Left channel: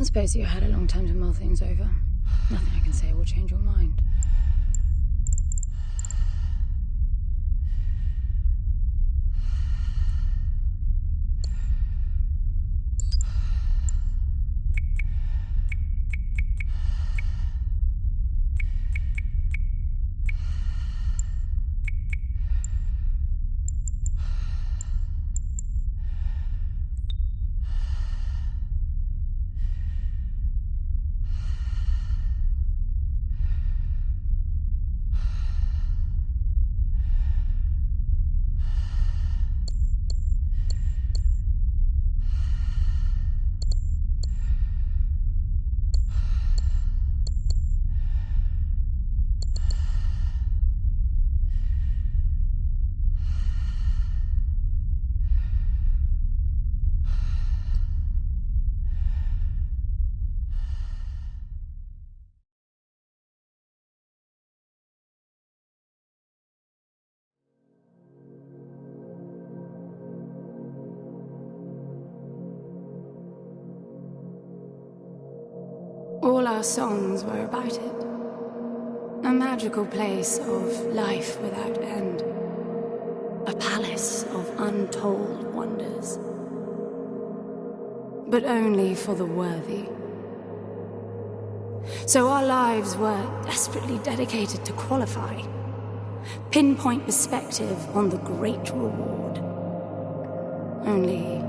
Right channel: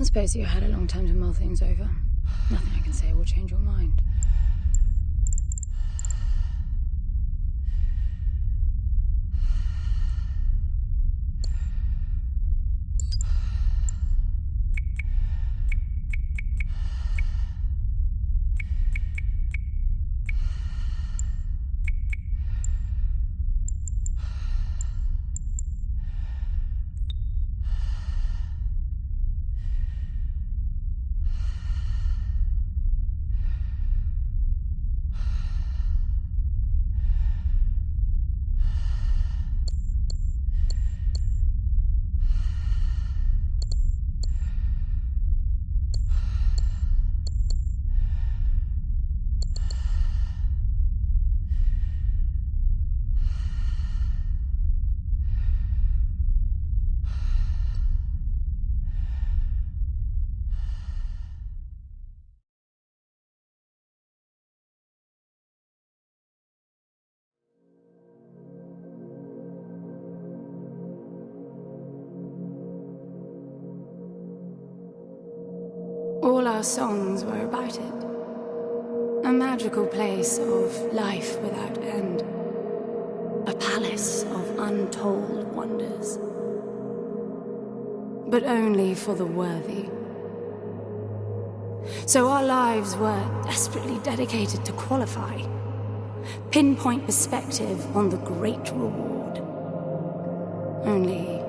I suppose you had a long time to mull things over. Nothing I can say will change your mind. All our songs were about it. A magical place of life without end. A palace of untold wonders. But only for the worthy. So our lives were desperately dedicated to qualify. Pinpoint perspective on the great reward. Only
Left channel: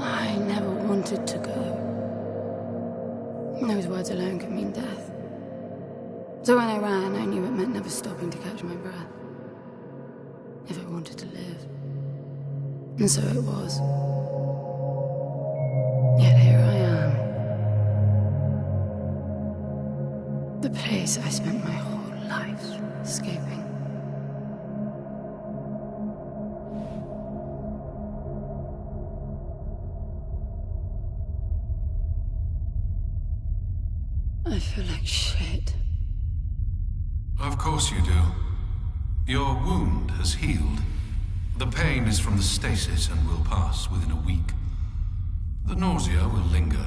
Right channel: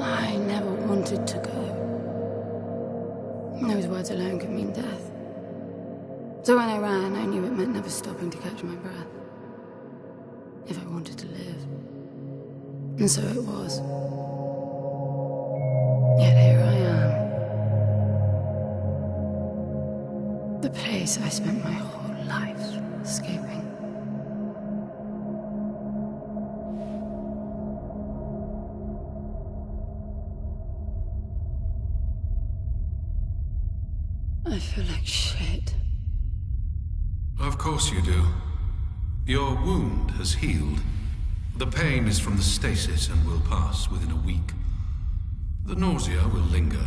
I never wanted to go. Those words alone could mean death. So when I ran, I knew it meant never stopping to catch my breath. If I wanted to live. And so it was. Yet here I am. The place I spent my whole life escaping. I feel like shit. Of course you do. Your wound has healed. The pain is from the stasis and will pass within a week. The nausea will linger,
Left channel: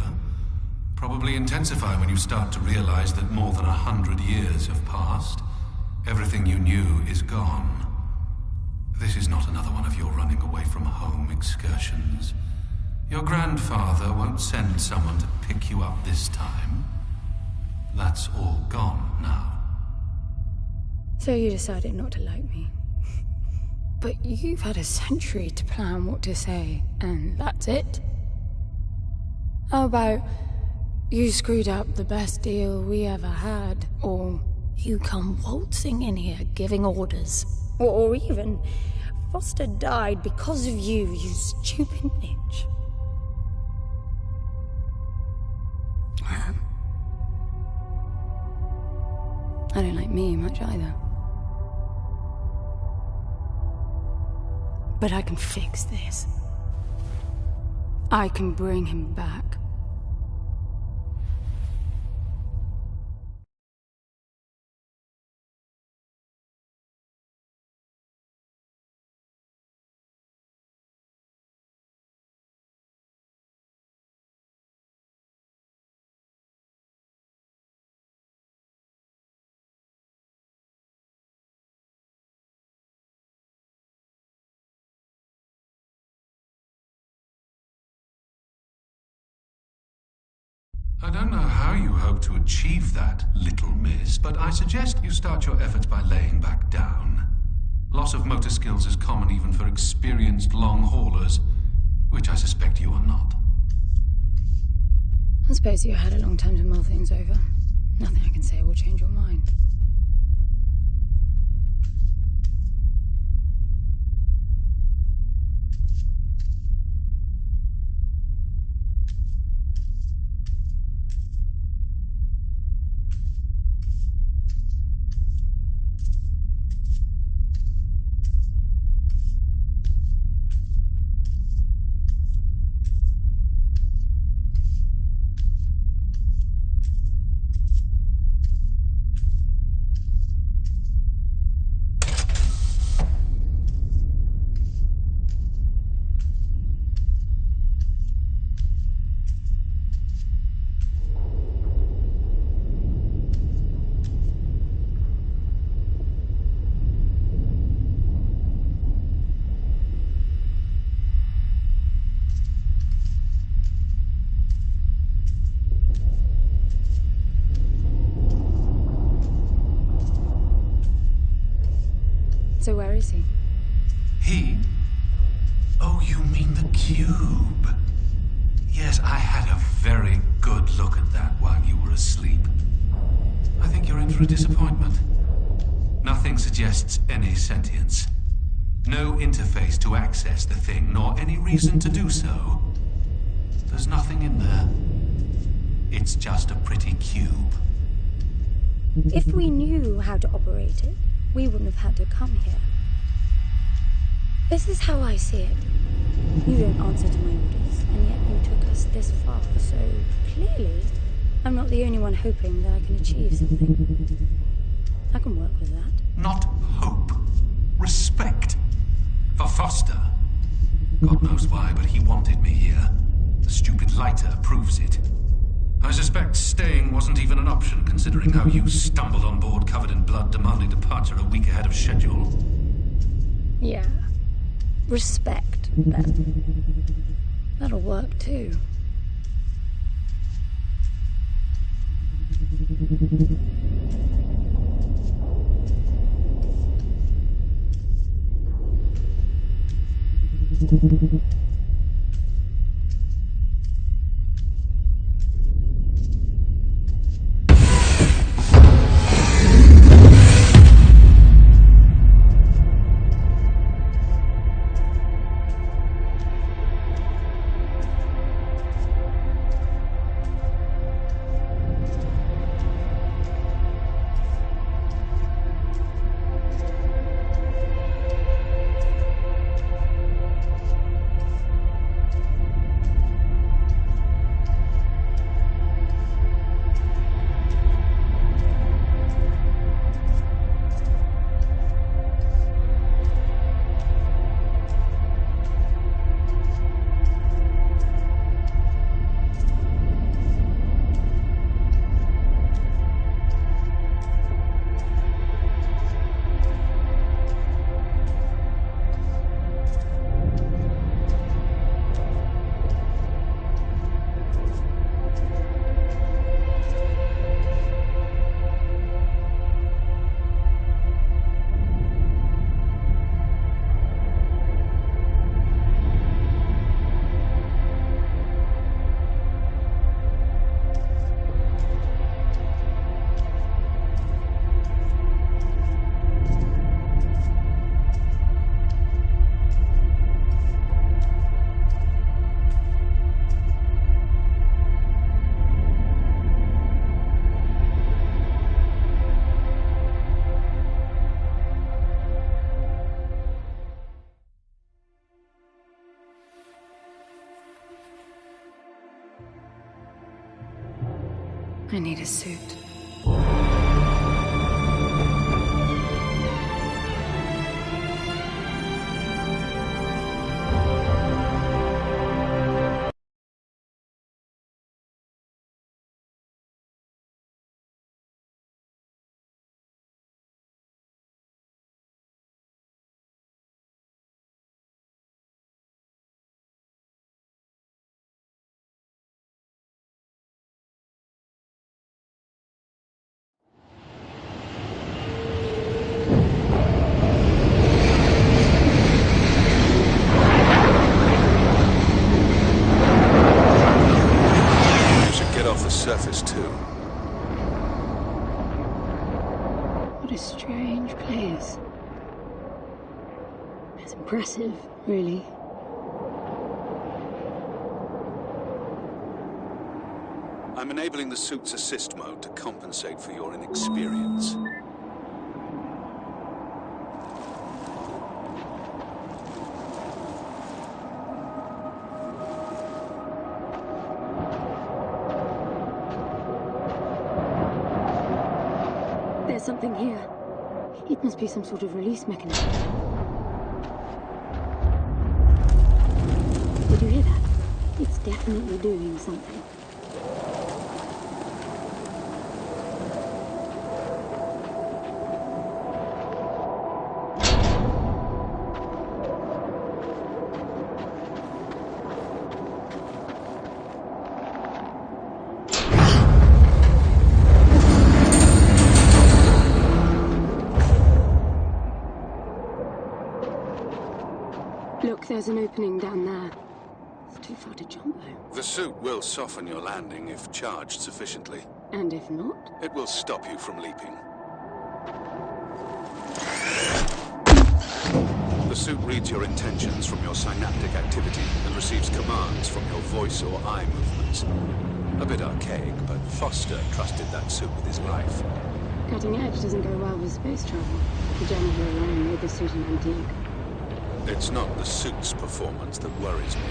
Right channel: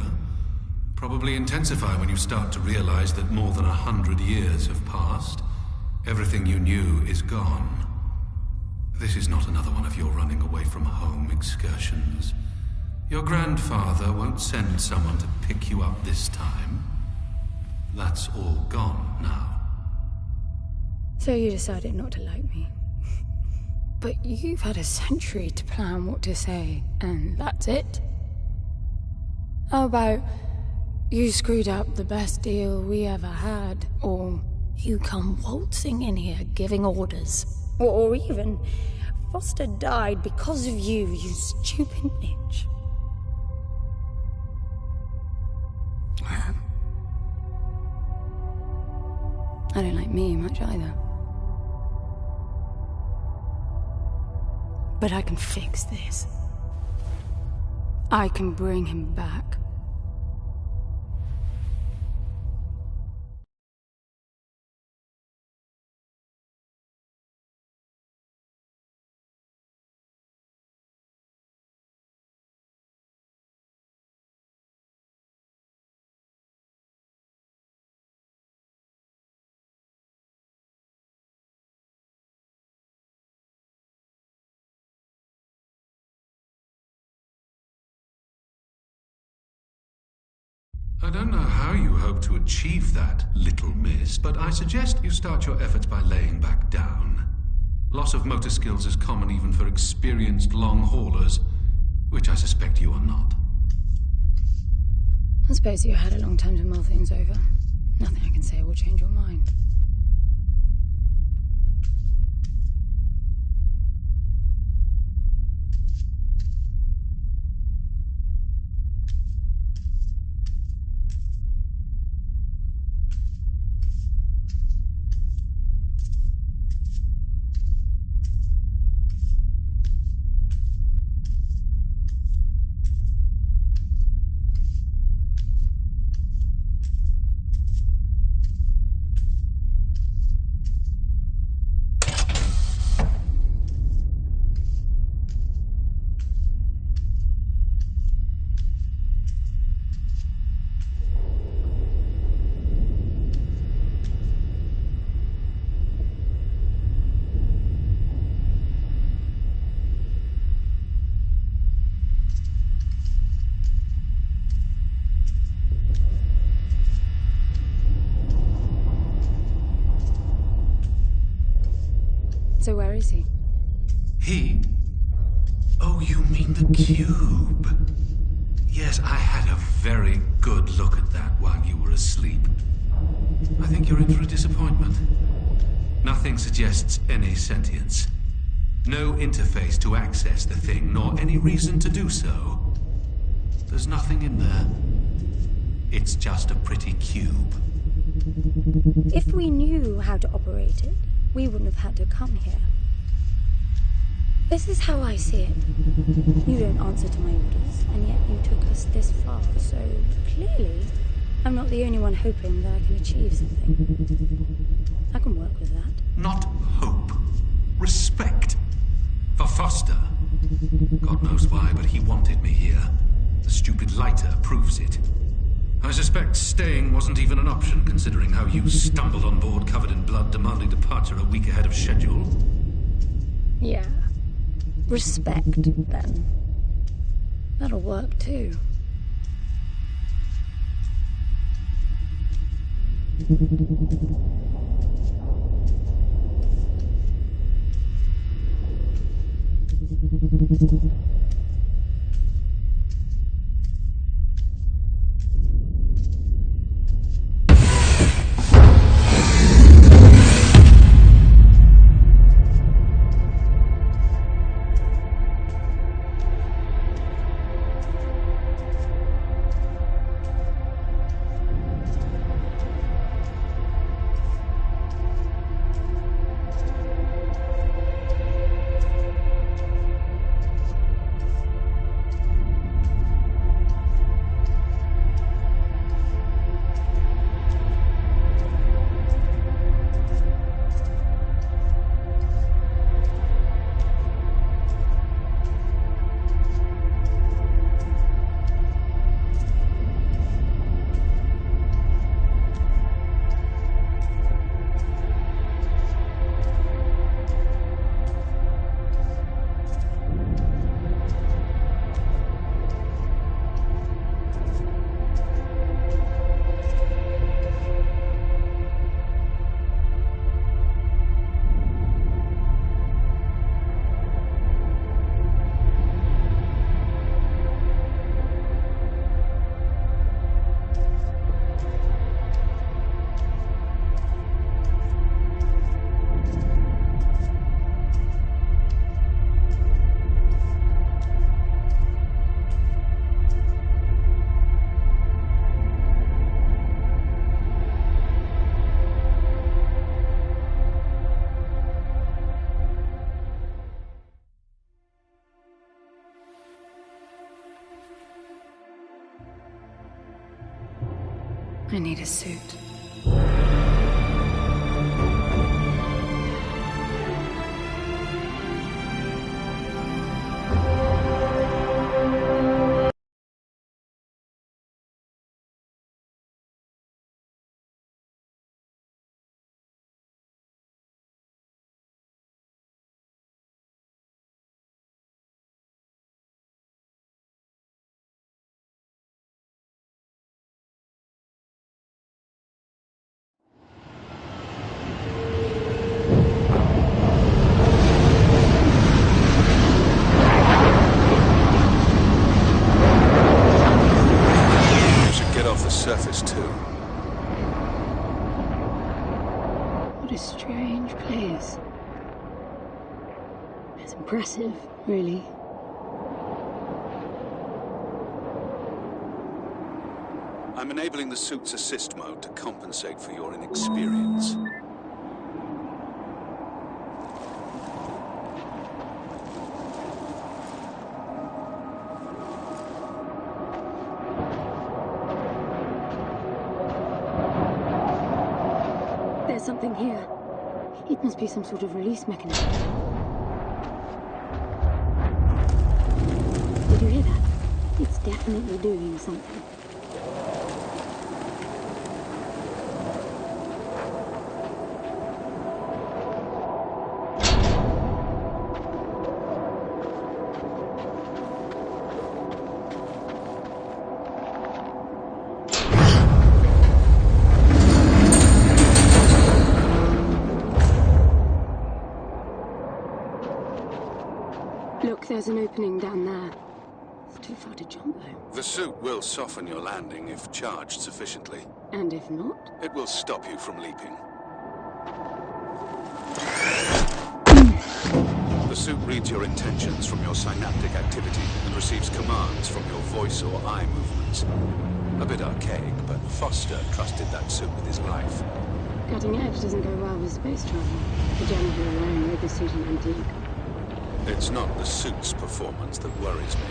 probably intensify when you start to realize that more than 100 years have passed. Everything you knew is gone. This is not another one of your running away from home excursions. Your grandfather won't send someone to pick you up this time. That's all gone now. So you decided not to like me. But you've had a century to plan what to say, and that's it? How about you screwed up the best deal we ever had, or you come waltzing in here giving orders, or even Foster died because of you, you stupid bitch. I don't like me much either. But I can fix this. I can bring him back. I don't know how you hope to achieve that, little miss, but I suggest you start your efforts by laying back down. Loss of motor skills is common even for experienced long haulers, which I suspect you are not. I suppose you had a long time to mull things over. Nothing I can say will change your mind. So where is he? He? Oh, you mean the cube? Yes, I had a very good look at that while you were asleep. I think you're in for a disappointment. Nothing suggests any sentience. No interface to access the thing, nor any reason to do so. There's nothing in there. It's just a pretty cube. If we knew how to operate it, we wouldn't have had to come here. This is how I see it. You don't answer to my orders, and yet you took us this far, so clearly I'm not the only one hoping that I can achieve something. I can work with that. Not hope. Respect. For Foster. God knows why, but he wanted me here. The stupid lighter proves it. I suspect staying wasn't even an option, considering how you stumbled on board covered in blood, demanding departure a week ahead of schedule. Yeah. Respect, then. That'll work, too. I need a suit. Surface too. What a strange place. It's impressive, really. I'm enabling the suit's assist mode to compensate for your inexperience. There's something here. It must be some sort of release mechanism. Did you hear that? It's definitely doing something. there's an opening down there. It's too far to jump, though. The suit will soften your landing if charged sufficiently. And if not? It will stop you from leaping. The suit reads your intentions from your synaptic activity and receives commands from your voice or eye movements. A bit archaic, but Foster trusted that suit with his life. Cutting edge doesn't go well with space travel. The janitor alone made the suit an antique. It's not the suit's performance that worries me.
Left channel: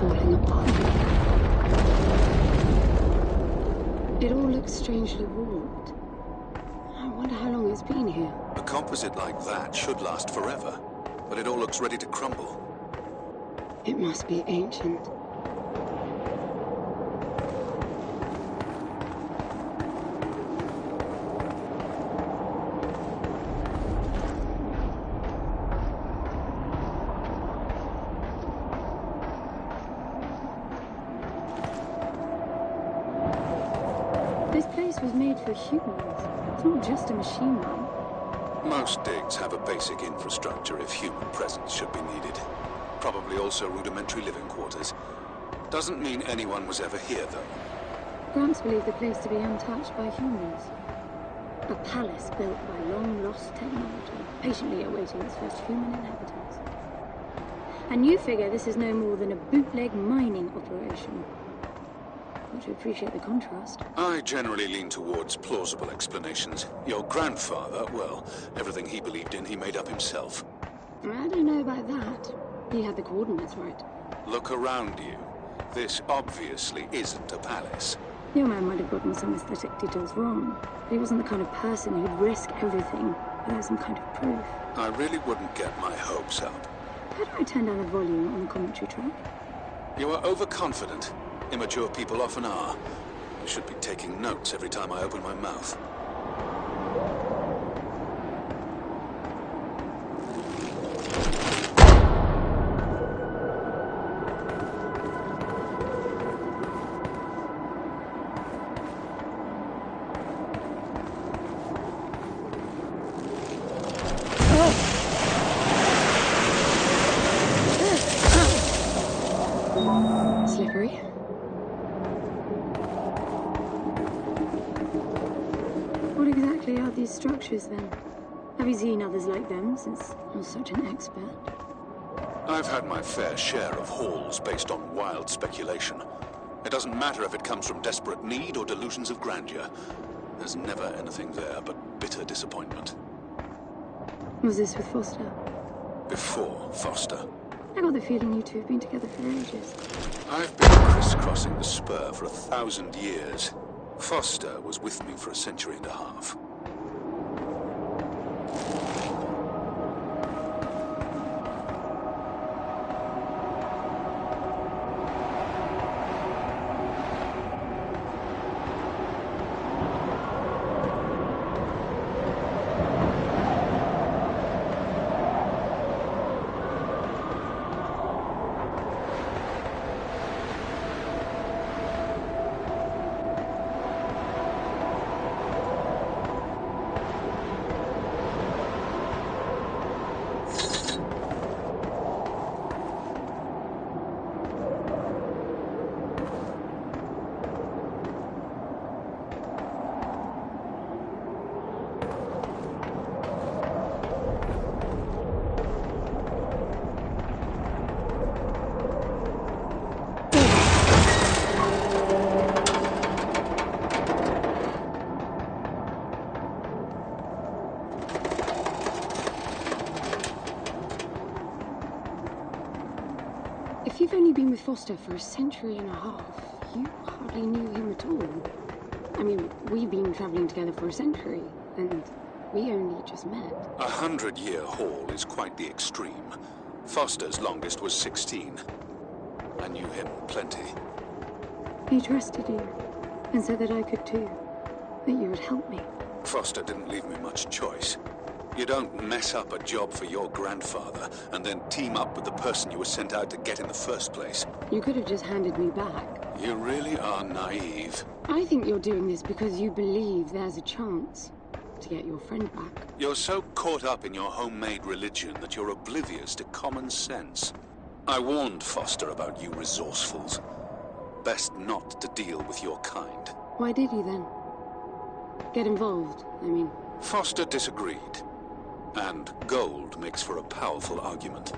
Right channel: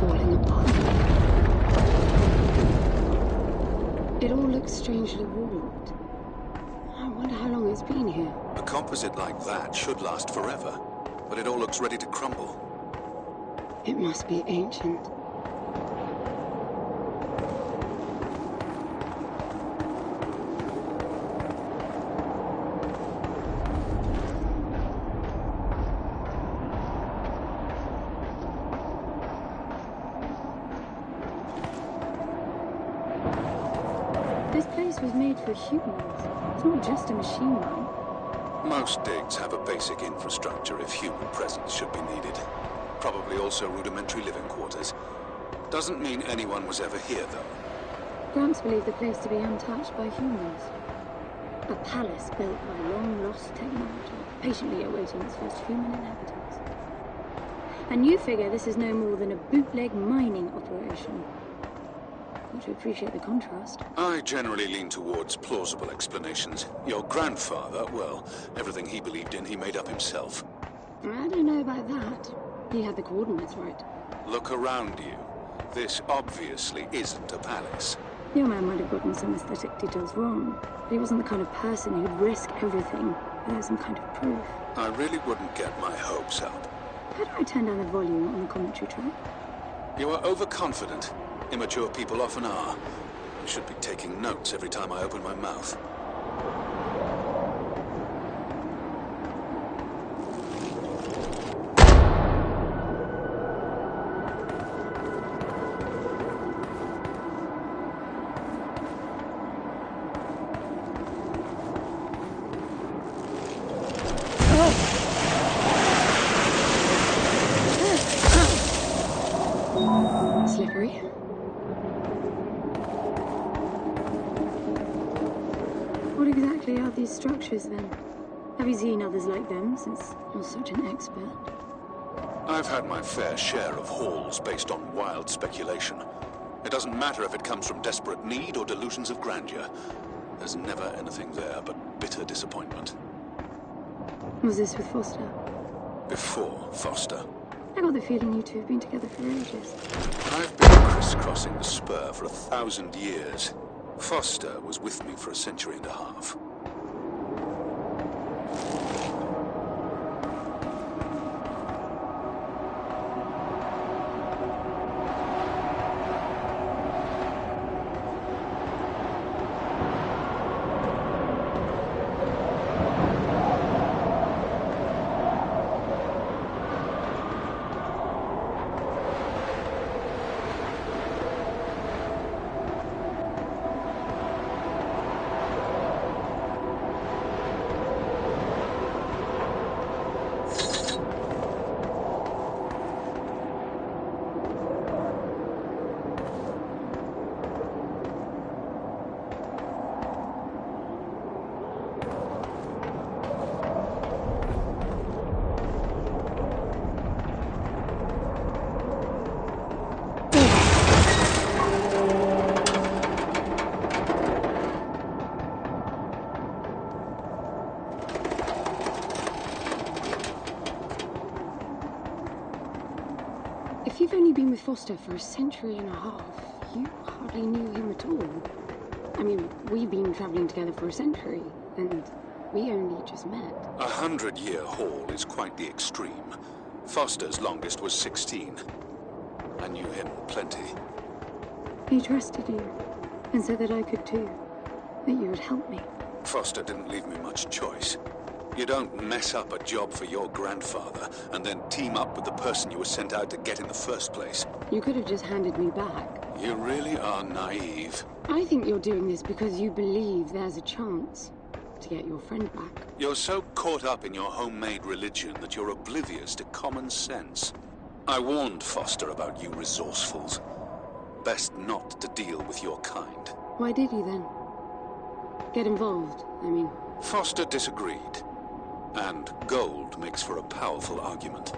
Falling apart. It all looks strangely warped. I wonder how long it's been here. A composite like that should last forever, but it all looks ready to crumble. It must be ancient. This place was made for humans. It's not just a machine mine. Most digs have a basic infrastructure if human presence should be needed. Probably also rudimentary living quarters. Doesn't mean anyone was ever here, though. Gramps believed the place to be untouched by humans. A palace built by long-lost technology, patiently awaiting its first human inhabitants. And you figure this is no more than a bootleg mining operation. Got to appreciate the contrast. I generally lean towards plausible explanations. Your grandfather, well, everything he believed in, he made up himself. I don't know about that. He had the coordinates right. Look around you. This obviously isn't a palace. Your man might have gotten some aesthetic details wrong, but he wasn't the kind of person who'd risk everything without some kind of proof. I really wouldn't get my hopes up. How do I turn down the volume on the commentary track? You are overconfident. Immature people often are. I should be taking notes every time I open my mouth. Slippery. What exactly are these structures, then? Have you seen others like them, since you're such an expert? I've had my fair share of hauls based on wild speculation. It doesn't matter if it comes from desperate need or delusions of grandeur. There's never anything there but bitter disappointment. Was this with Foster? Before Foster. I got the feeling you two have been together for ages. I've been crisscrossing the spur for 1,000 years. Foster was with me for a century and a half. If you've only been with Foster for a century and a half, you hardly knew him at all. I mean, we've been traveling together for a century, and we only just met. 100-year haul is quite the extreme. Foster's longest was 16. I knew him plenty. He trusted you, and said that I could too. That you would help me. Foster didn't leave me much choice. You don't mess up a job for your grandfather and then team up with the person you were sent out to get in the first place. You could have just handed me back. You really are naive. I think you're doing this because you believe there's a chance to get your friend back. You're so caught up in your homemade religion that you're oblivious to common sense. I warned Foster about you resourcefuls. Best not to deal with your kind. Why did you then? Get involved, I mean. Foster disagreed. And gold makes for a powerful argument.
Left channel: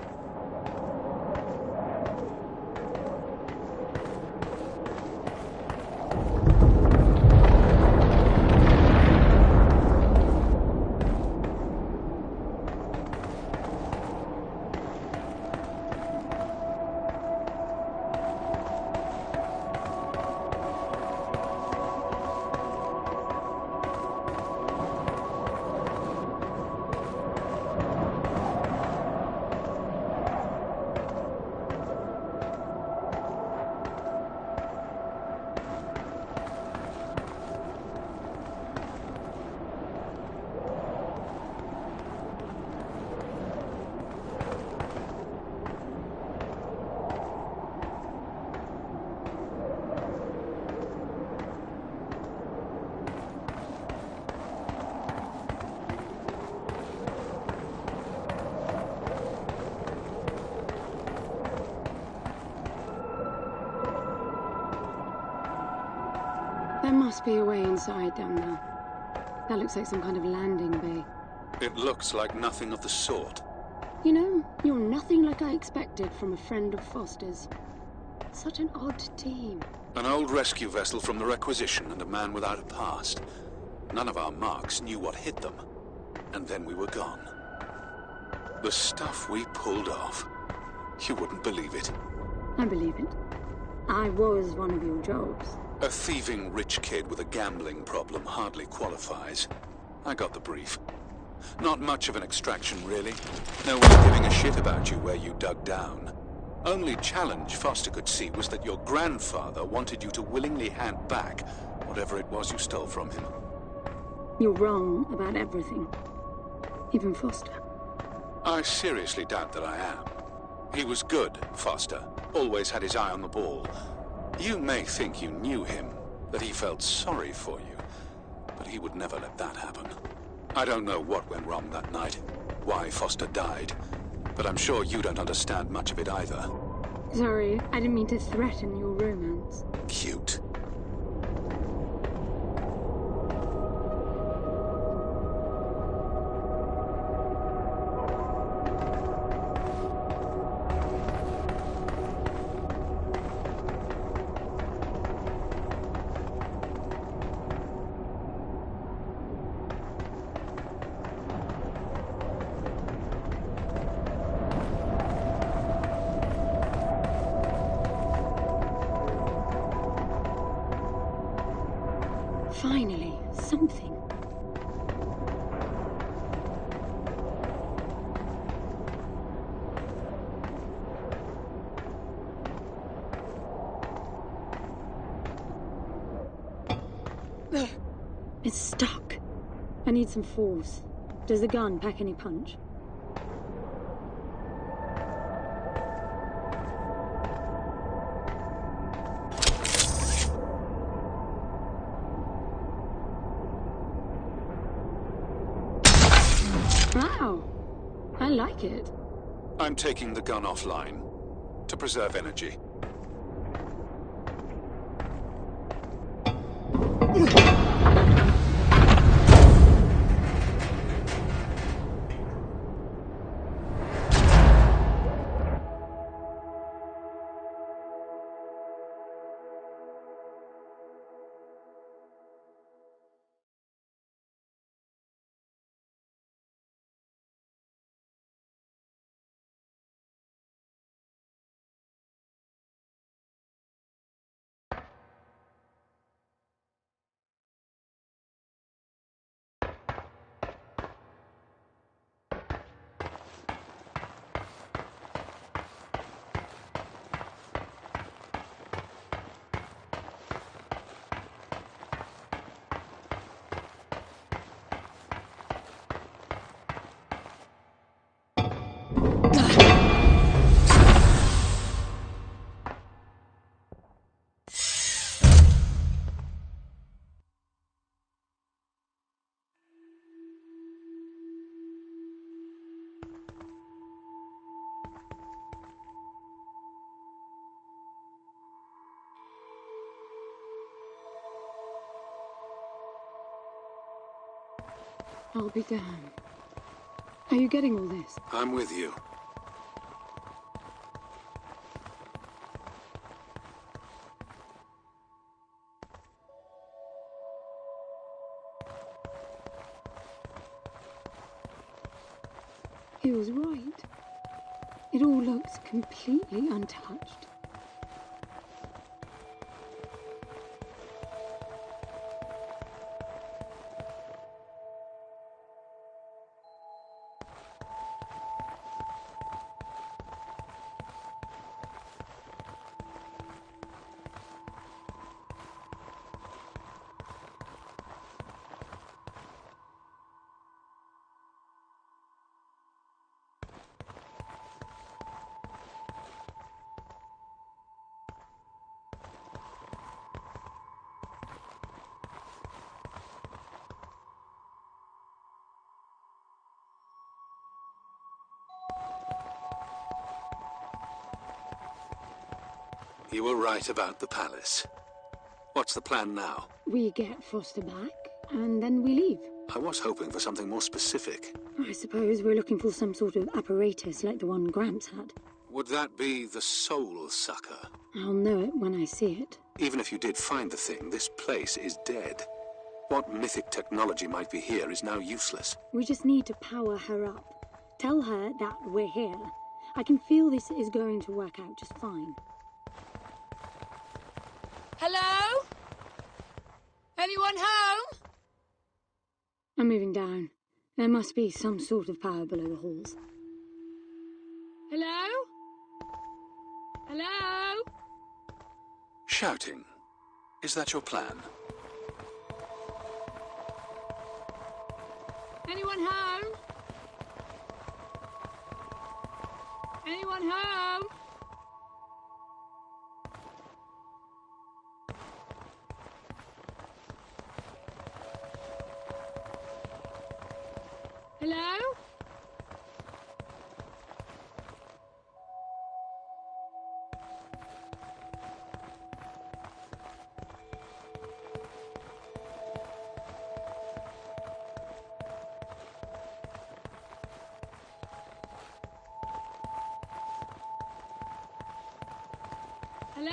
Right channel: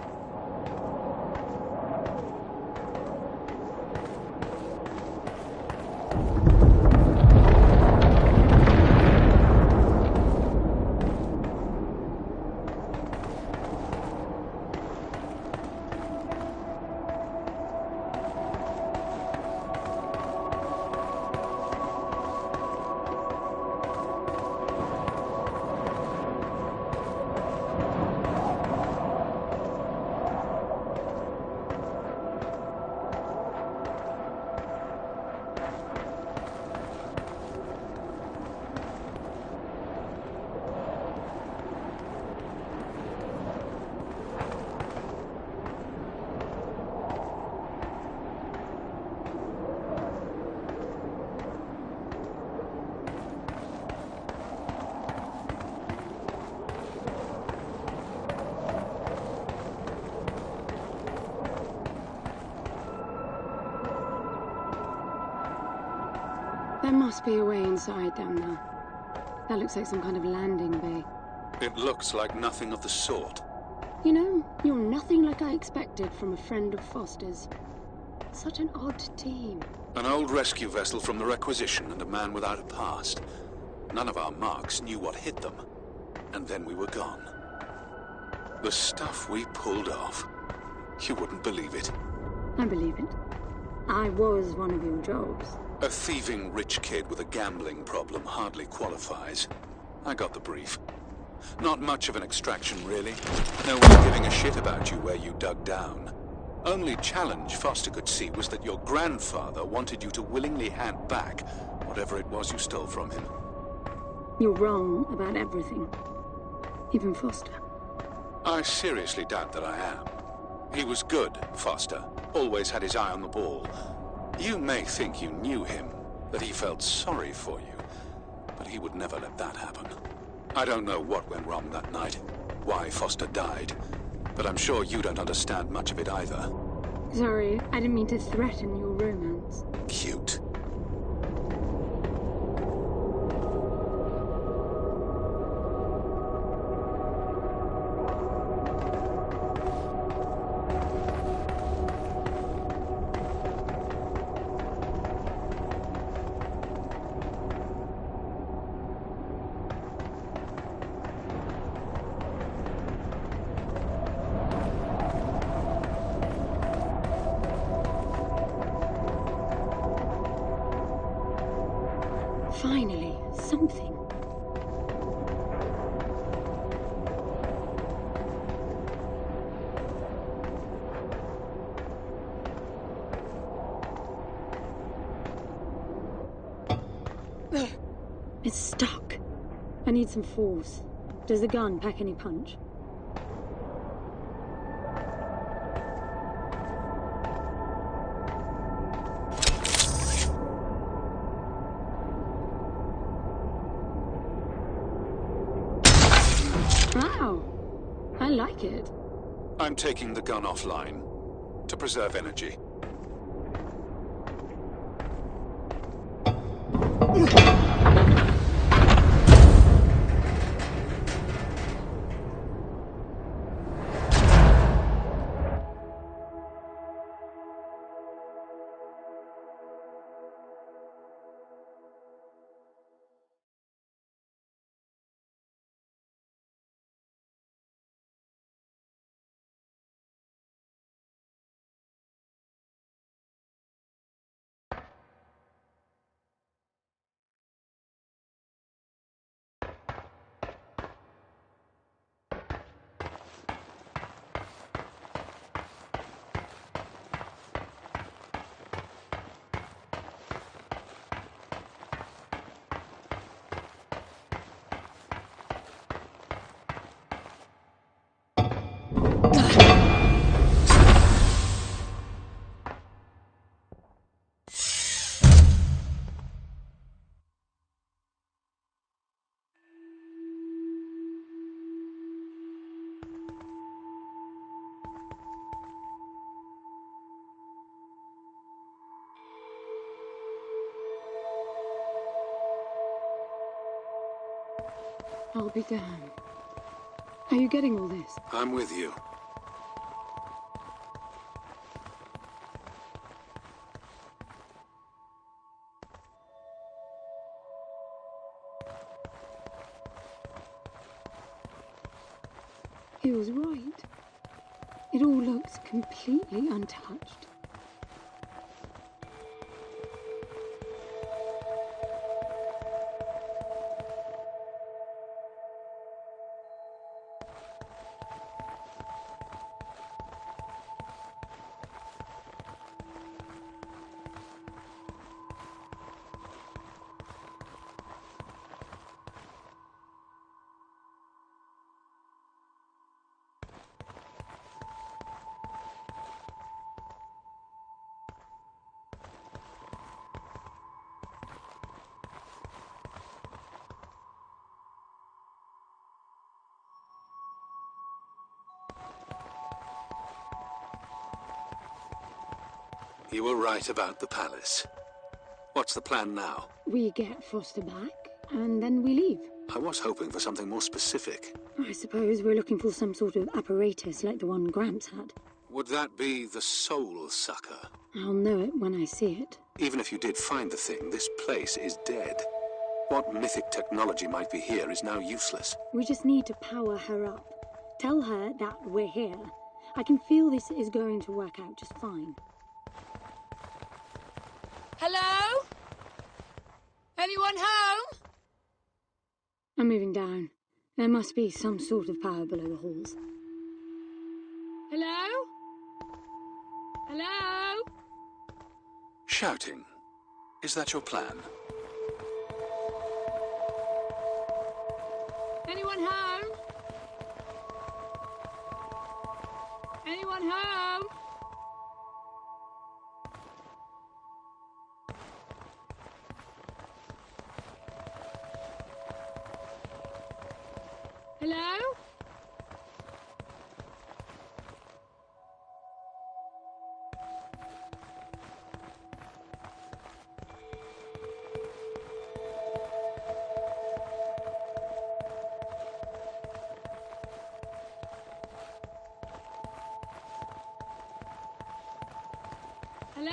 There must be a way inside down there. That looks like some kind of landing bay. It looks like nothing of the sort. You know, you're nothing like I expected from a friend of Foster's. Such an odd team. An old rescue vessel from the Requisition and a man without a past. None of our marks knew what hit them. And then we were gone. The stuff we pulled off. You wouldn't believe it. I believe it. I was one of your jobs. A thieving rich kid with a gambling problem hardly qualifies. I got the brief. Not much of an extraction, really. No one giving a shit about you where you dug down. Only challenge Foster could see was that your grandfather wanted you to willingly hand back whatever it was you stole from him. You're wrong about everything. Even Foster. I seriously doubt that I am. He was good, Foster. Always had his eye on the ball. You may think you knew him, that he felt sorry for you, but he would never let that happen. I don't know what went wrong that night, why Foster died, but I'm sure you don't understand much of it either. Sorry, I didn't mean to threaten your romance. Cute. Finally, something. It's stuck. I need some force. Does the gun pack any punch? Wow, I like it. I'm taking the gun offline to preserve energy. I'll be damned. Are you getting all this? I'm with you. He was right. It all looks completely untouched. You were right about the palace. What's the plan now? We get Foster back, and then we leave. I was hoping for something more specific. I suppose we're looking for some sort of apparatus like the one Gramps had. Would that be the Soul Sucker? I'll know it when I see it. Even if you did find the thing, this place is dead. What mythic technology might be here is now useless. We just need to power her up. Tell her that we're here. I can feel this is going to work out just fine. Hello? Anyone home? I'm moving down. There must be some sort of power below the halls. Hello? Hello? Shouting. Is that your plan? Anyone home? Anyone home? Hello? Hello?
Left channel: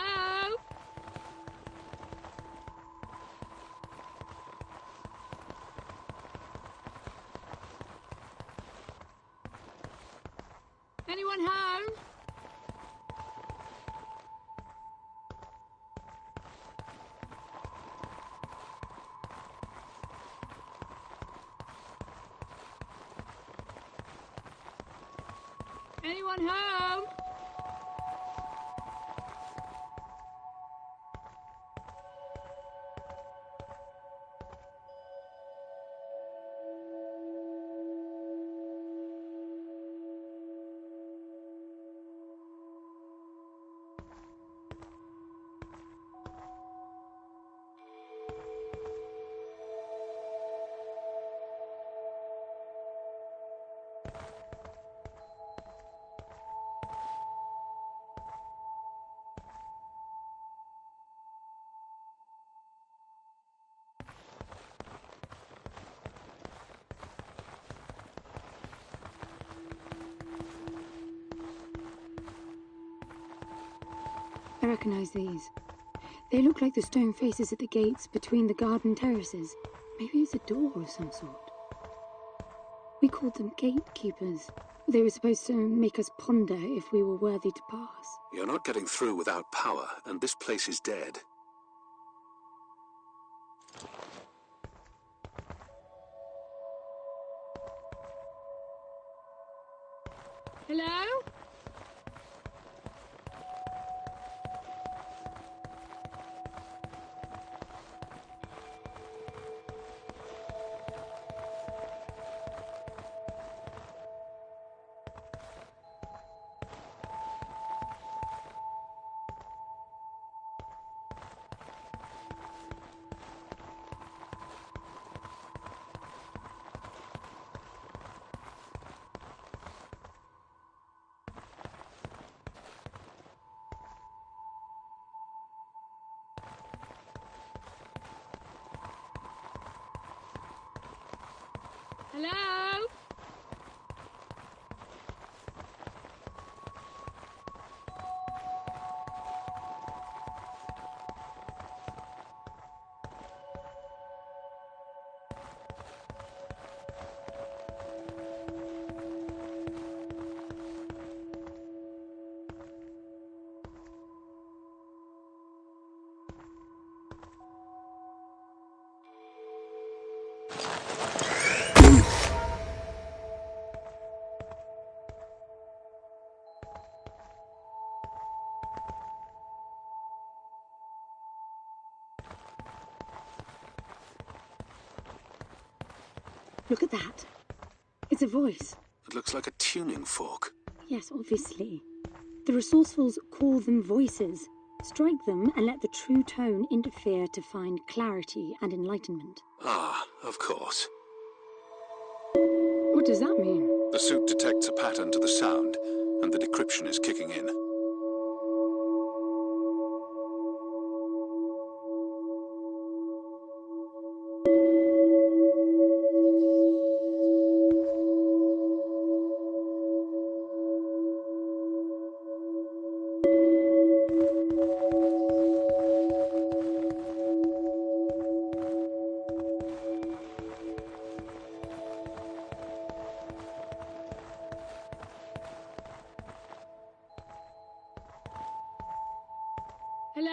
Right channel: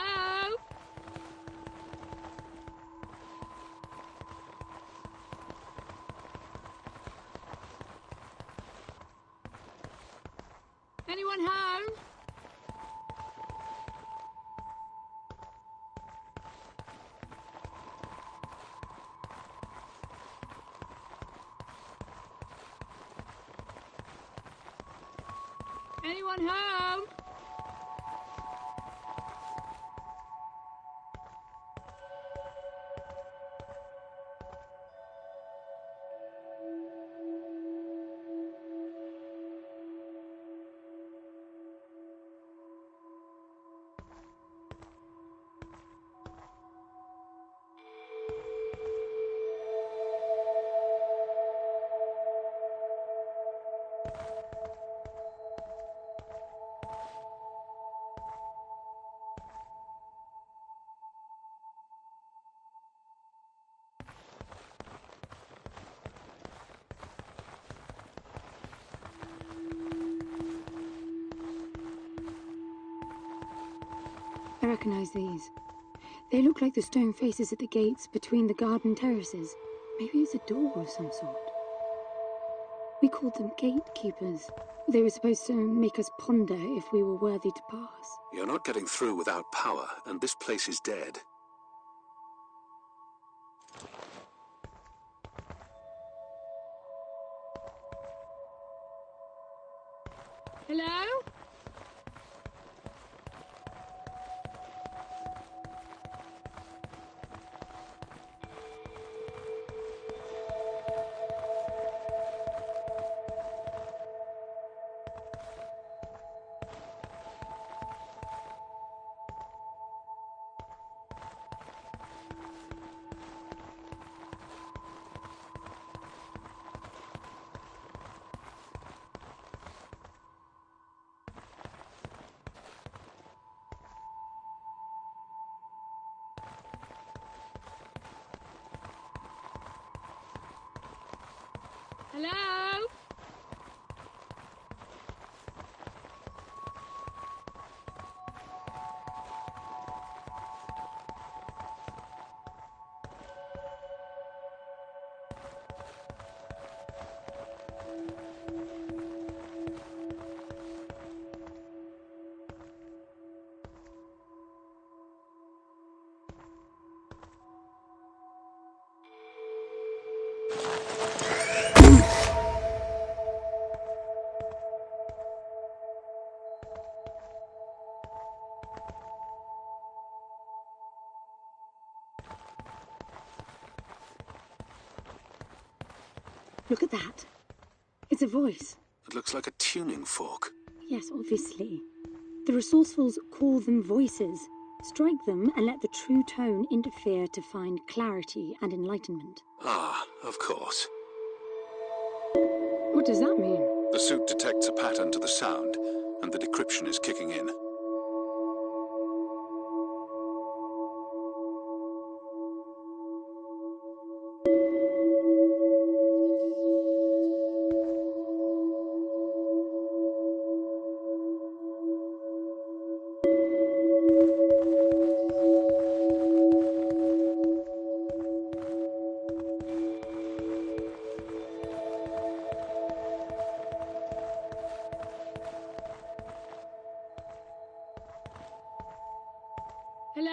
Anyone home? Anyone home? I recognize these. They look like the stone faces at the gates between the garden terraces. Maybe it's a door of some sort. We called them gatekeepers. They were supposed to make us ponder if we were worthy to pass. You're not getting through without power, and this place is dead. Hello? Hello? Look at that. It's a voice. It looks like a tuning fork. Yes, obviously. The resourcefuls call them voices. Strike them and let the true tone interfere to find clarity and enlightenment. Ah, of course. What does that mean? The suit detects a pattern to the sound, and the decryption is kicking in. Hello?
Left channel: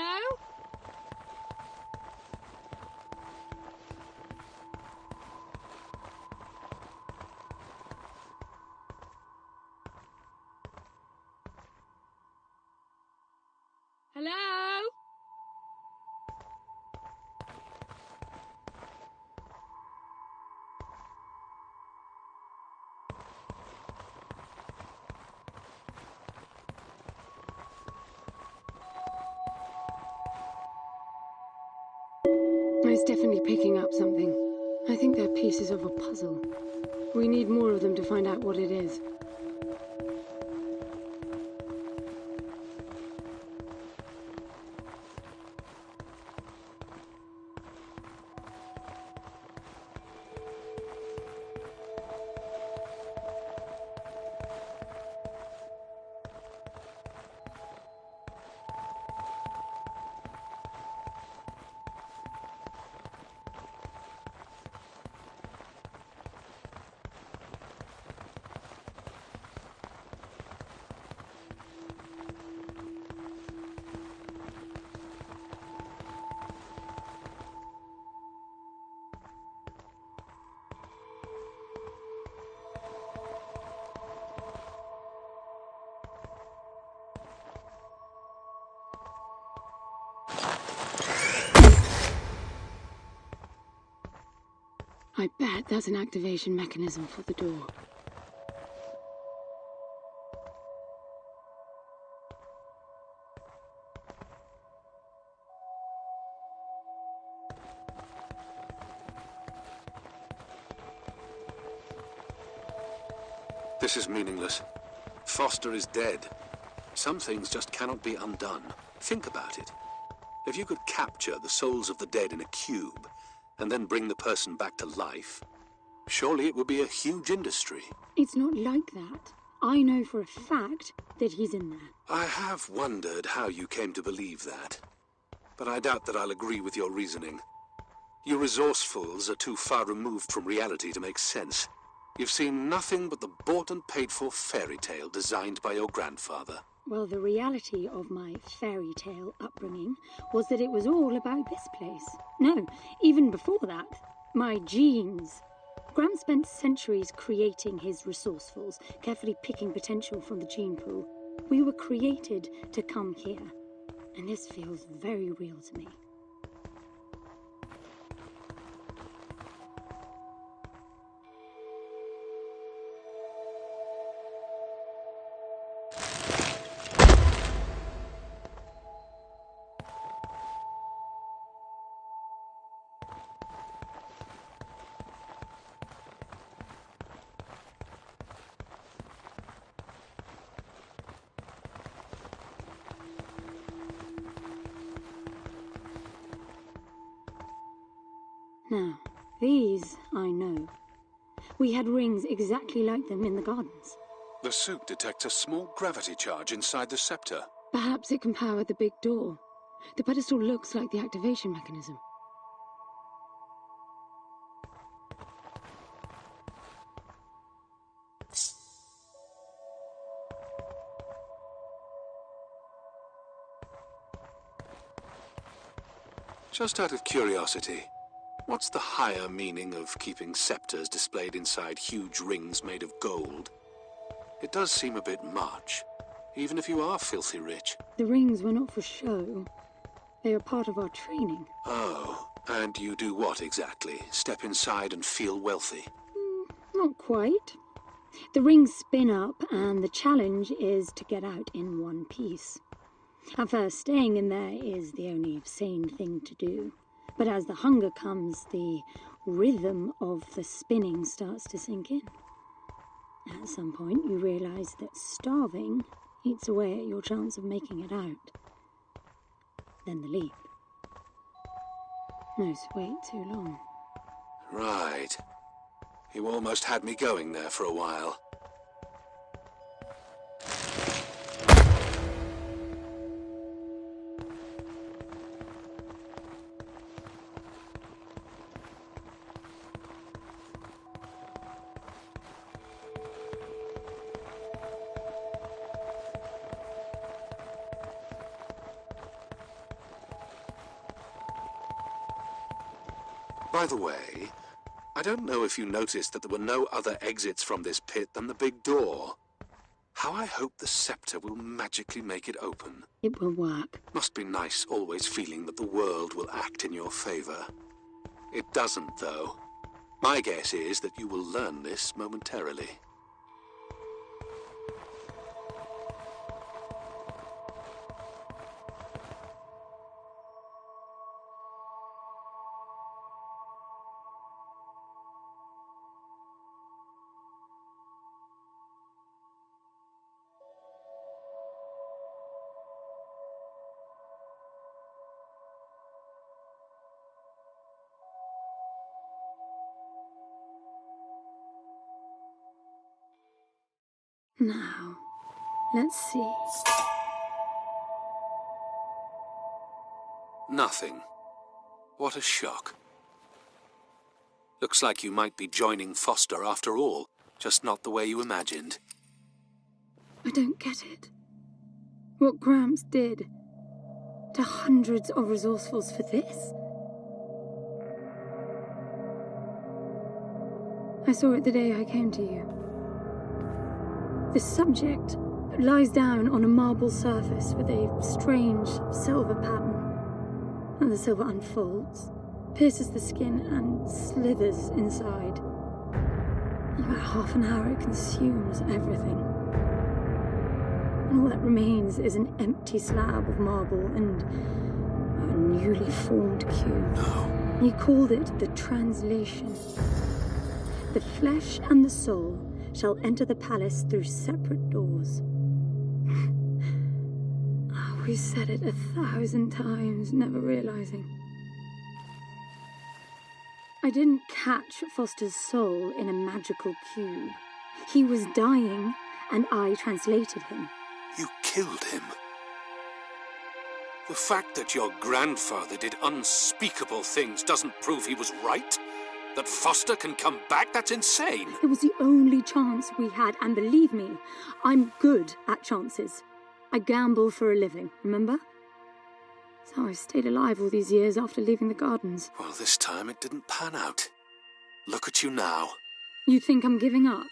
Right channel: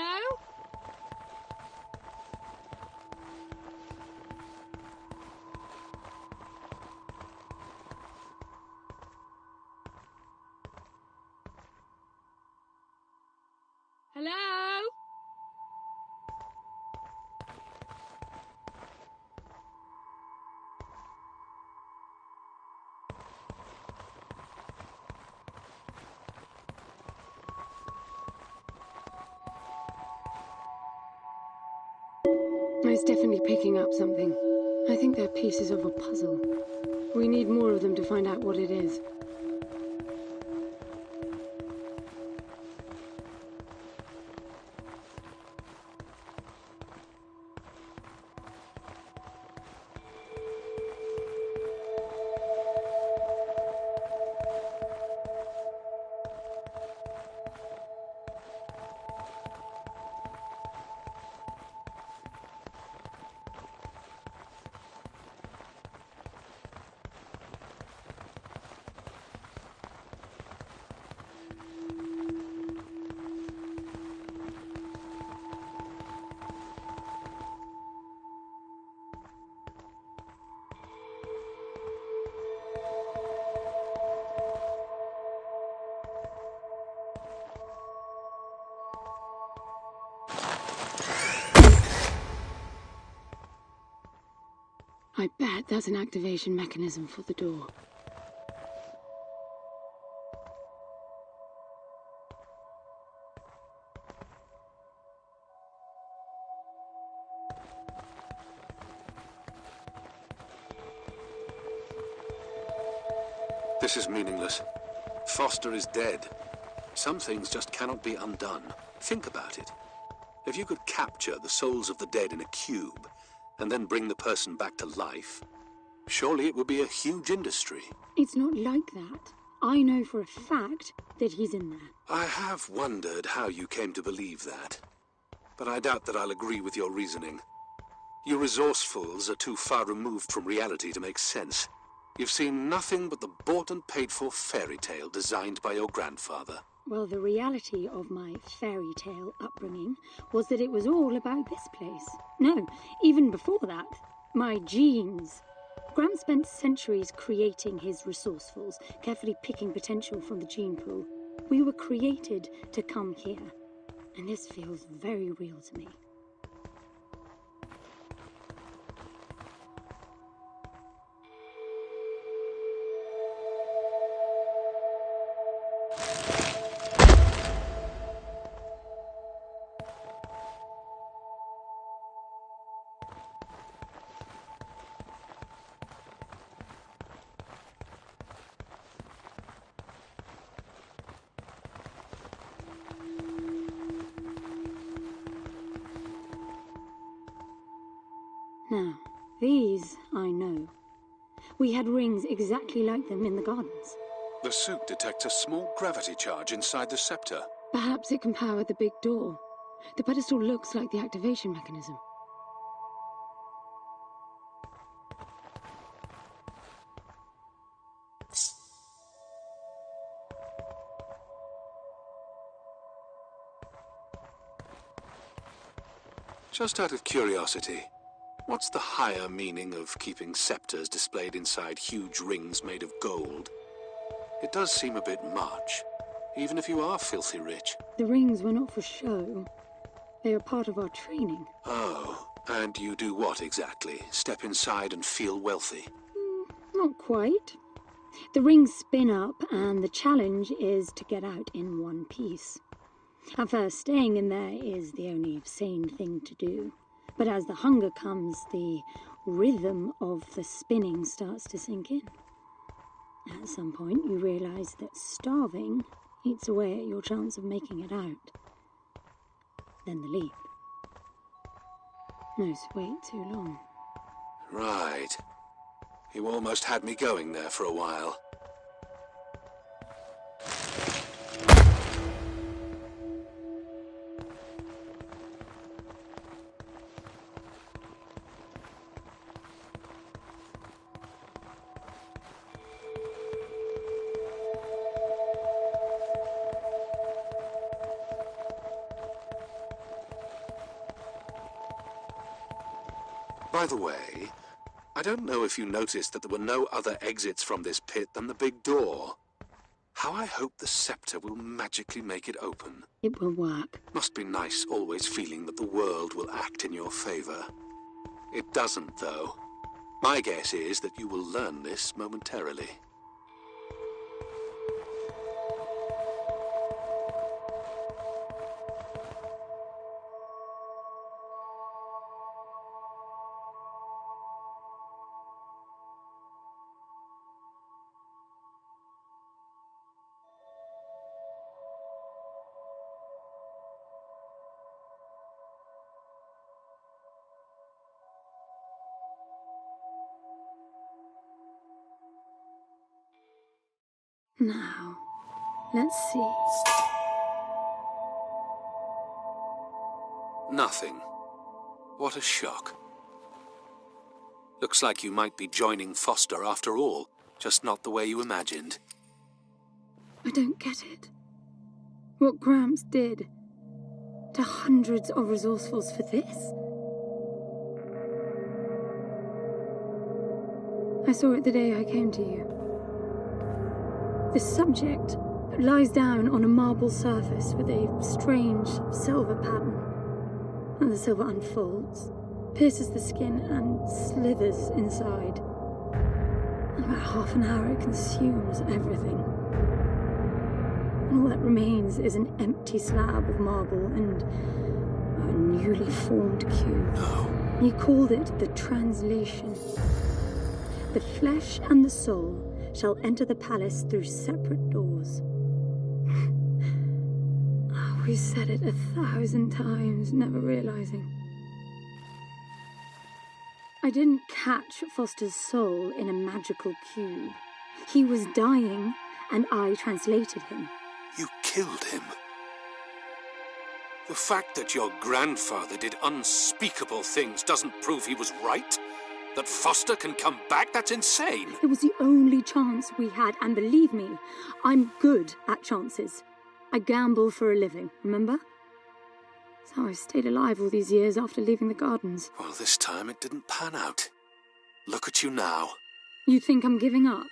Hello? It's definitely picking up something. I think they're pieces of a puzzle. We need more of them to find out what it is. I bet that's an activation mechanism for the door. This is meaningless. Foster is dead. Some things just cannot be undone. Think about it. If you could capture the souls of the dead in a cube, and then bring the person back to life, surely it would be a huge industry. It's not like that. I know for a fact that he's in there. I have wondered how you came to believe that, but I doubt that I'll agree with your reasoning. You resourcefuls are too far removed from reality to make sense. You've seen nothing but the bought and paid for fairy tale designed by your grandfather. Well, the reality of my fairy tale upbringing was that it was all about this place. No, even before that, my genes. Graham spent centuries creating his resourcefuls, carefully picking potential from the gene pool. We were created to come here, and this feels very real to me. Now, these I know. We had rings exactly like them in the gardens. The suit detects a small gravity charge inside the scepter. Perhaps it can power the big door. The pedestal looks like the activation mechanism. Just out of curiosity, what's the higher meaning of keeping scepters displayed inside huge rings made of gold? It does seem a bit much, even if you are filthy rich. The rings were not for show. They are part of our training. Oh, and you do what exactly? Step inside and feel wealthy? Not quite. The rings spin up, and the challenge is to get out in one piece. At first, staying in there is the only sane thing to do. But as the hunger comes, the rhythm of the spinning starts to sink in. At some point, you realize that starving eats away at your chance of making it out. Then the leap. No, wait too long. Right. You almost had me going there for a while. By the way, I don't know if you noticed that there were no other exits from this pit than the big door. How I hope the scepter will magically make it open. It will work. Must be nice always feeling that the world will act in your favor. It doesn't, though. My guess is that you will learn this momentarily. Now, let's see. Nothing. What a shock. Looks like you might be joining Foster after all, just not the way you imagined. I don't get it. What Gramps did to hundreds of resourcefuls for this? I saw it the day I came to you. The subject lies down on a marble surface with a strange silver pattern. And the silver unfolds, pierces the skin, and slithers inside. In about half an hour, it consumes everything. And all that remains is an empty slab of marble and a newly formed cube. No. He called it the translation. The flesh and the soul shall enter the palace through separate doors. We said it 1,000 times, never realizing. I didn't catch Foster's soul in a magical cube. He was dying, and I translated him. You killed him. The fact that your grandfather did unspeakable things doesn't prove he was right. That Foster can come back, that's insane. It was the only chance we had, and believe me, I'm good at chances. I gamble for a living, remember? That's how I stayed alive all these years after leaving the gardens. Well, this time it didn't pan out. Look at you now. You think I'm giving up?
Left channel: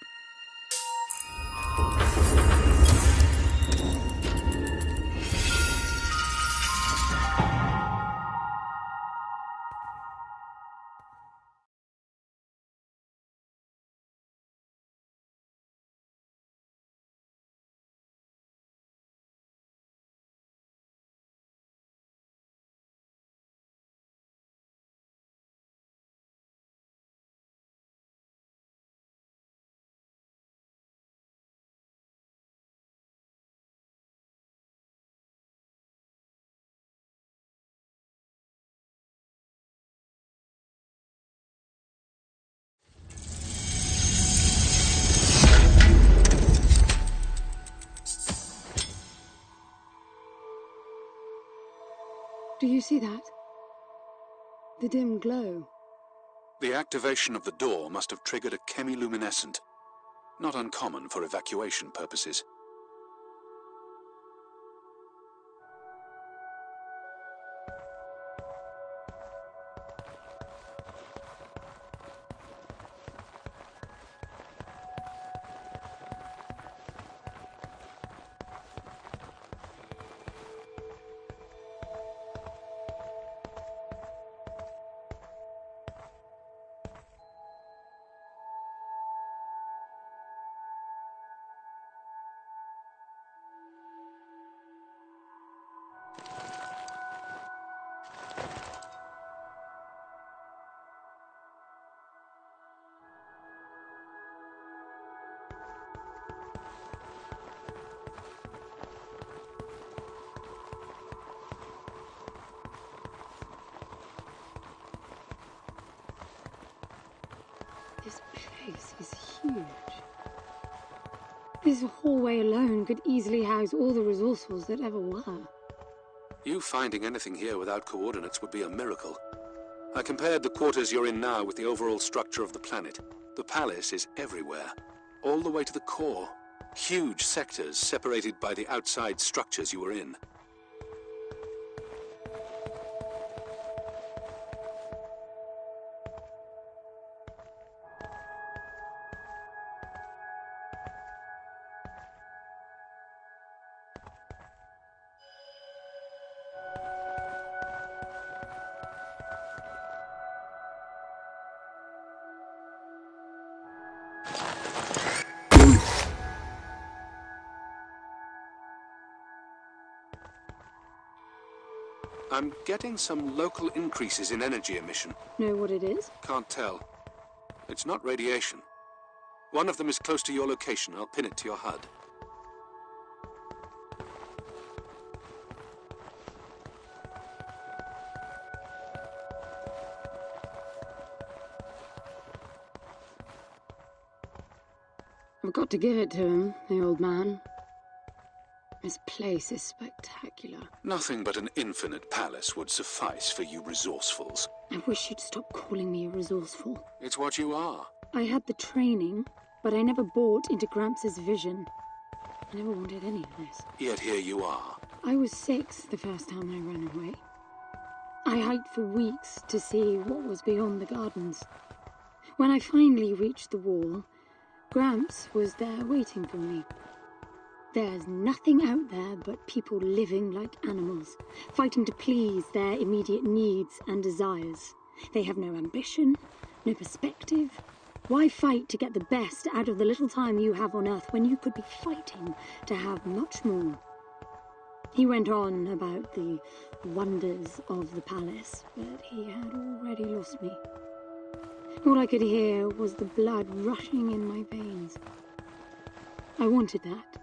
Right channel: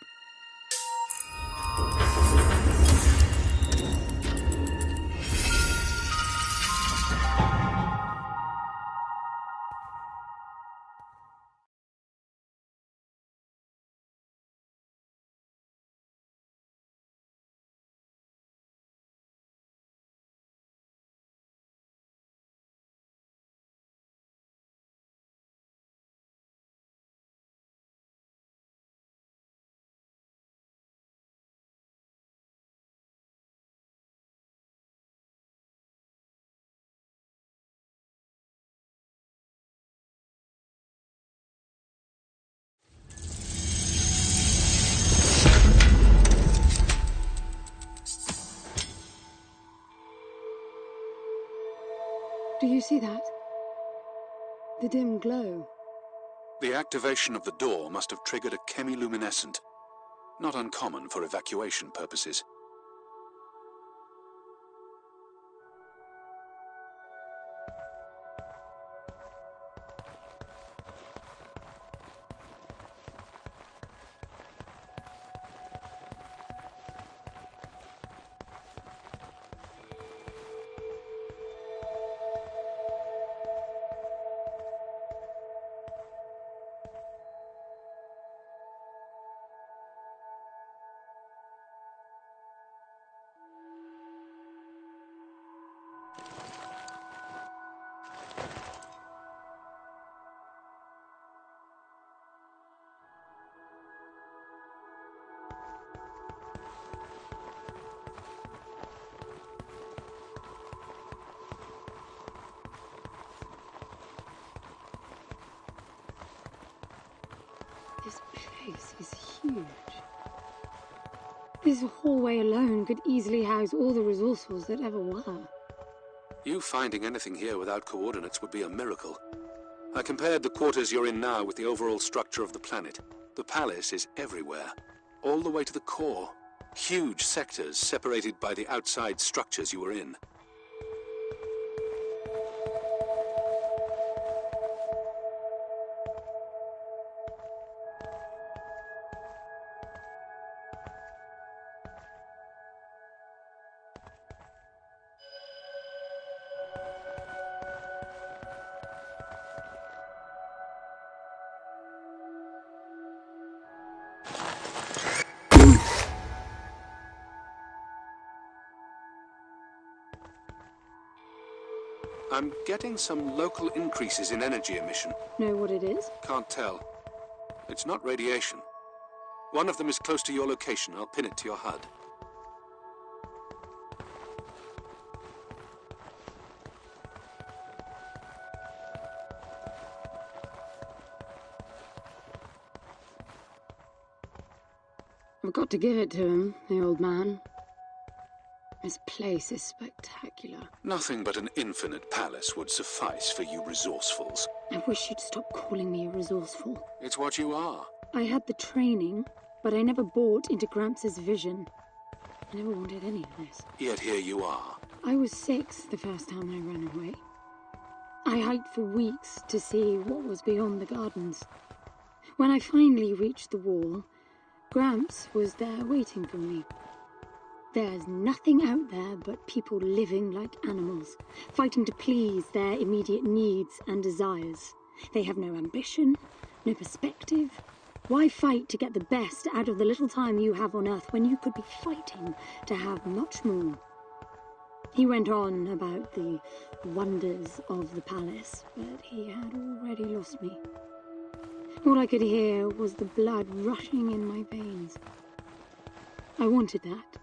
Do you see that? The dim glow. The activation of the door must have triggered a chemiluminescent. Not uncommon for evacuation purposes. This place is huge. This hallway alone could easily house all the resourcefuls that ever were. You finding anything here without coordinates would be a miracle. I compared the quarters you're in now with the overall structure of the planet. The palace is everywhere, all the way to the core. Huge sectors separated by the outside structures you were in. I'm getting some local increases in energy emission. Know what it is? Can't tell. It's not radiation. One of them is close to your location. I'll pin it to your HUD. I've got to give it to him, the old man. This place is spectacular. Nothing but an infinite palace would suffice for you resourcefuls. I wish you'd stop calling me a resourceful. It's what you are. I had the training, but I never bought into Gramps' vision. I never wanted any of this. Yet here you are. I was 6 the first time I ran away. I hiked for weeks to see what was beyond the gardens. When I finally reached the wall, Gramps was there waiting for me. There's nothing out there but people living like animals, fighting to please their immediate needs and desires. They have no ambition, no perspective. Why fight to get the best out of the little time you have on Earth when you could be fighting to have much more? He went on about the wonders of the palace, but he had already lost me. All I could hear was the blood rushing in my veins. I wanted that.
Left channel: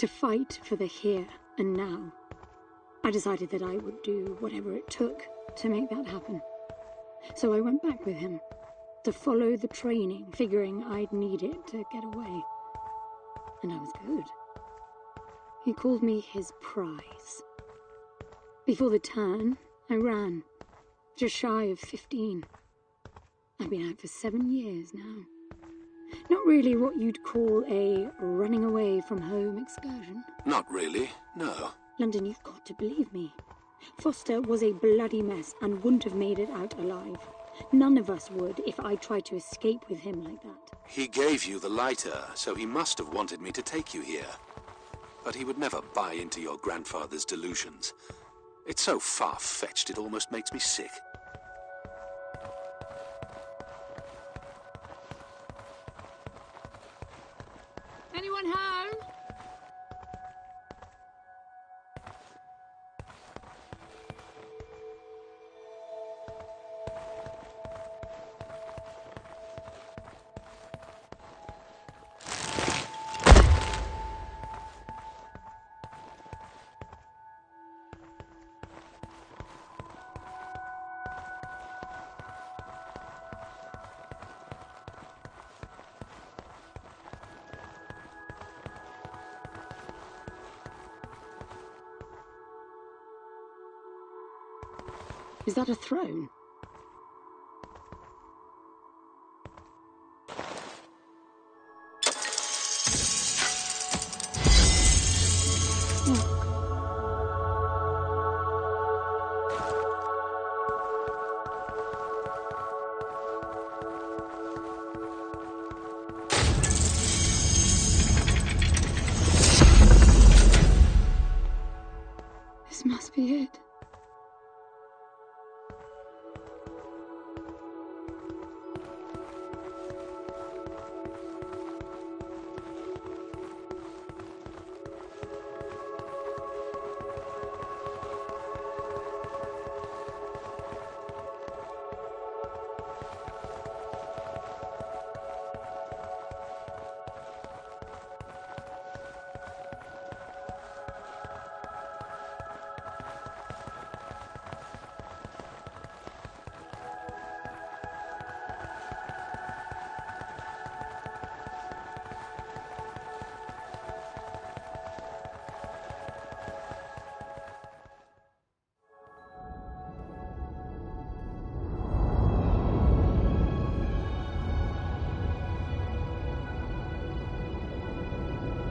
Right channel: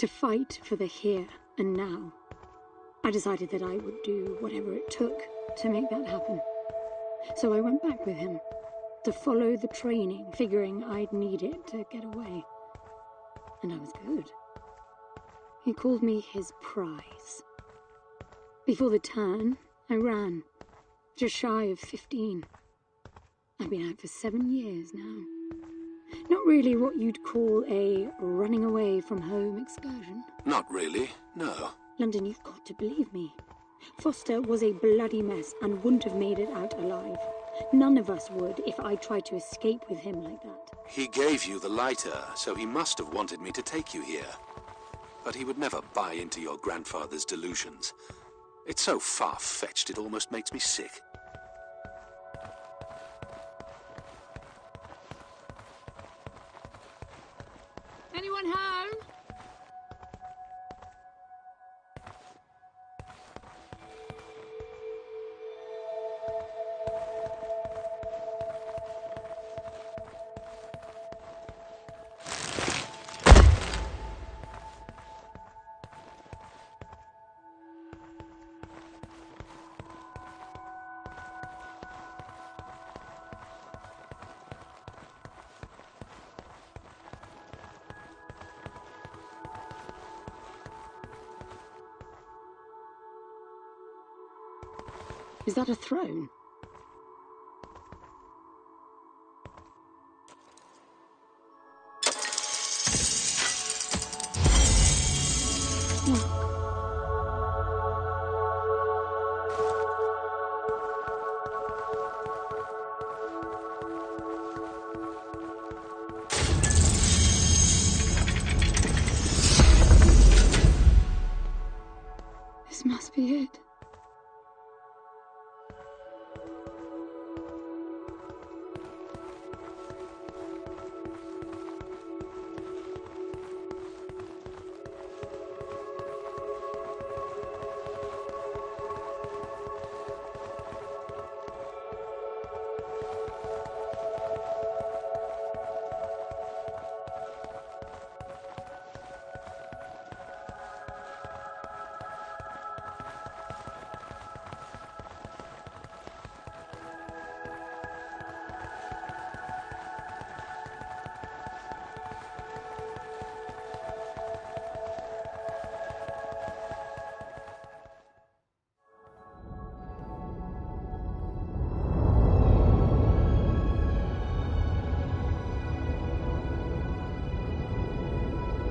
To fight for the here and now. I decided that I would do whatever it took to make that happen. So I went back with him, to follow the training, figuring I'd need it to get away. And I was good. He called me his prize. Before the turn, I ran, just shy of 15. I've been out for 7 years now. Not really what you'd call a running away from home excursion. Not really, no. London, you've got to believe me. Foster was a bloody mess and wouldn't have made it out alive. None of us would if I tried to escape with him like that. He gave you the lighter, so he must have wanted me to take you here. But he would never buy into your grandfather's delusions. It's so far-fetched it almost makes me sick. Anyone home? Is that a throne? Look. This must be it.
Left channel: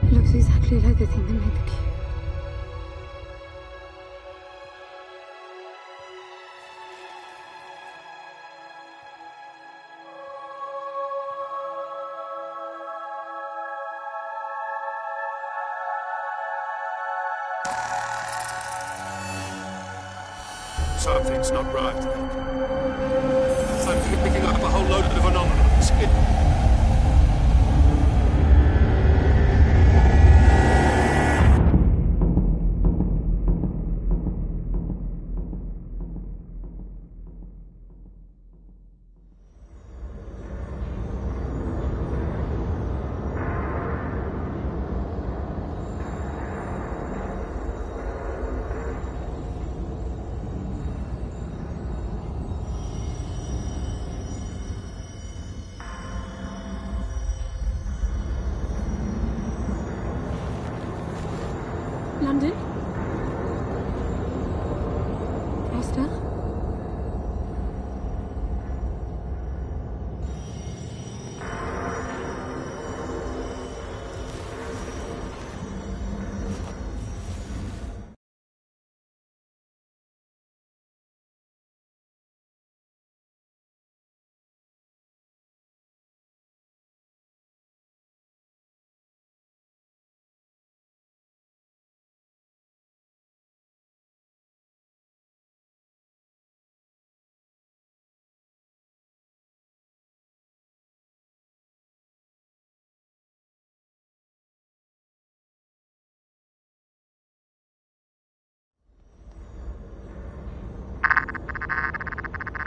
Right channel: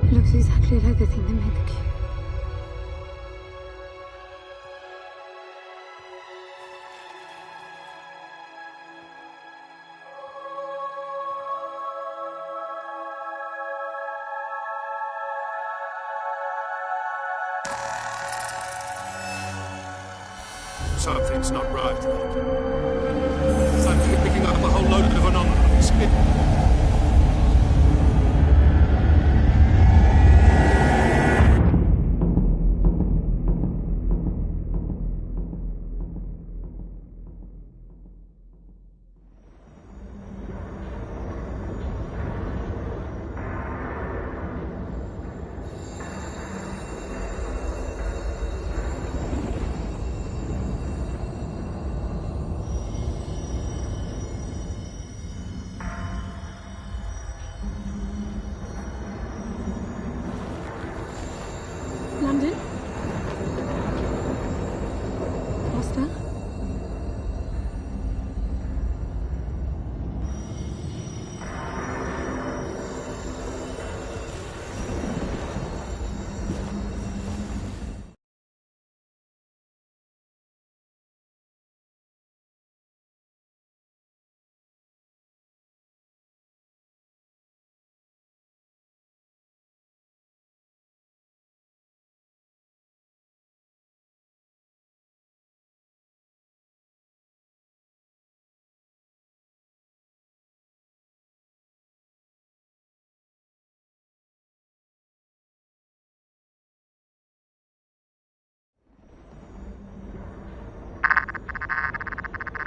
It looks exactly like the thing that made the cube. Something's not right. I'm picking up a whole load of anomalies. London? Foster?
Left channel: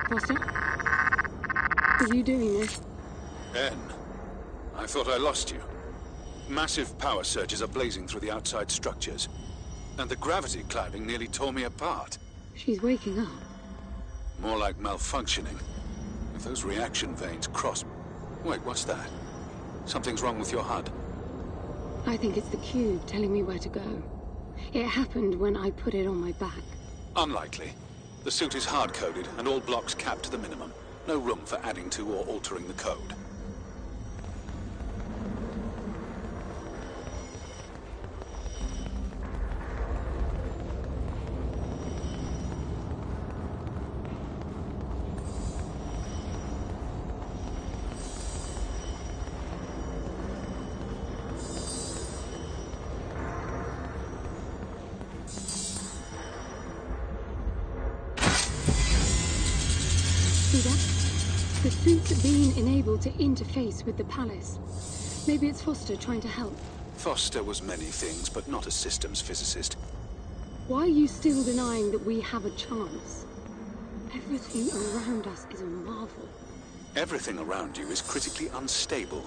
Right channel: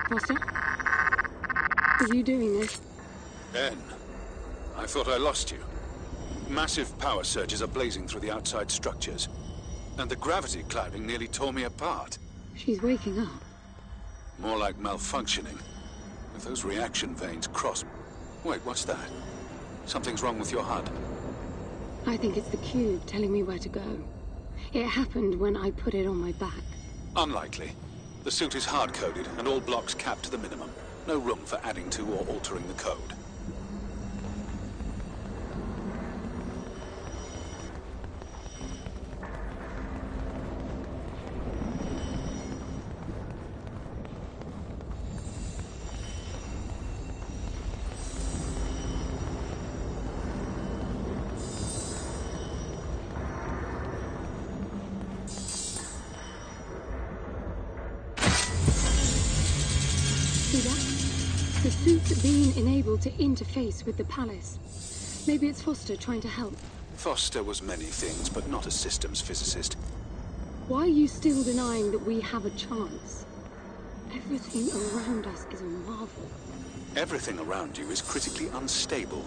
Foster? Are you doing this? En, I thought I lost you. Massive power surges are blazing through the outside structures. And the gravity clouding nearly tore me apart. She's waking up. More like malfunctioning. If those reaction veins cross... Wait, what's that? Something's wrong with your HUD. I think it's the cube telling me where to go. It happened when I put it on my back. Unlikely. The suit is hard-coded and all blocks capped to the minimum. No room for adding to or altering the code. See that? The suit's being enabled to interface with the palace. Maybe it's Foster trying to help. Foster was many things, but not a systems physicist. Why are you still denying that we have a chance? Everything around us is a marvel. Everything around you is critically unstable.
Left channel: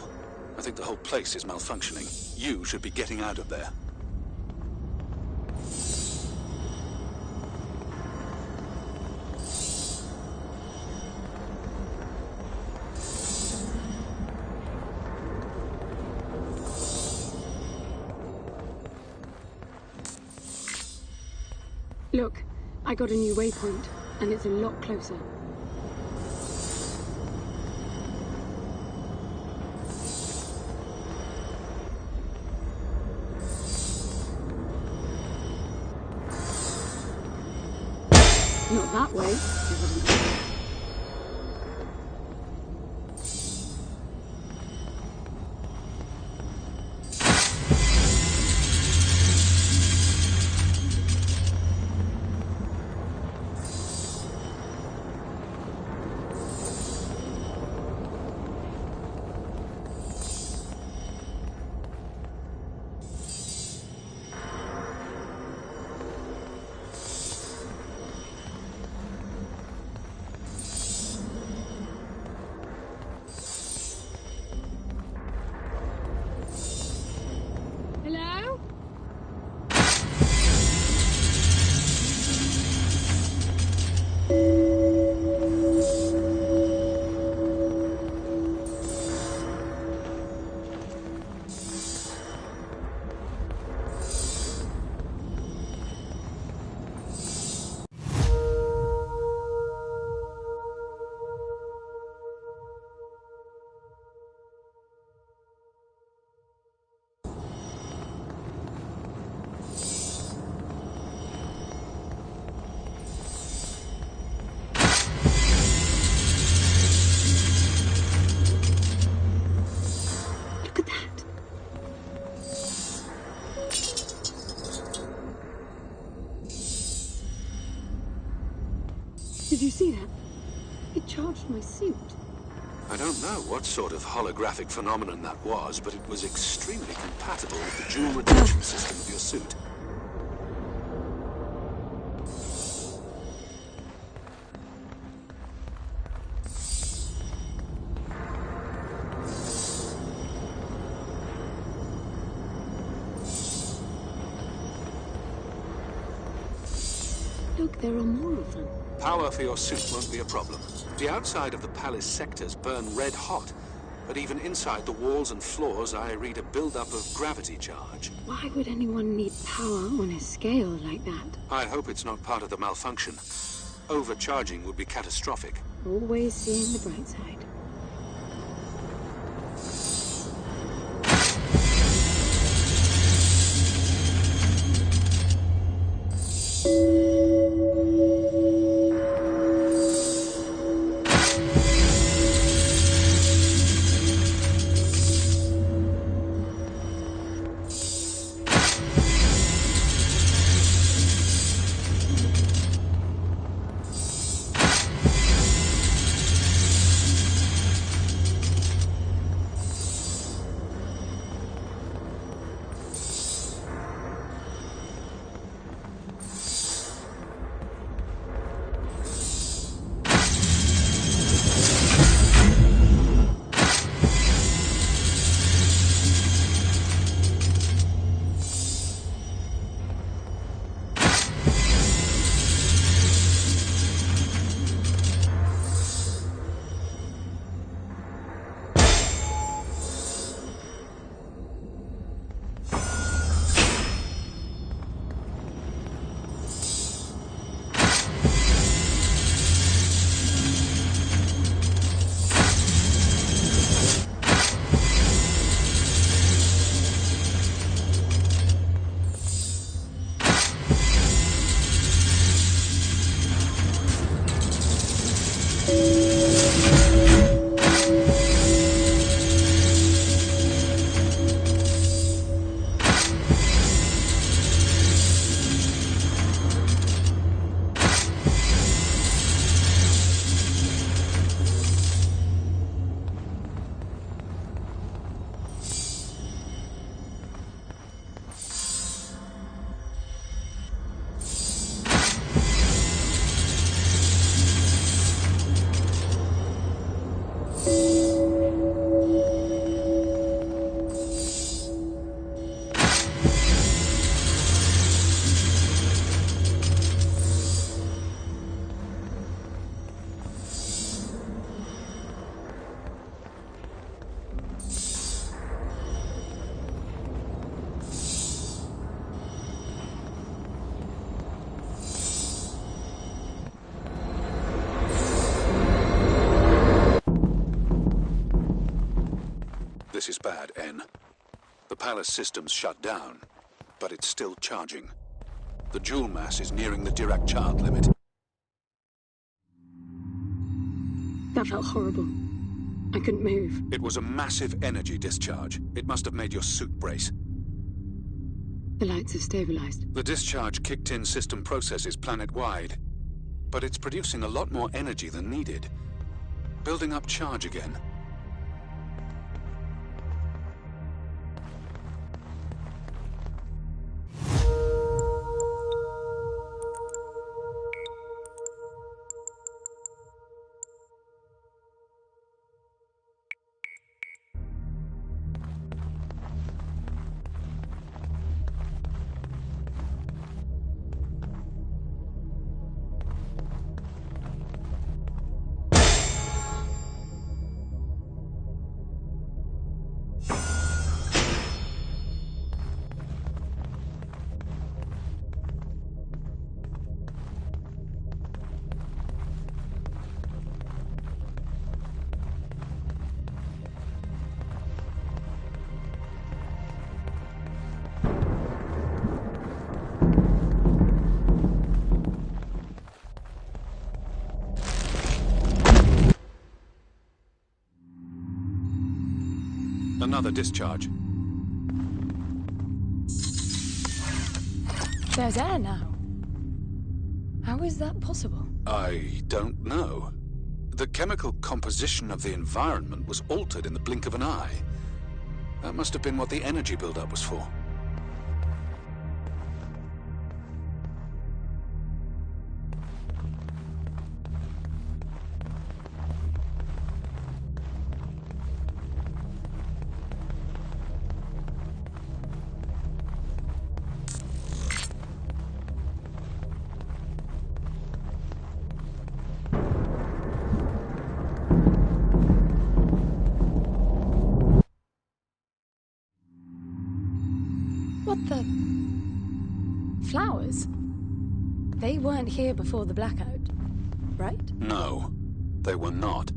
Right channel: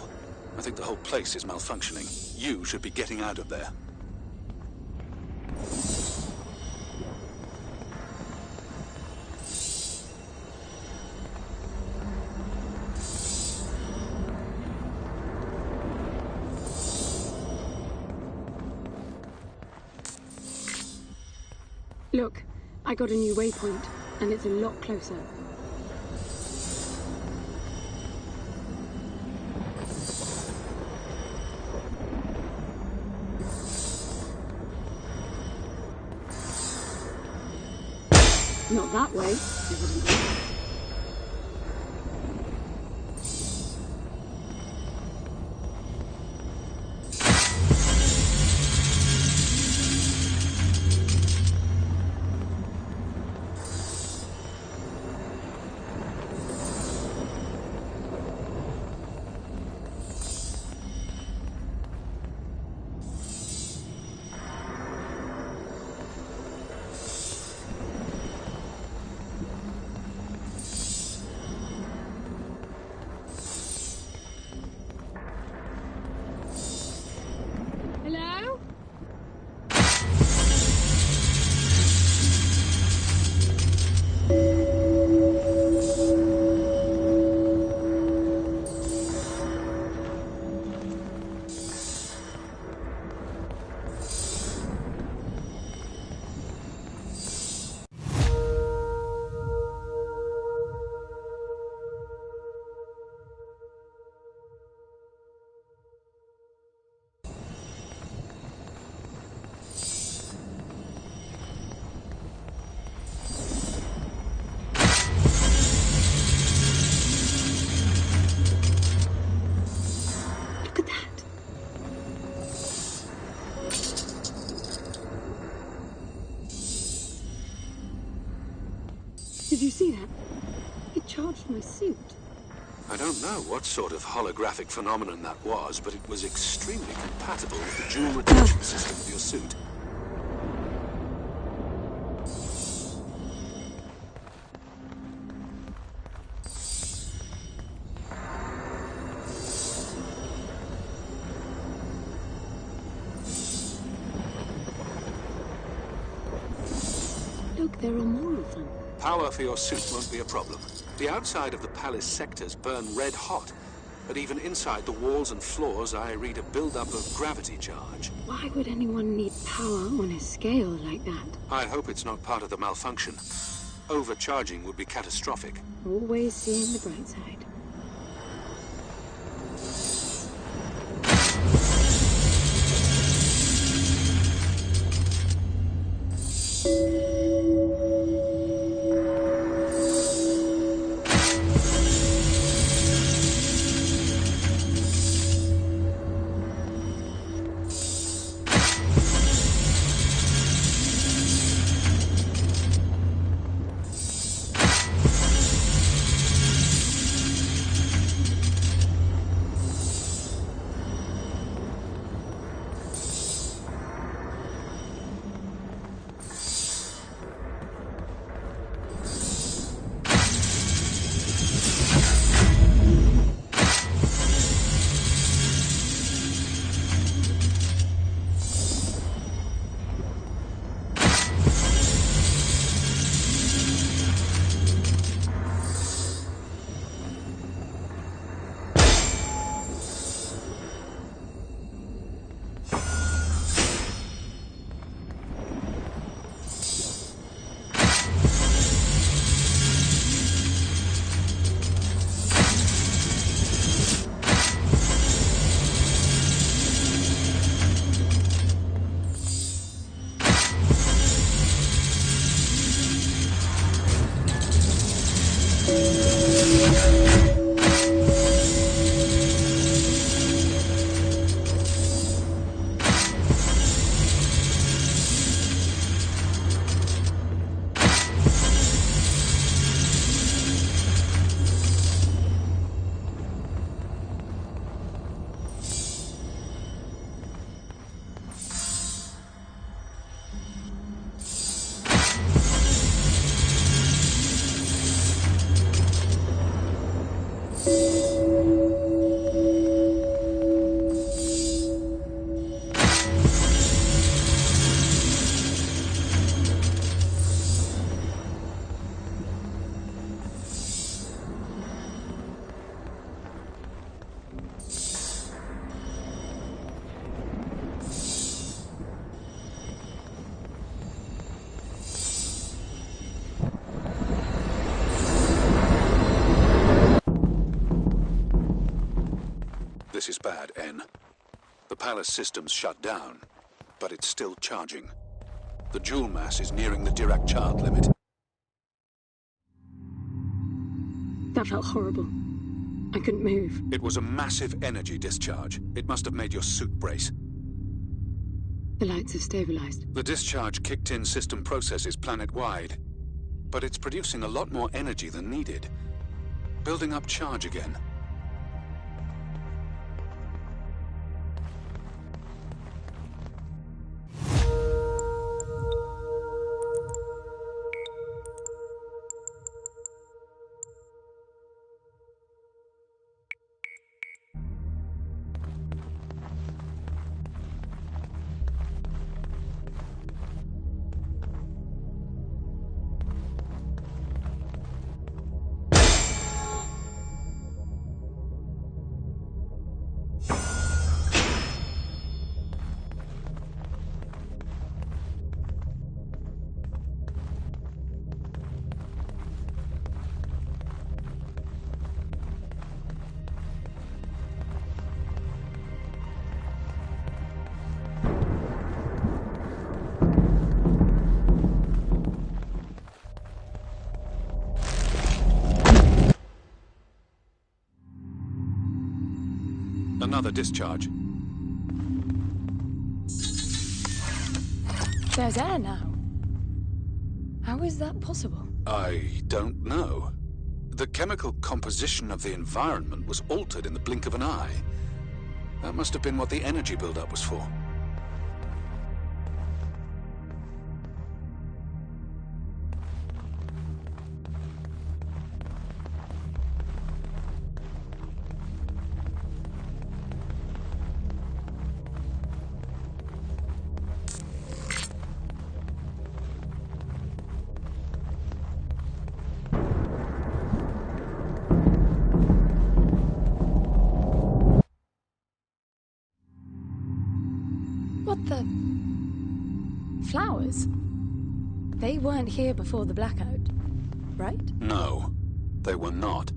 I think the whole place is malfunctioning. You should be getting out of there. Look, I got a new waypoint. and it's a lot closer. Not that way, evidently. Hello? Look at that. Did you see that? It charged my suit. I don't know what sort of holographic phenomenon that was, but it was extremely compatible with the dual retention system of your suit. Look, there are more of them. Power for your suit won't be a problem. The outside of the palace sectors burn red hot, but even inside the walls and floors I read a build-up of gravity charge. Why would anyone need power on a scale like that? I hope it's not part of the malfunction. Overcharging would be catastrophic. Always seeing the bright side. This is bad, N. The palace system's shut down, but it's still charging. The jewel mass is nearing the Dirac child limit. That felt horrible. I couldn't move. It was a massive energy discharge. It must have made your suit brace. The lights have stabilized. The discharge kicked in system processes planet-wide, but it's producing a lot more energy than needed. Building up charge again. Another discharge. There's air now. How is that possible? I don't know. The chemical composition of the environment was altered in the blink of an eye. That must have been what the energy buildup was for. What the... Flowers? They weren't here before the blackout, right? No, they were not.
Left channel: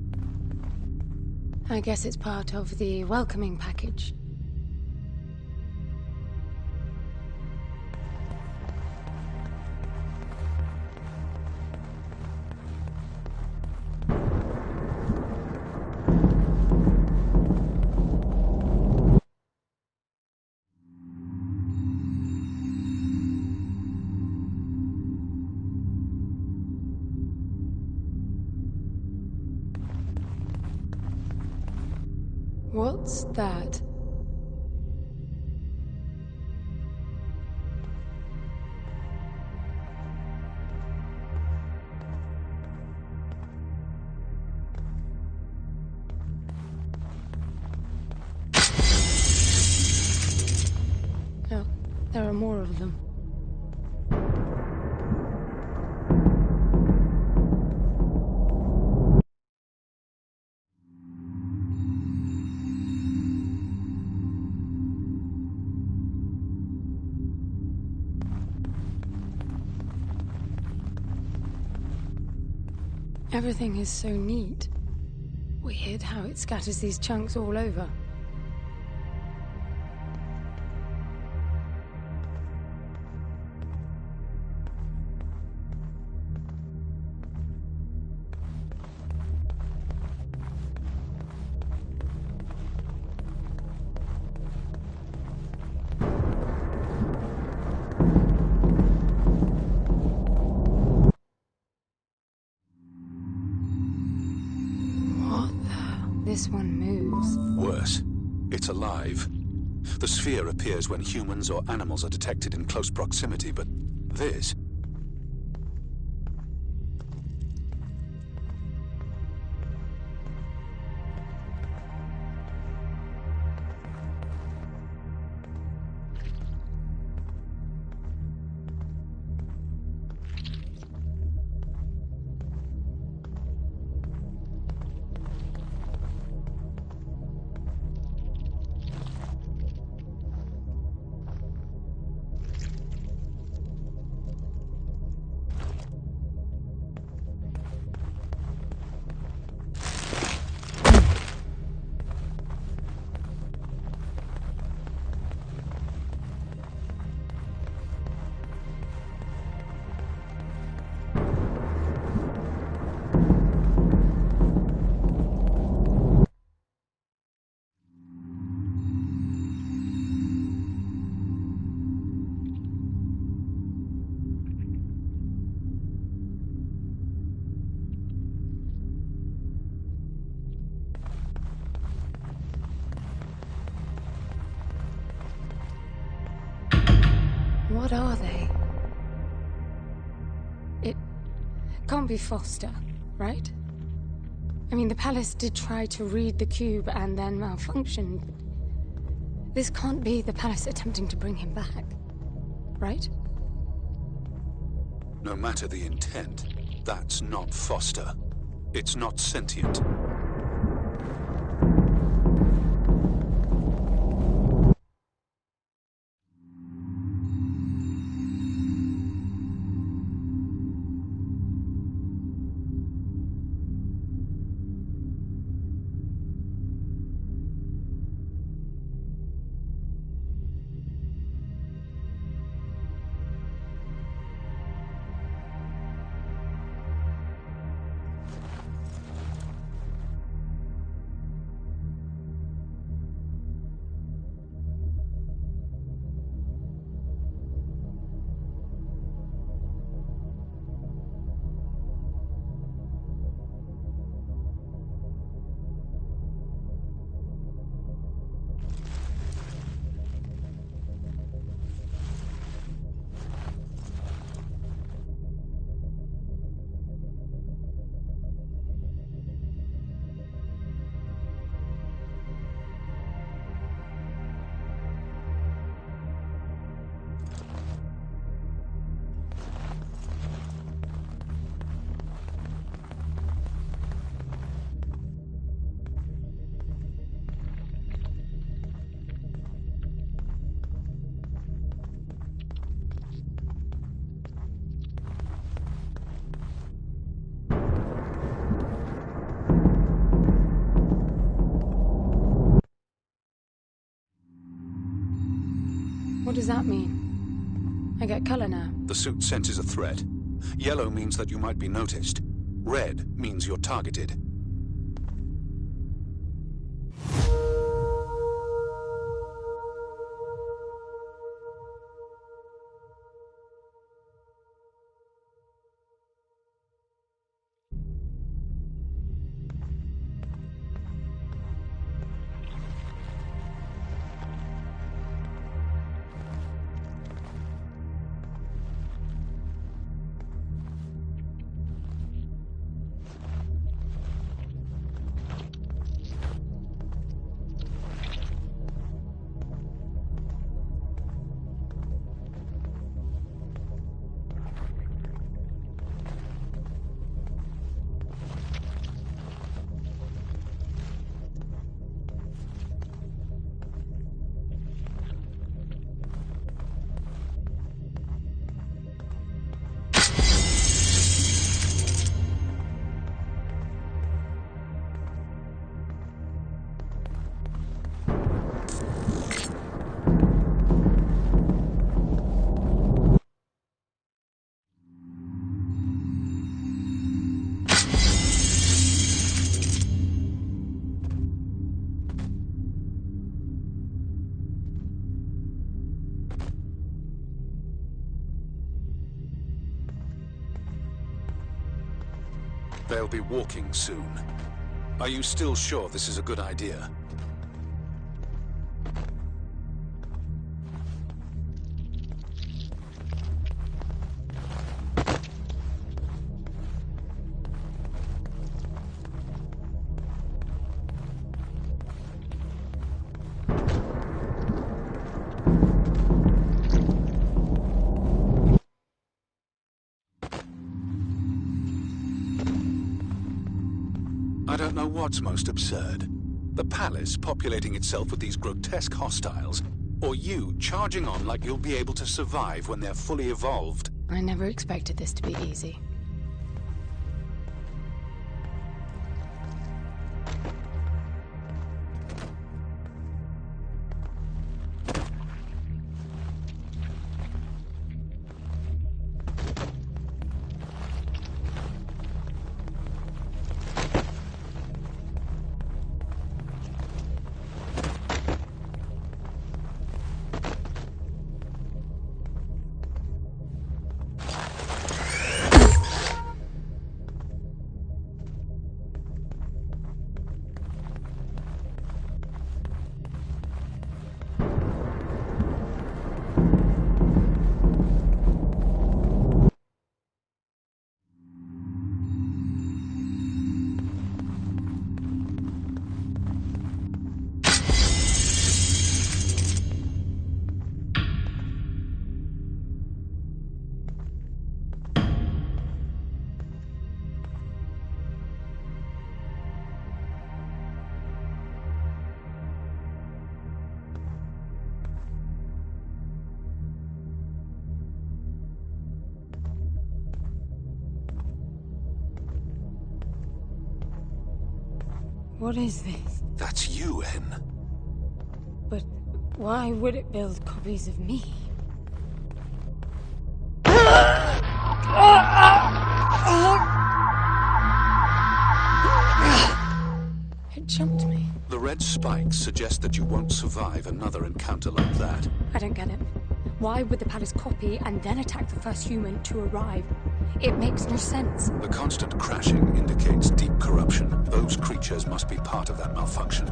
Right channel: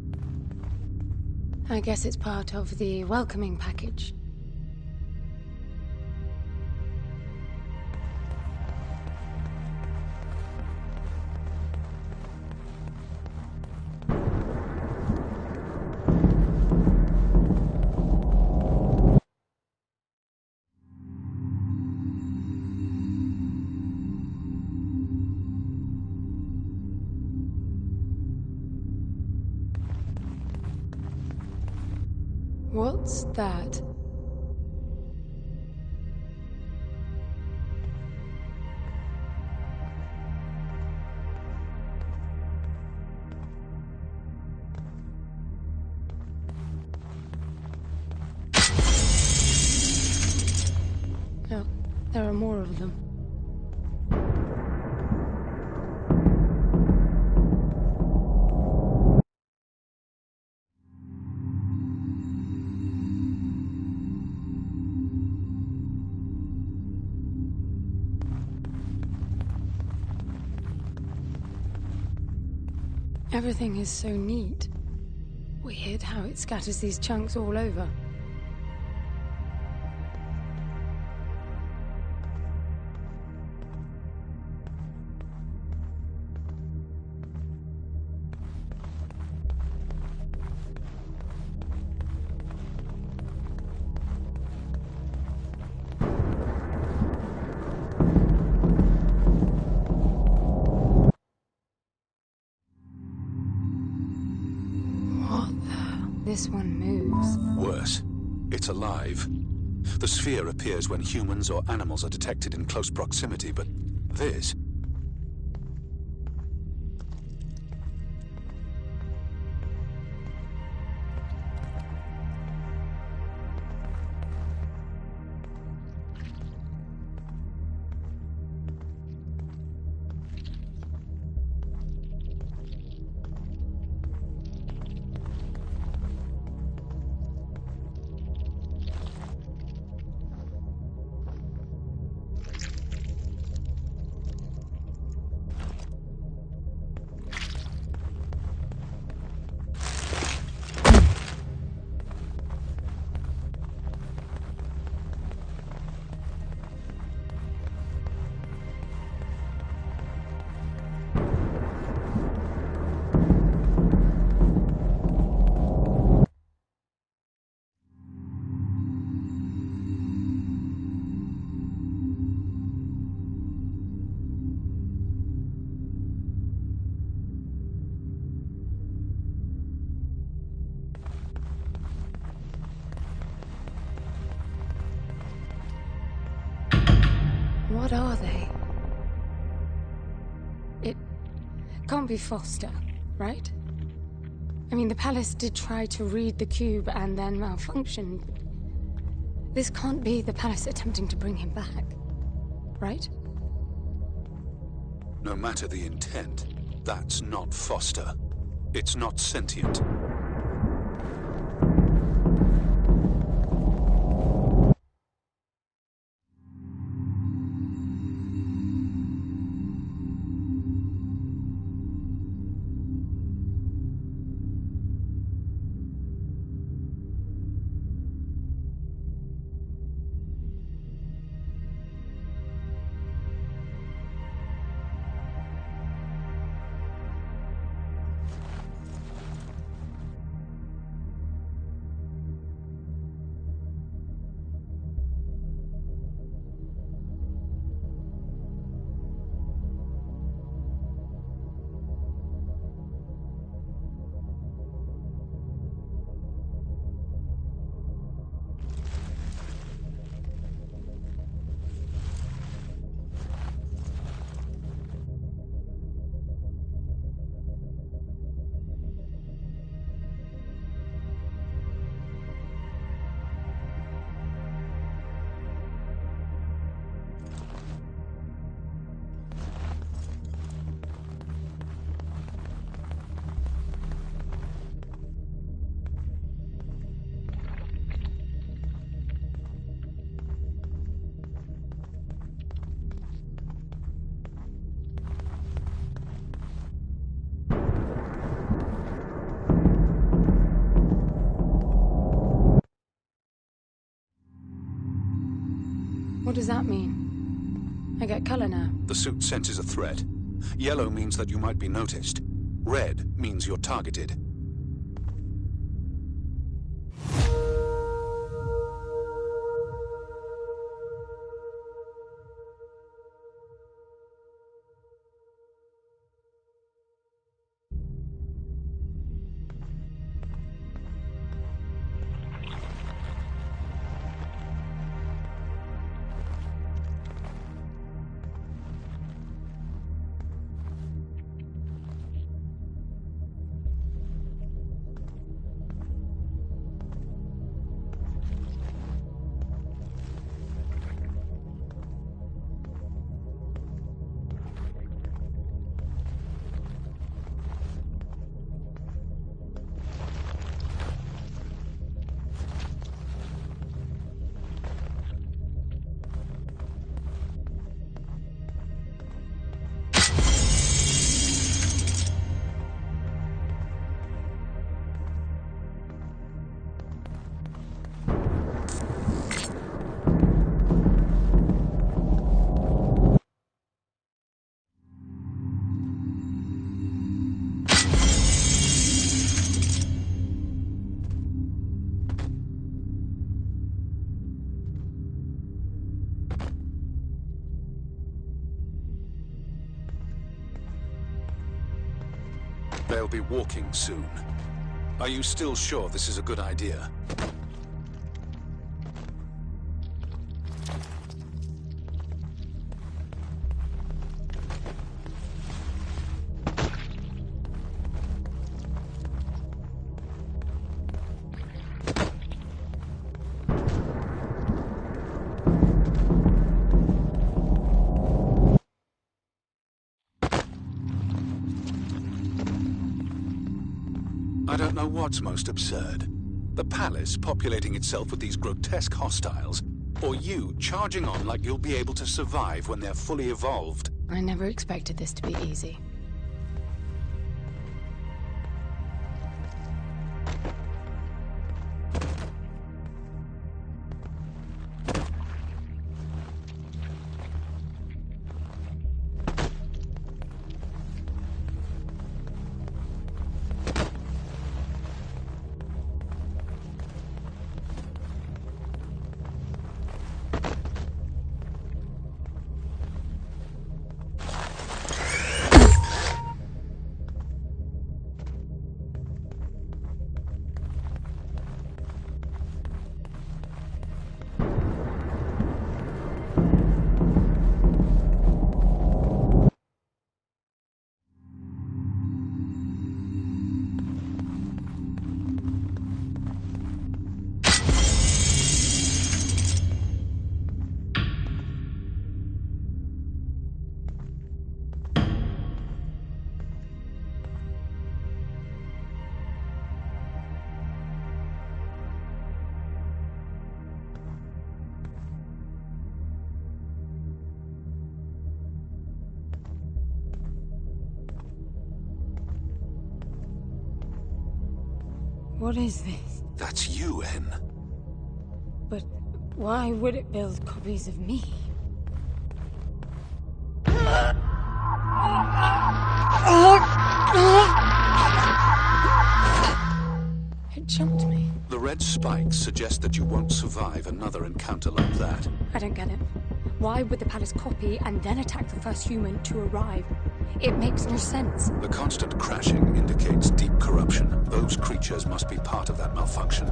I guess it's part of the welcoming package. What's that? Oh, there are more of them. Everything is so neat. Weird how it scatters these chunks all over. This one moves. Worse, it's alive. The sphere appears when humans or animals are detected in close proximity, but this... What are they? It can't be Foster, right? I mean, the palace did try to read the cube and then malfunctioned. This can't be the palace attempting to bring him back, right? No matter the intent, that's not Foster. It's not sentient. What does that mean? I get color now. The suit senses a threat. Yellow means that you might be noticed. Red means you're targeted. They'll be walking soon. Are you still sure this is a good idea? I don't know what's most absurd. The palace populating itself with these grotesque hostiles, or you charging on like you'll be able to survive when they're fully evolved. I never expected this to be easy. What is this? That's you, Hen. But why would it build copies of me? It jumped me. The red spikes suggest that you won't survive another encounter like that. I don't get it. Why would the palace copy and then attack the first human to arrive? It makes no sense. The constant crashing indicates deep corruption. Those creatures must be part of that malfunction.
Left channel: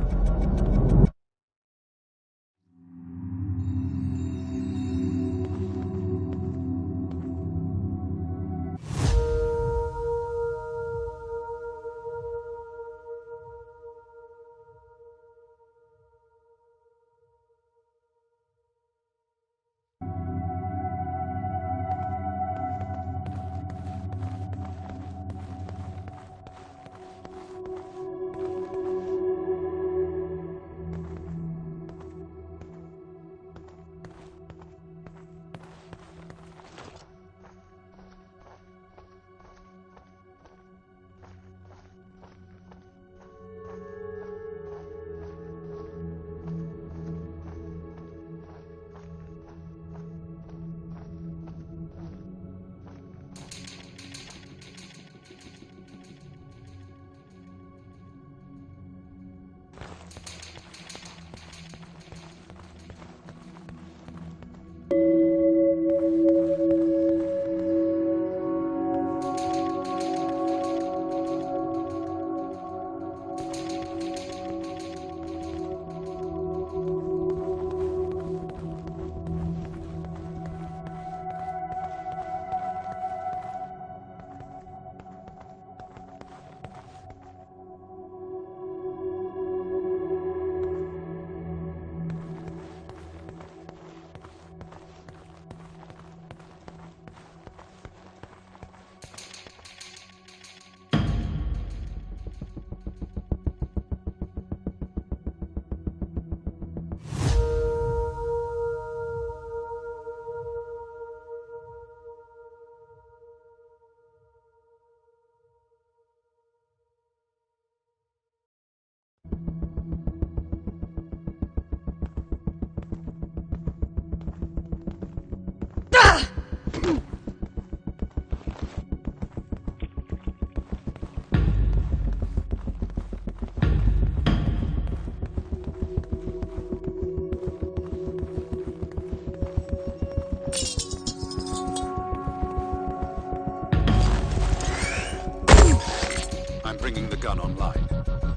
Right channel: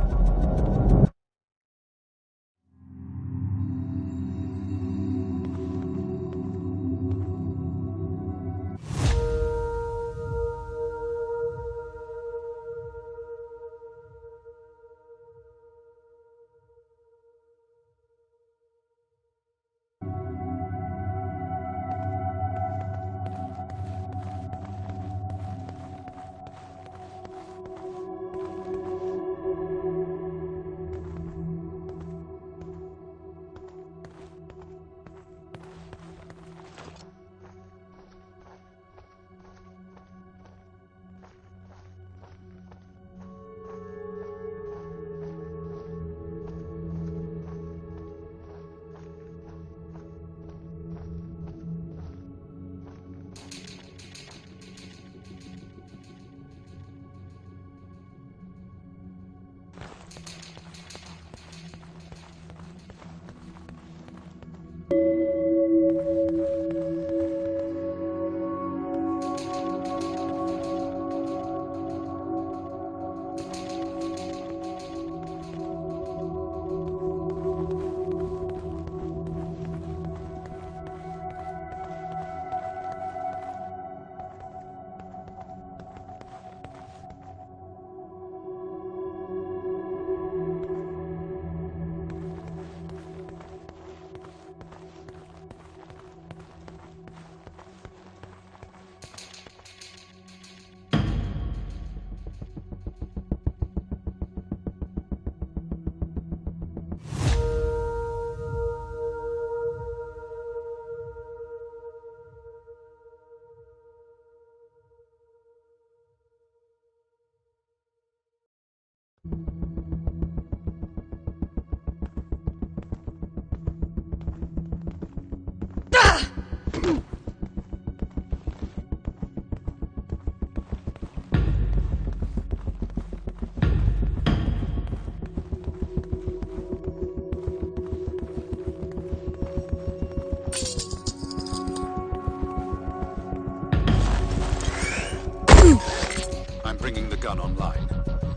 I'm bringing the gun online.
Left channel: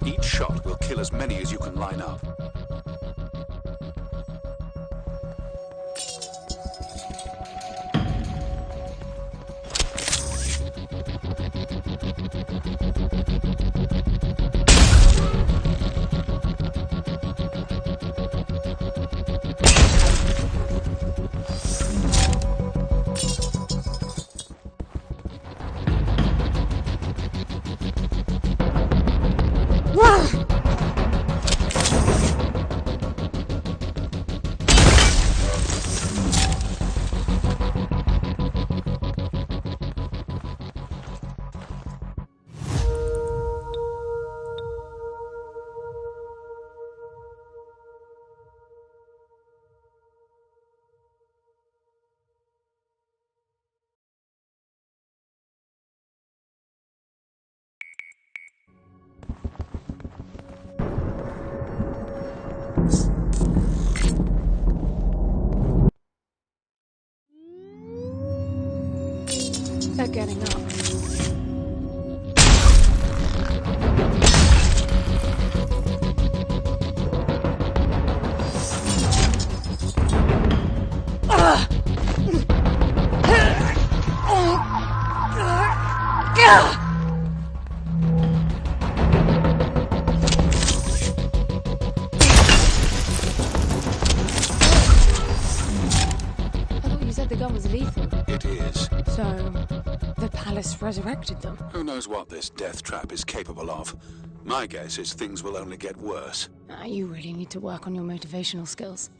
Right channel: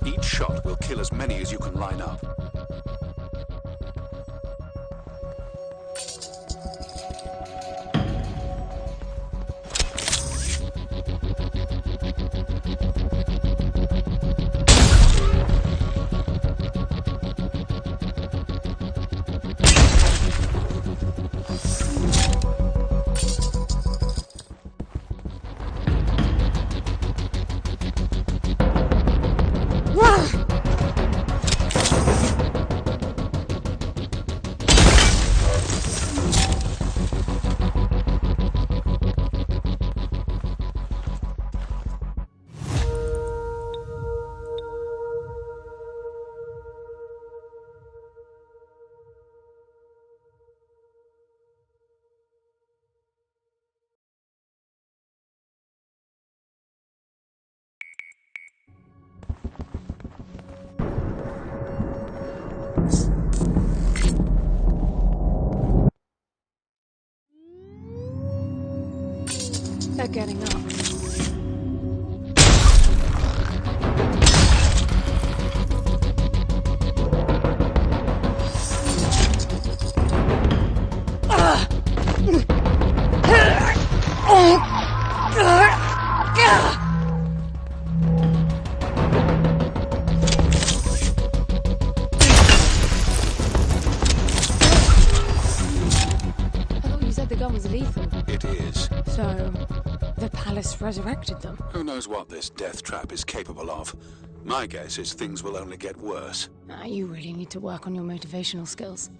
Each shot will kill as many as you can line up. They're getting up. I thought you said the gun was lethal. It is. So, the palace resurrected them. Who knows what this death trap is capable of? My guess is things will only get worse. You really need to work on your motivational skills.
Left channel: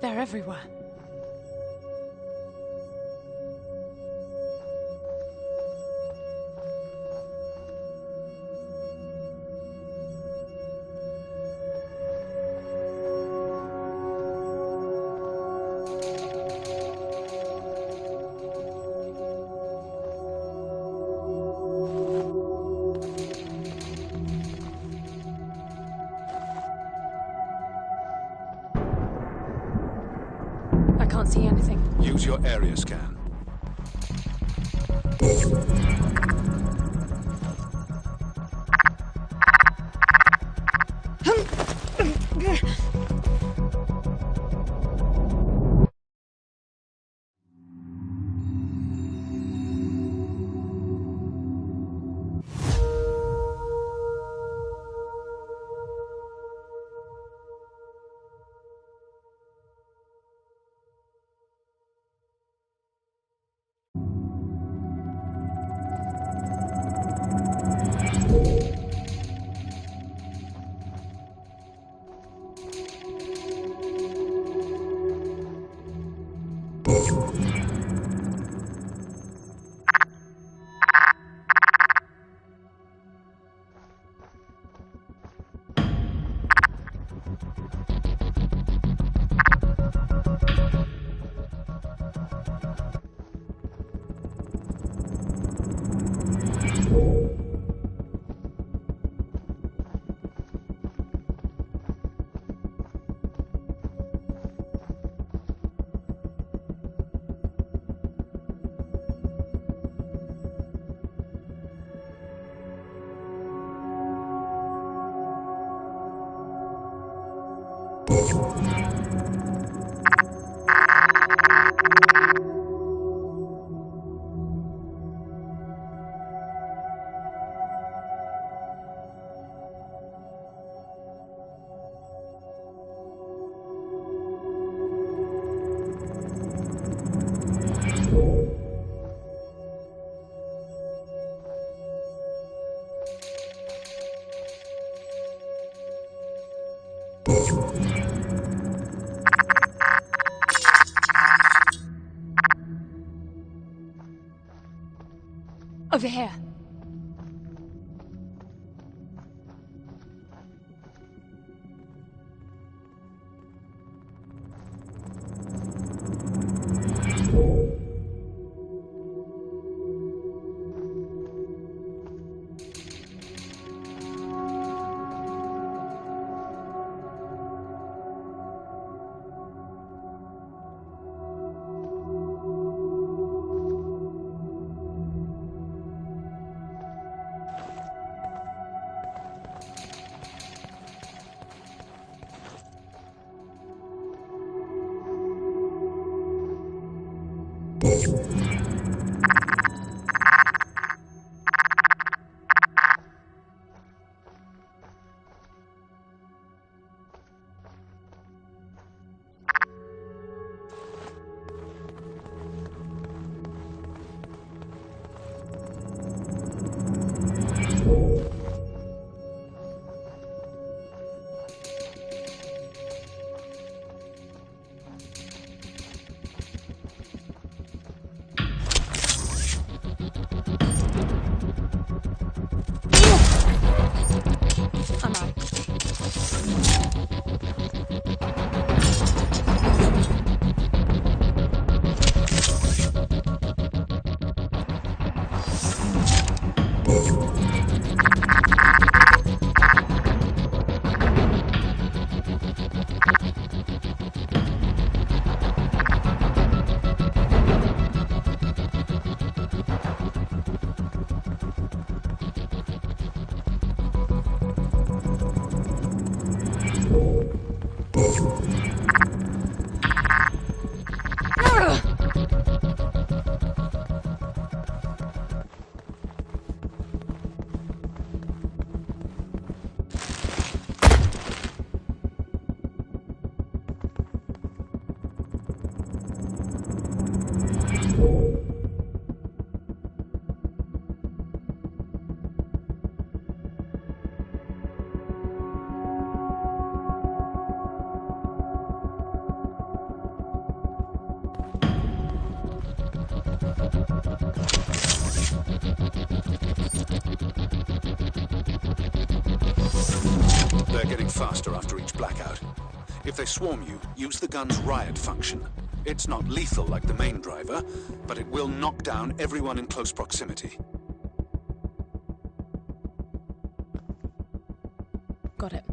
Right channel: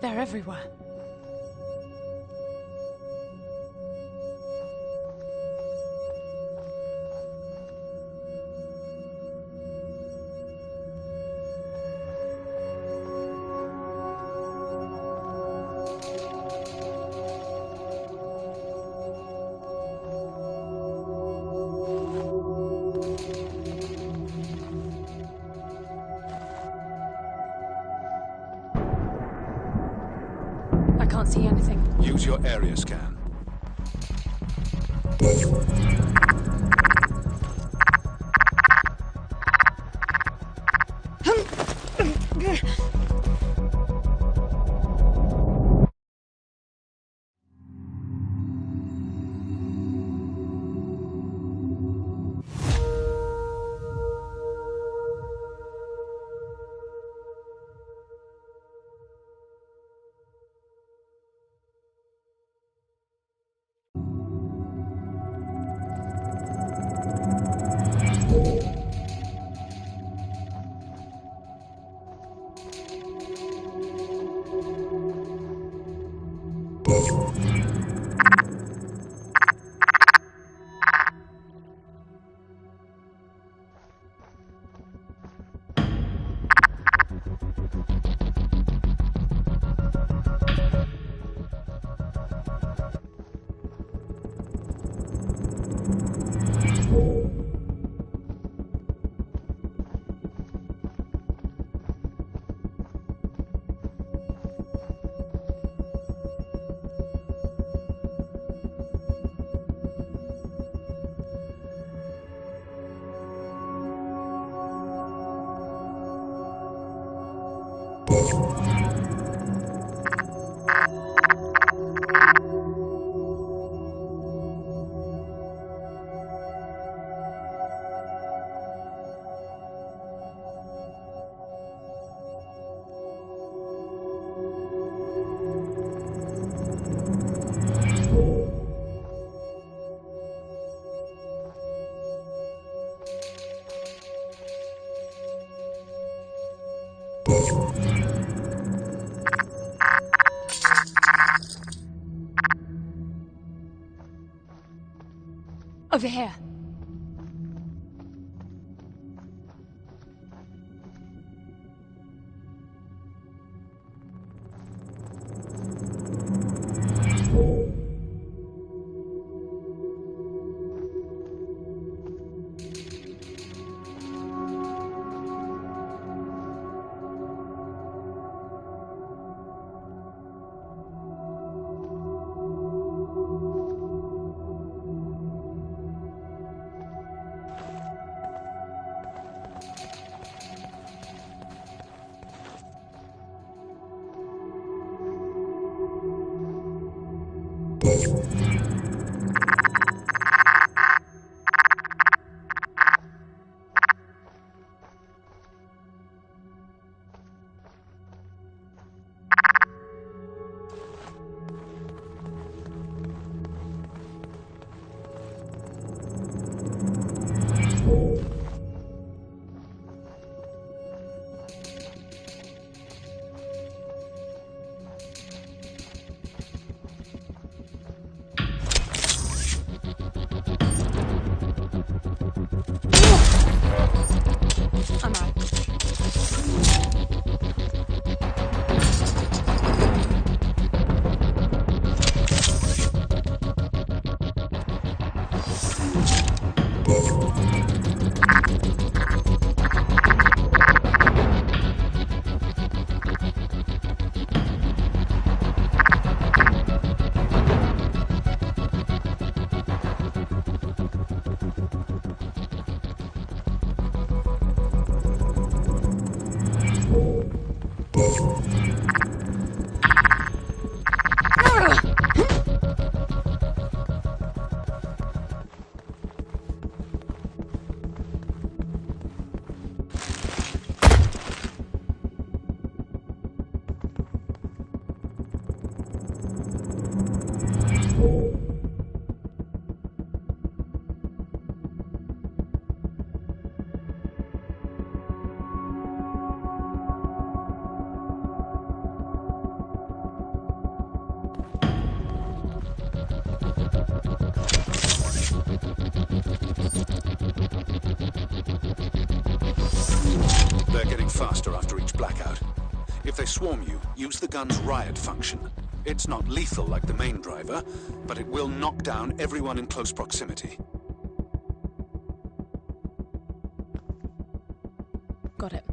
They're everywhere. I can't see anything. Use your area scan. Over here. I'm out. You They're getting faster after each blackout. If they swarm you, use the gun's riot function. It's not lethal like the main driver, but it will knock down everyone in close proximity. Got it.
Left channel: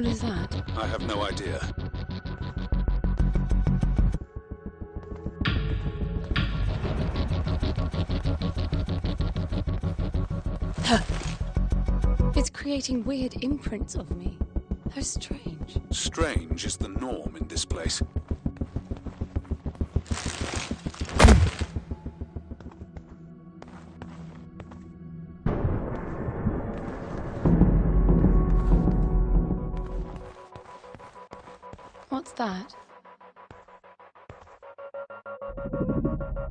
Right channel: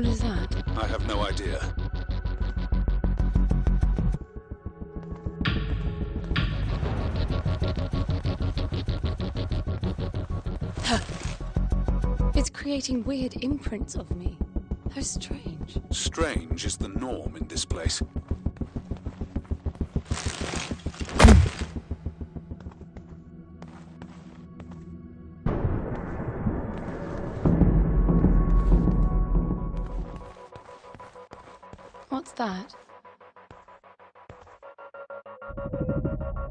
What is that? I have no idea. It's creating weird imprints of me. How strange. Strange is the norm in this place. What's that?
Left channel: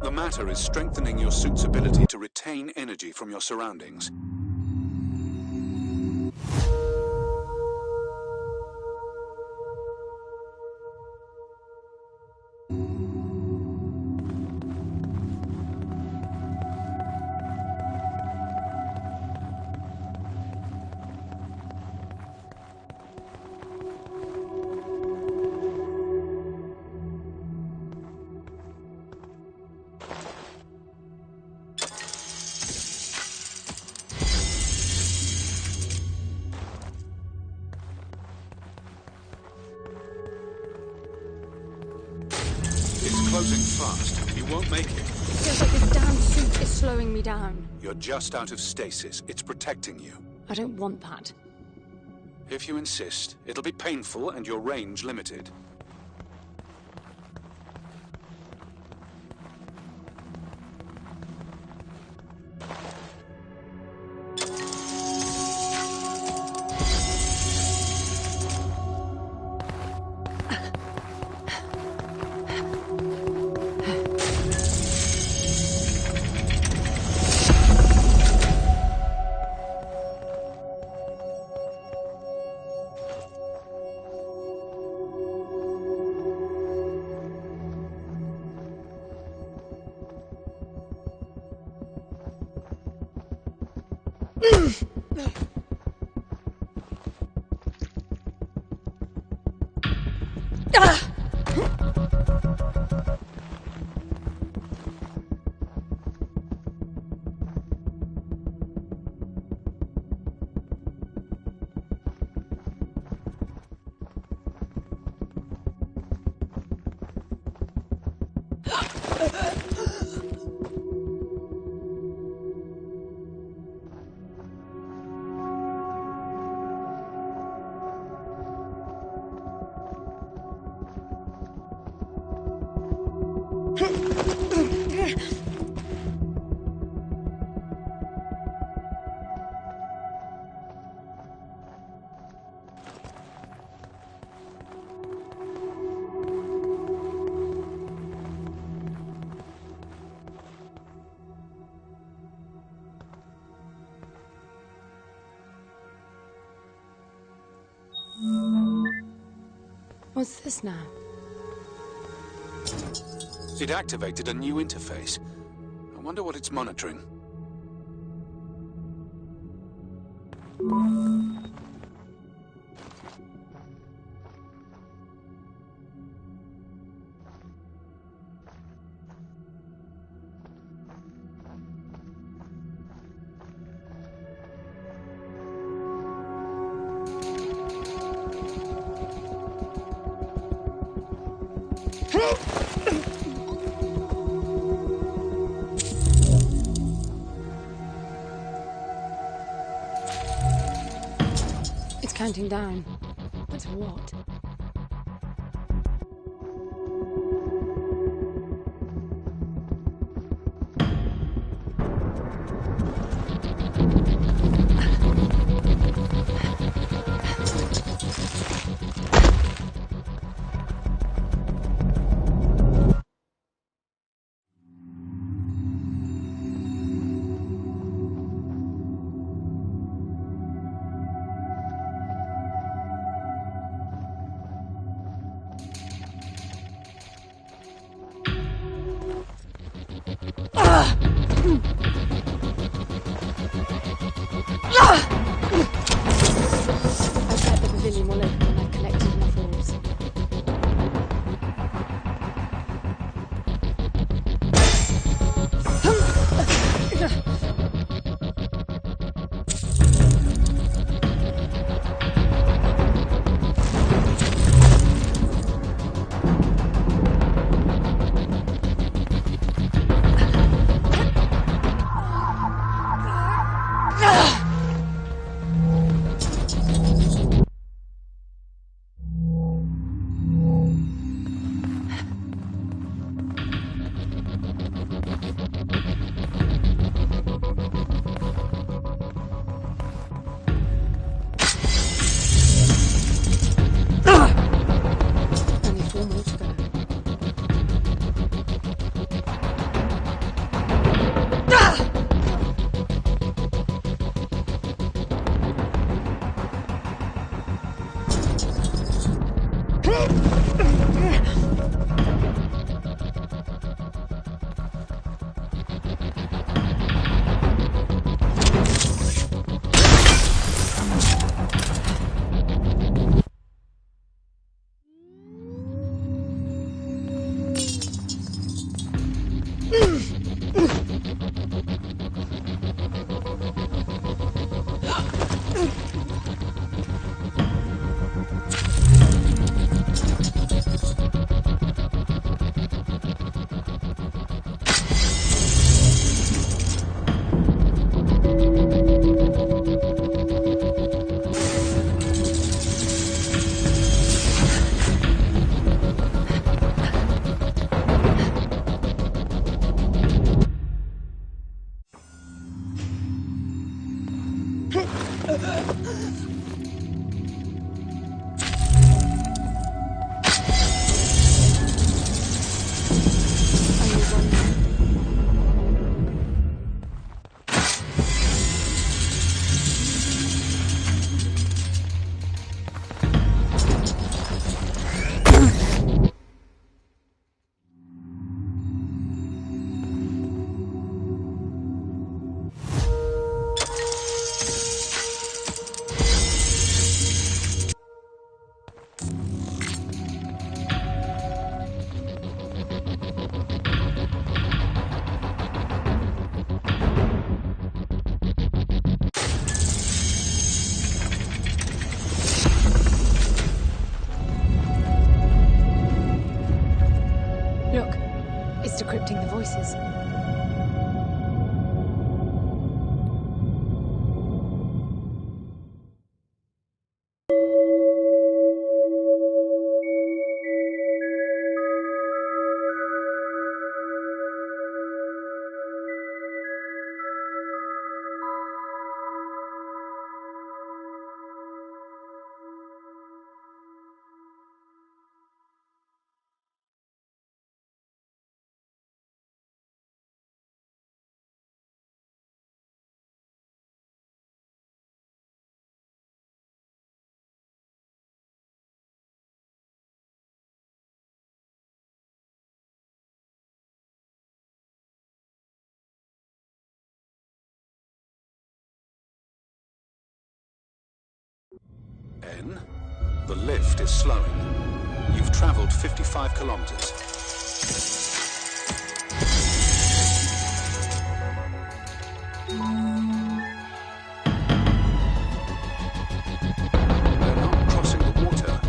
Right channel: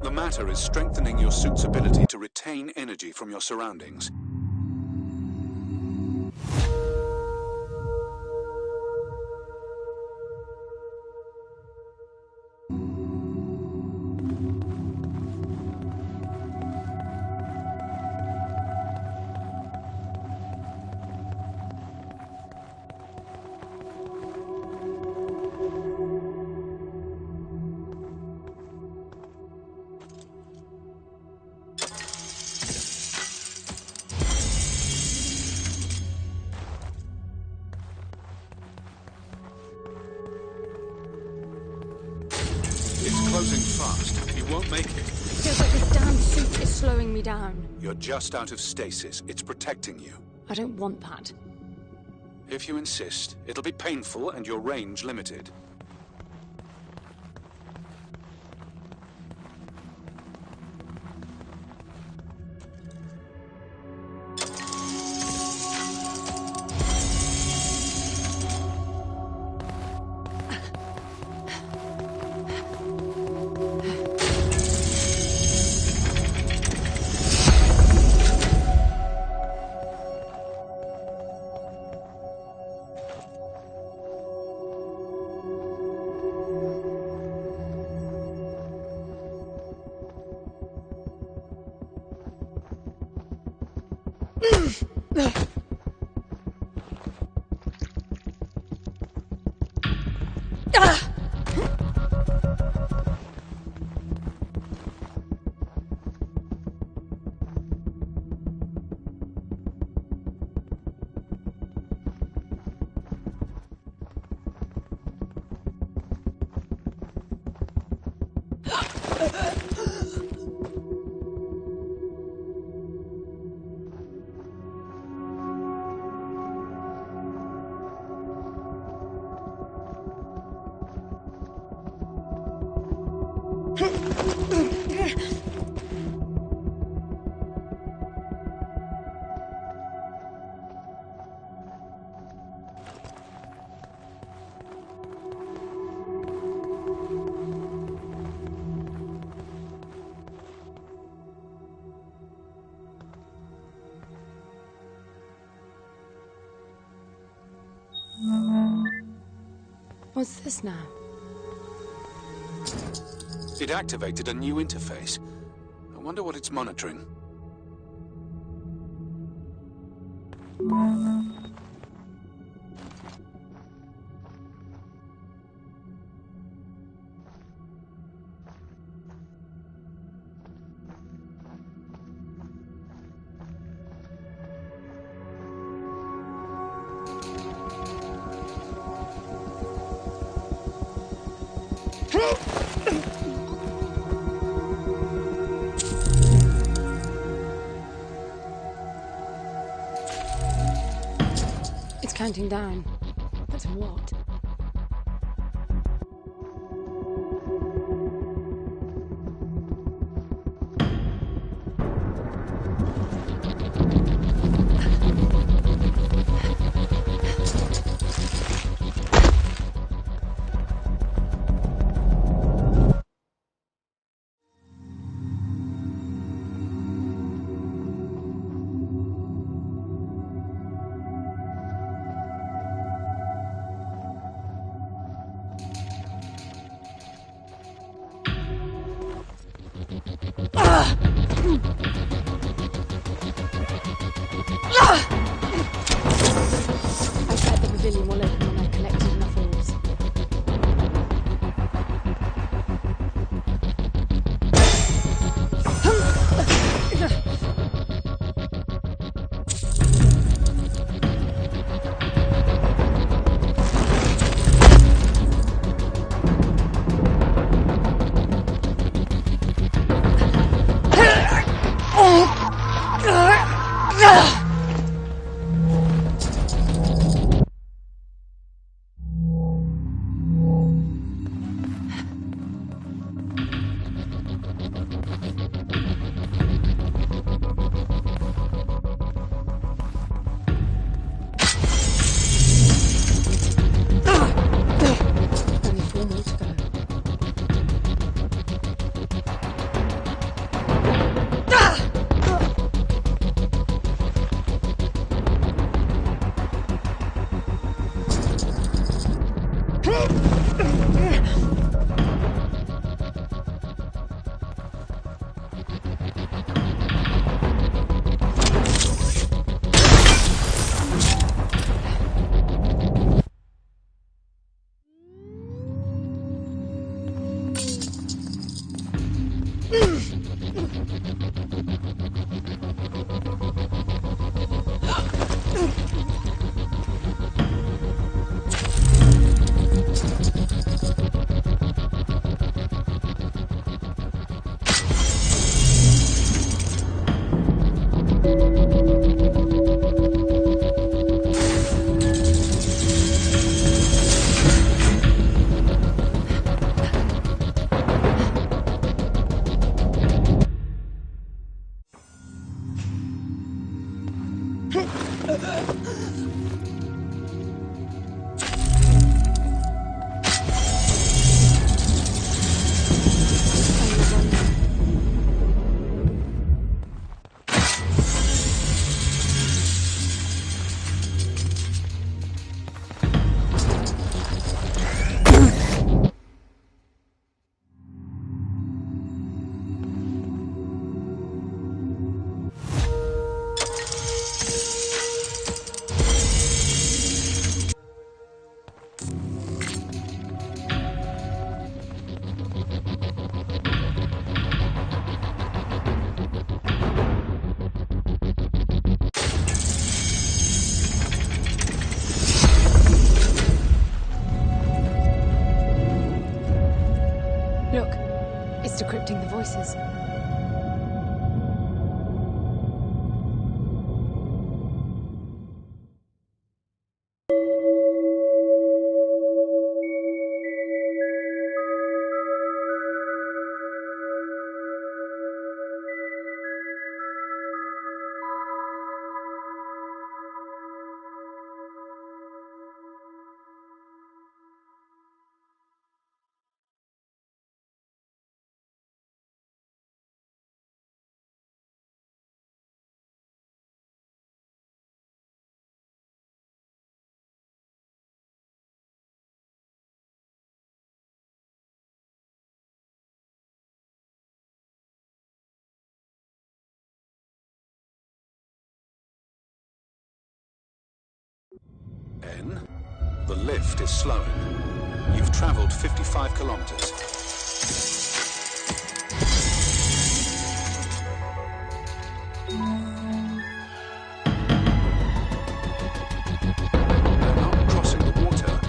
The matter is strengthening your suit's ability to retain energy from your surroundings. It's closing fast. You won't make it. Feels like this damn suit is slowing me down. You're just out of stasis. It's protecting you. I don't want that. If you insist, it'll be painful and your range limited. What's this now? It activated a new interface. I wonder what it's monitoring. It's counting down. But to what? I bet the pavilion will open when I've collected enough orbs. Only 4 more to go. Look, it's decrypting the voices. N, the lift is slowing. You've traveled 55 kilometers. They're not crossing the water.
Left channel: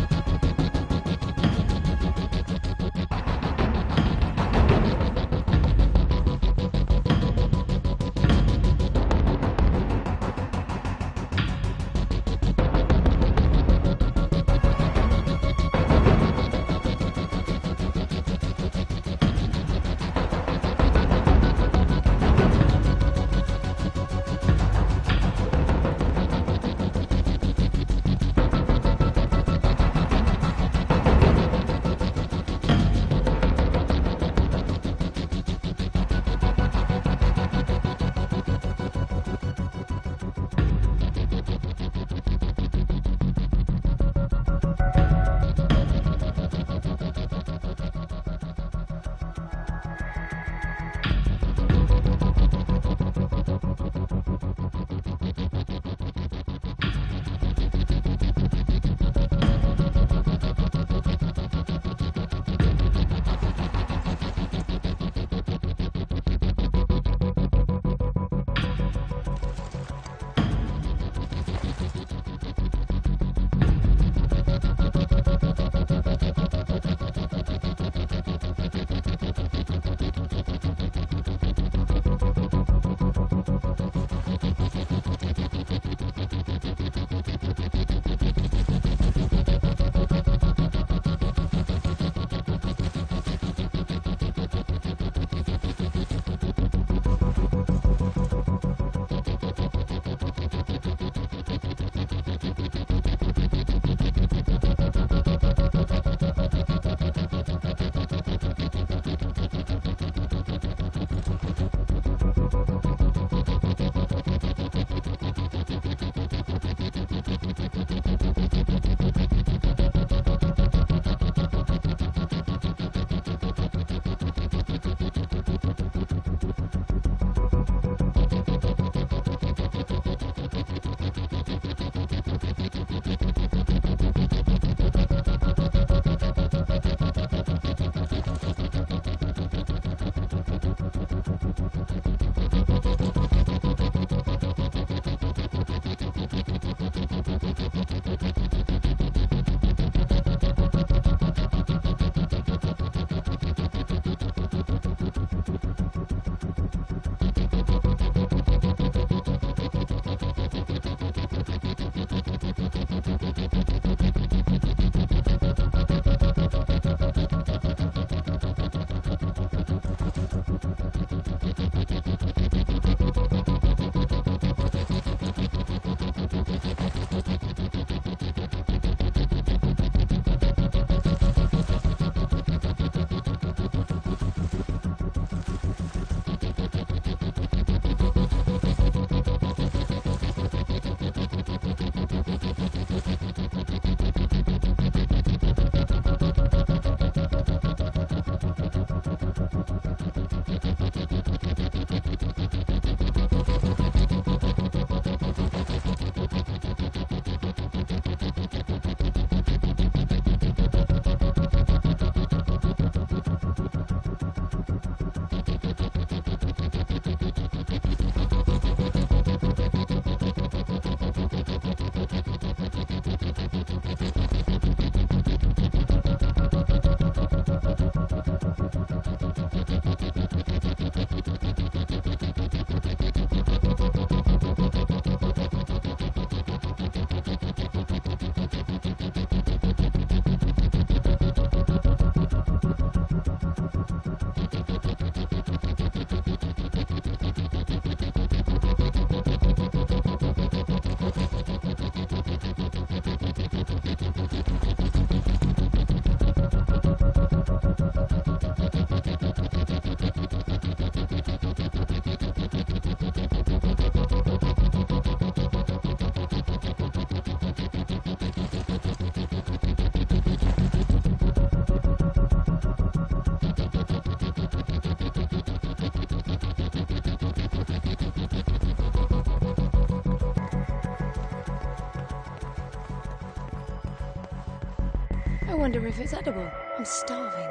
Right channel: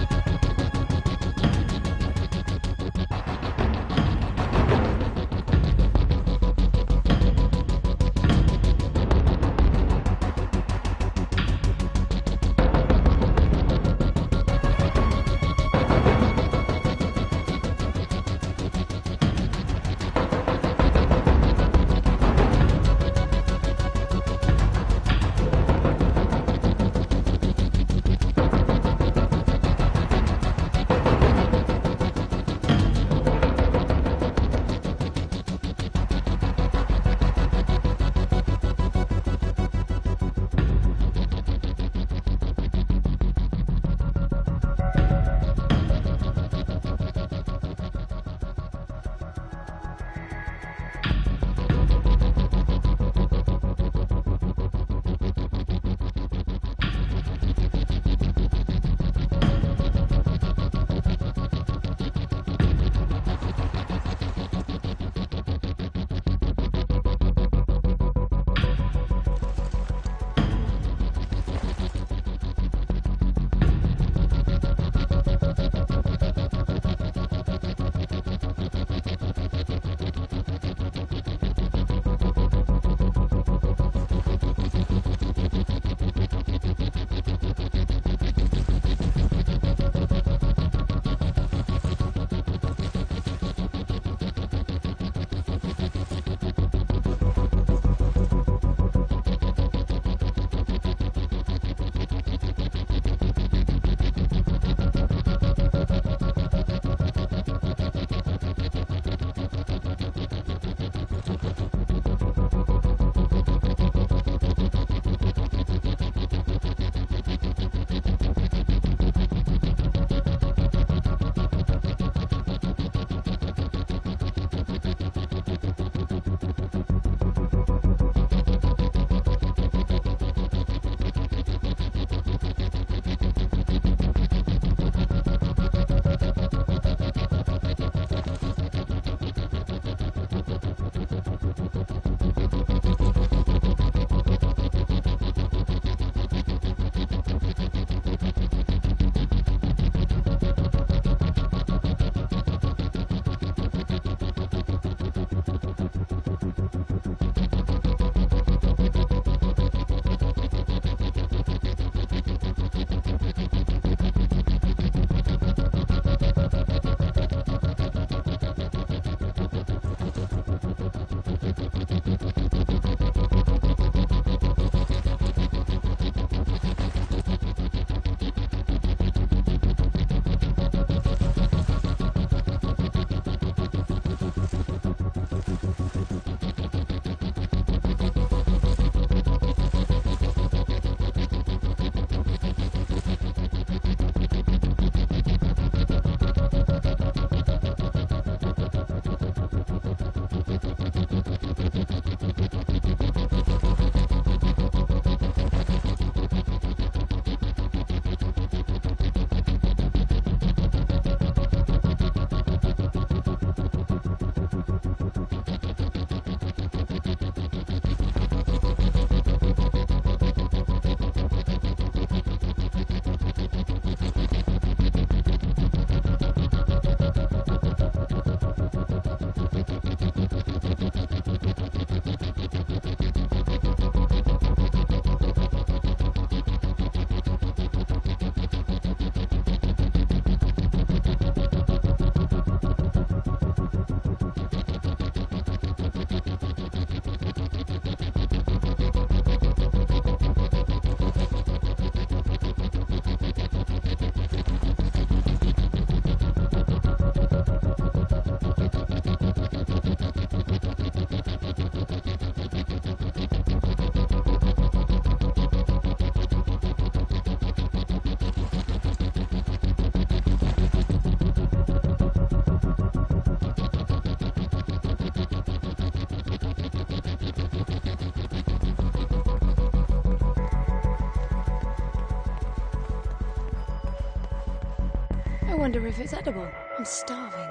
I wonder if it's edible. I'm starving.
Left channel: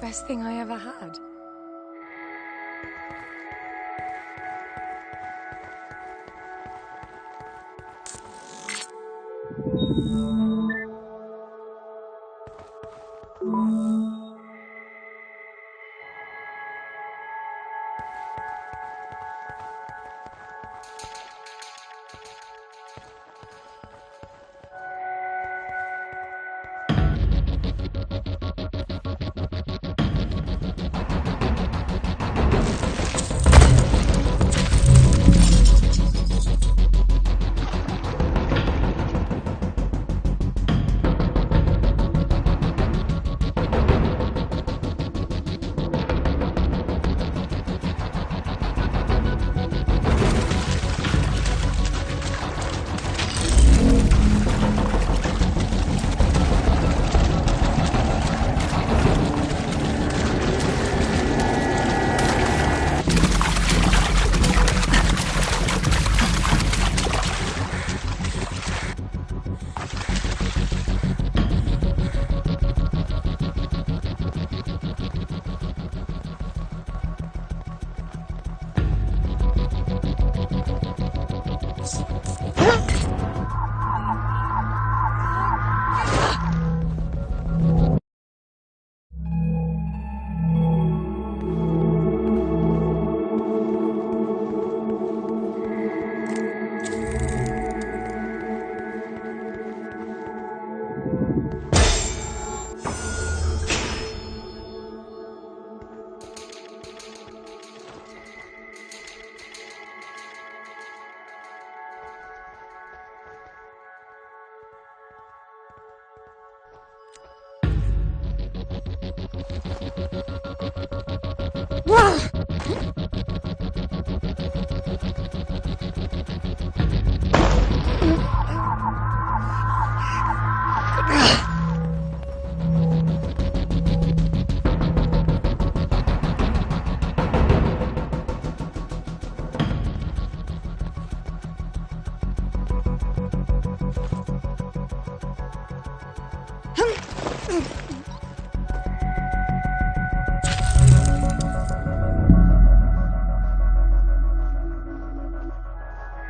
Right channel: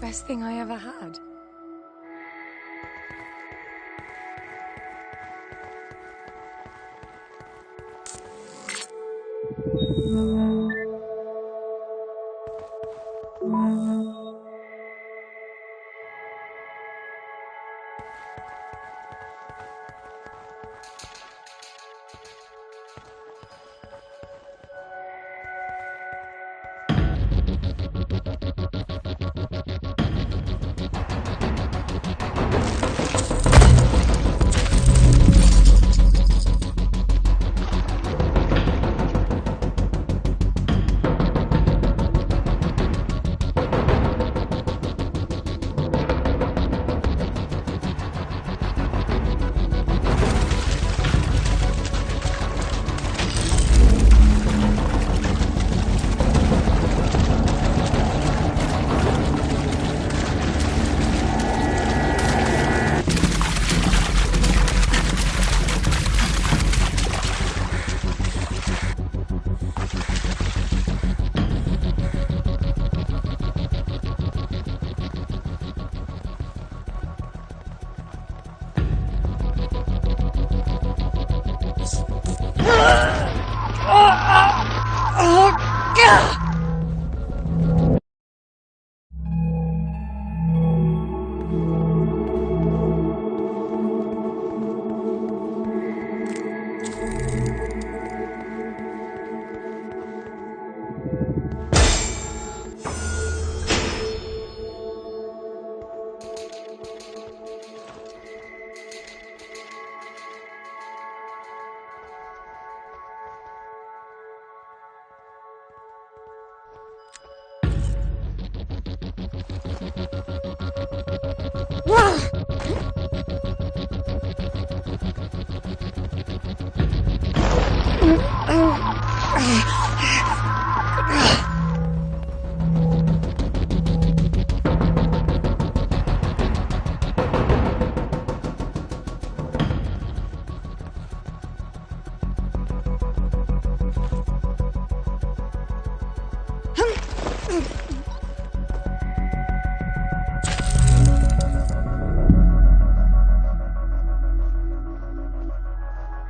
Best thing I ever had.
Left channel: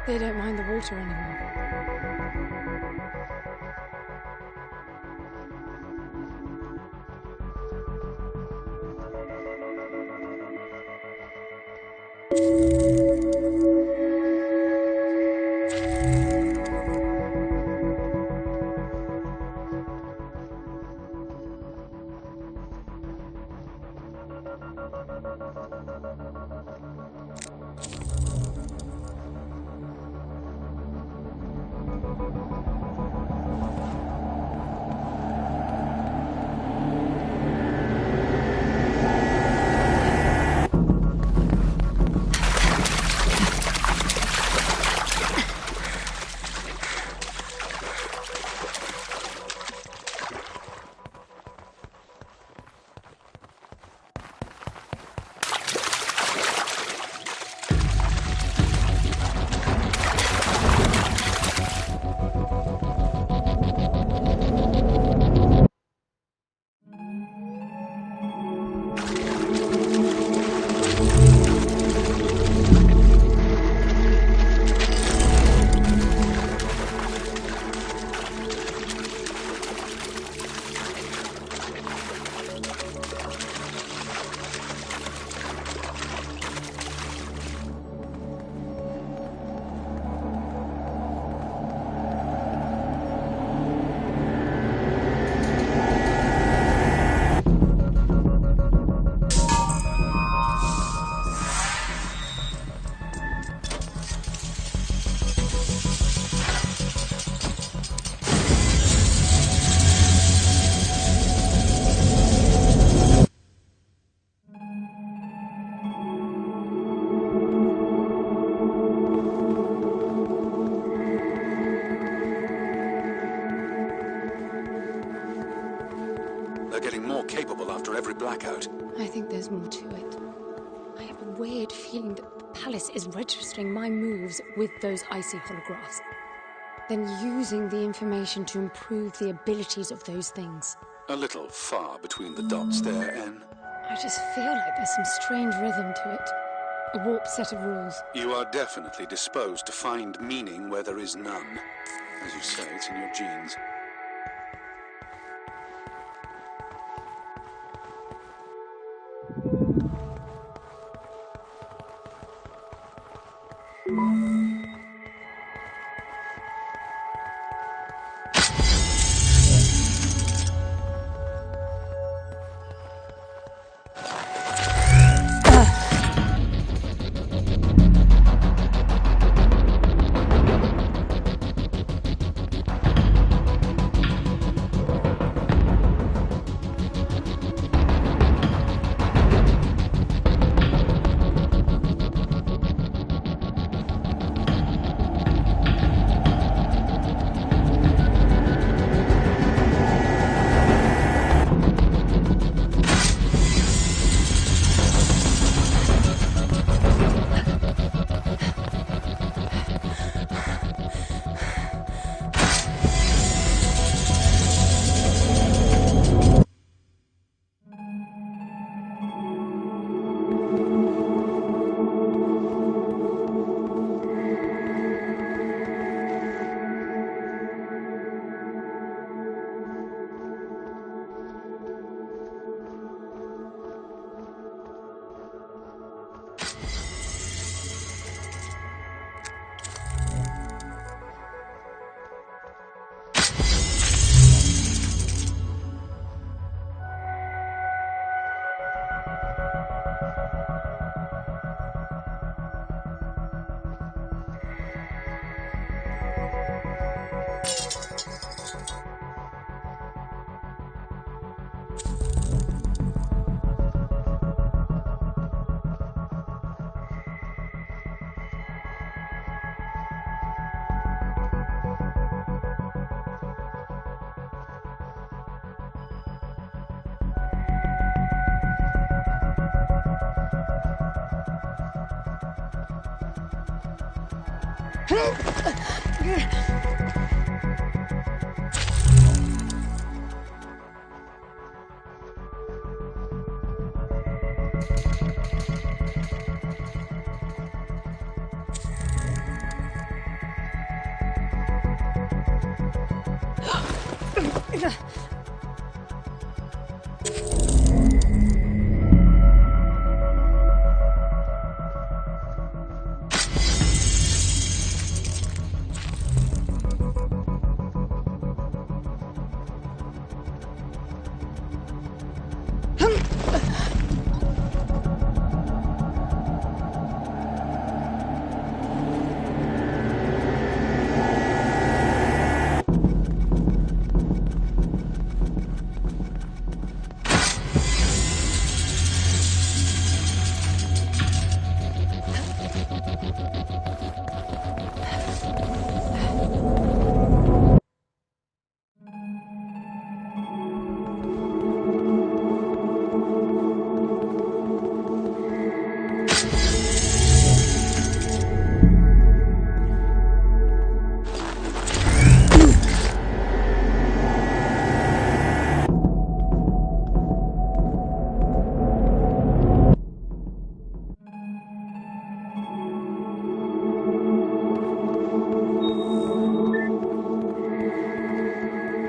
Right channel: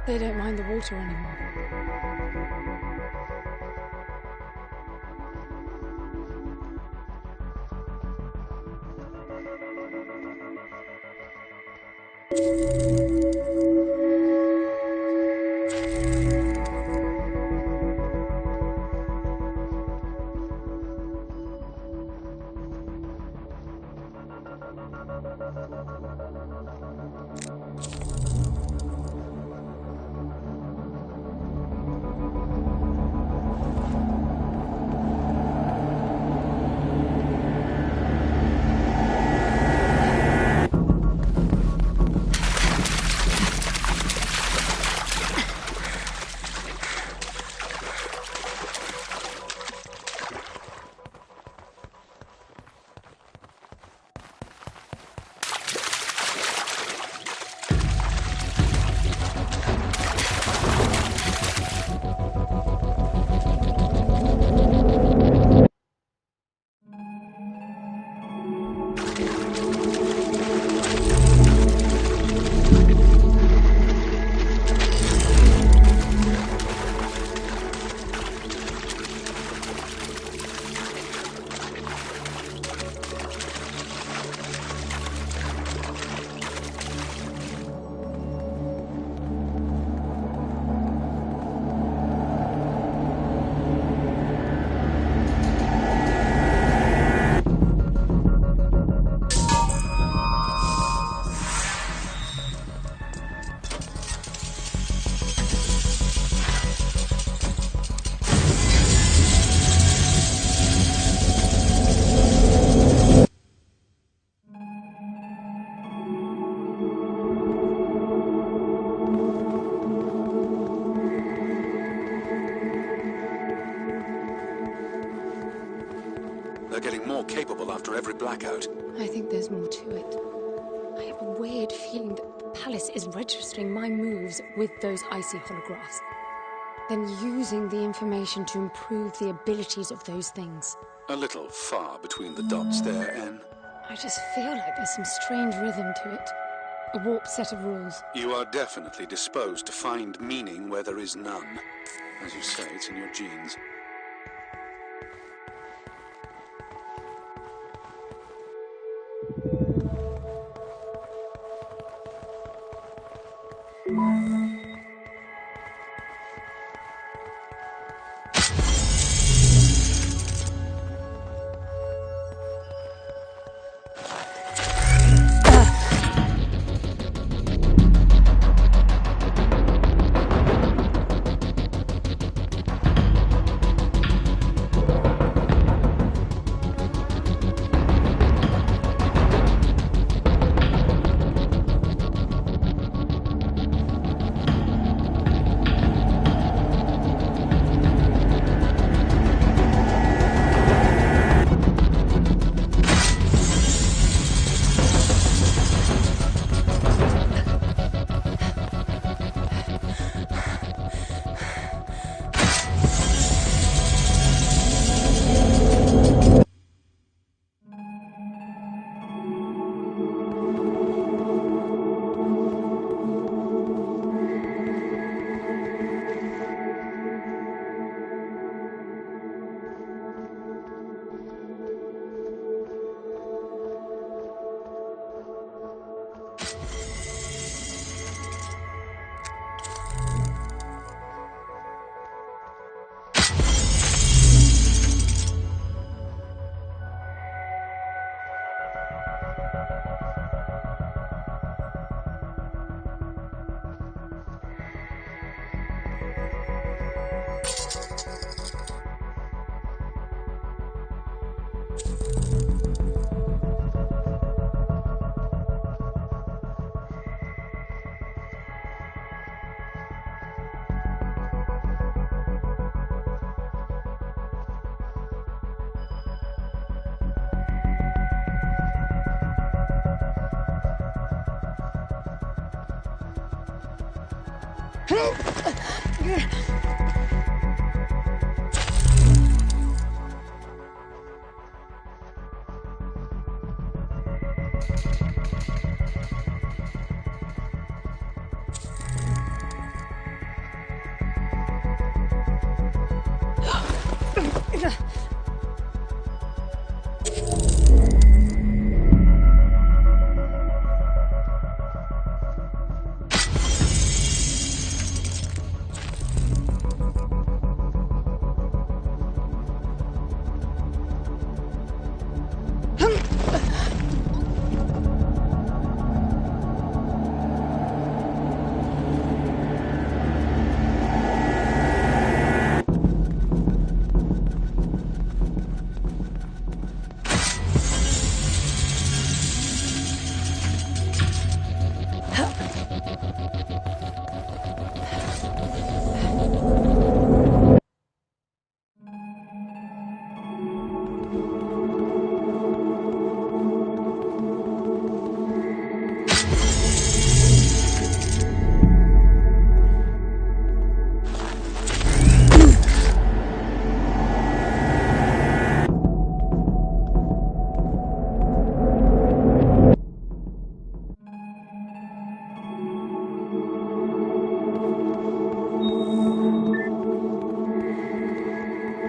They don't mind the water anymore. They're getting more capable after every blackout. I think there's more to it. I have a weird feeling that the palace is registering my moves with those icy holographs. then using the information to improve the abilities of those things. A little far between the dots there, Anne. I just feel like there's some strange rhythm to it. A warped set of rules. You are definitely disposed to find meaning where there is none. As you say, it's in your genes.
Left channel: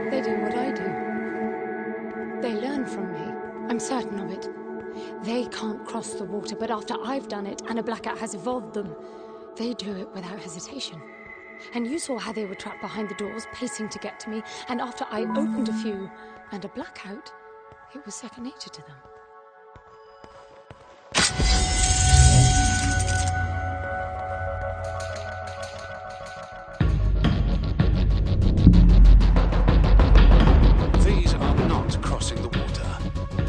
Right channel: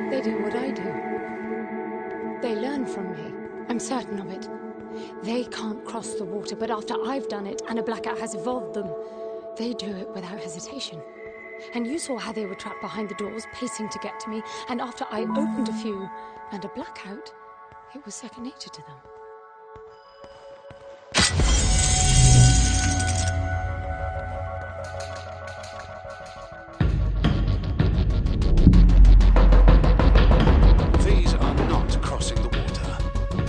They do what I do. They learn from me. I'm certain of it. They can't cross the water, but after I've done it and a blackout has evolved them, they do it without hesitation. And you saw how they were trapped behind the doors, pacing to get to me, and after I opened a few and a blackout, it was second nature to them. These are not crossing the water.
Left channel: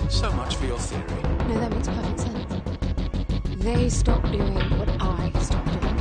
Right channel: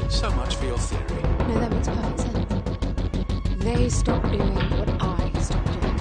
So much for your theory. No, that makes perfect sense. They stopped doing what I stopped doing.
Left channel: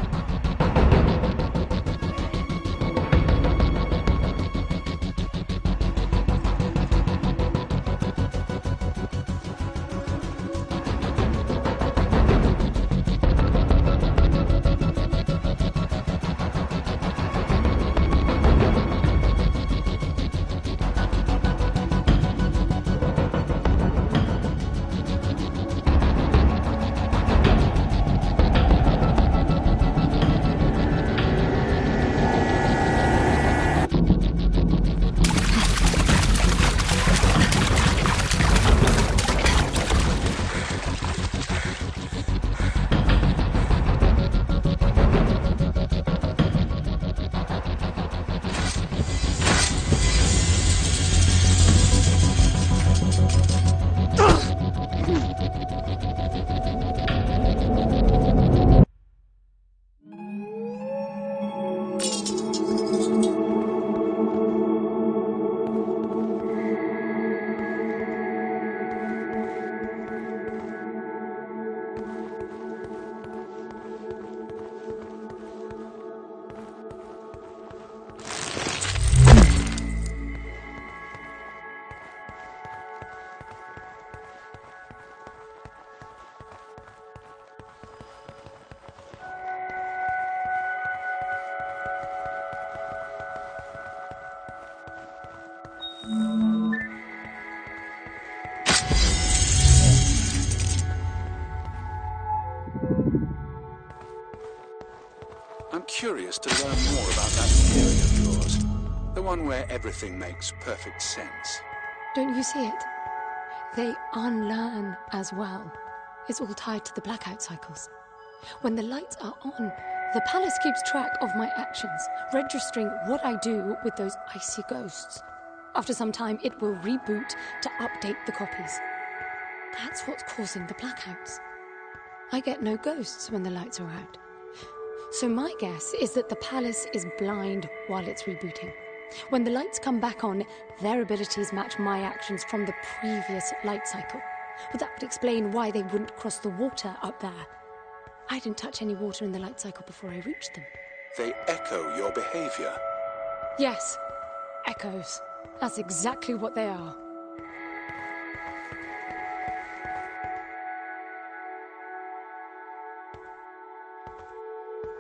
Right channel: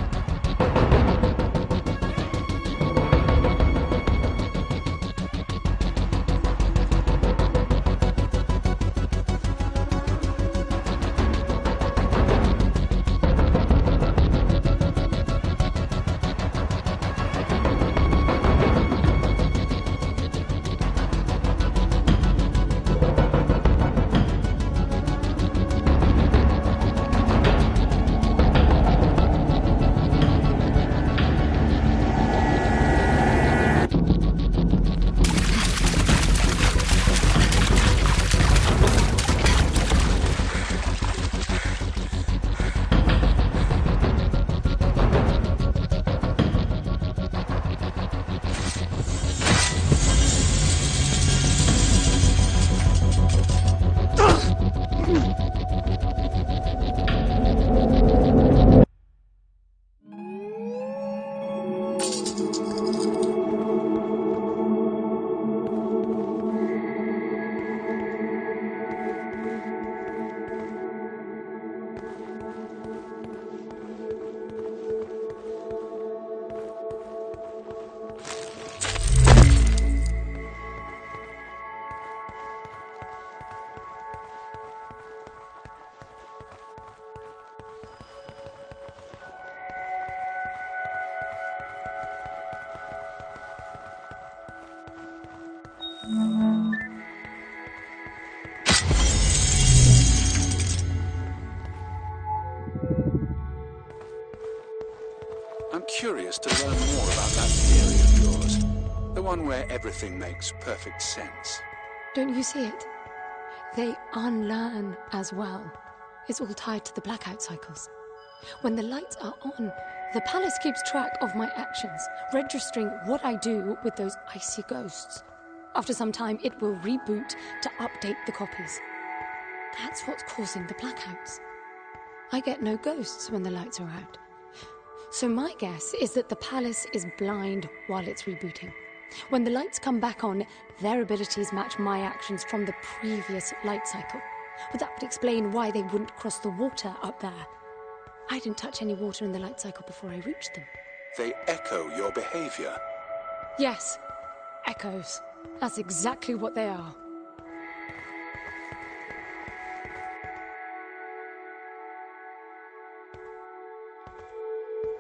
I'm curious to learn more about that theory of yours. The one where everything makes perfect sense. Don't you see it? They unlearn as well. It's all tied to the blackout cycles. When the lights are on, the palace keeps track of my actions, registering what I do with those icy ghosts. After some time, it will reboot to update the copies. That's what's causing the blackouts. I get no ghosts when the lights are out. So my guess is that the palace is blind while it's rebooting. When the lights come back on, their abilities match my actions from the previous light cycle. Well, that would explain why they wouldn't cross the water up there. I didn't touch any water in the light cycle before I reached them. They echo your behavior. Yes, echoes. That's exactly what they are.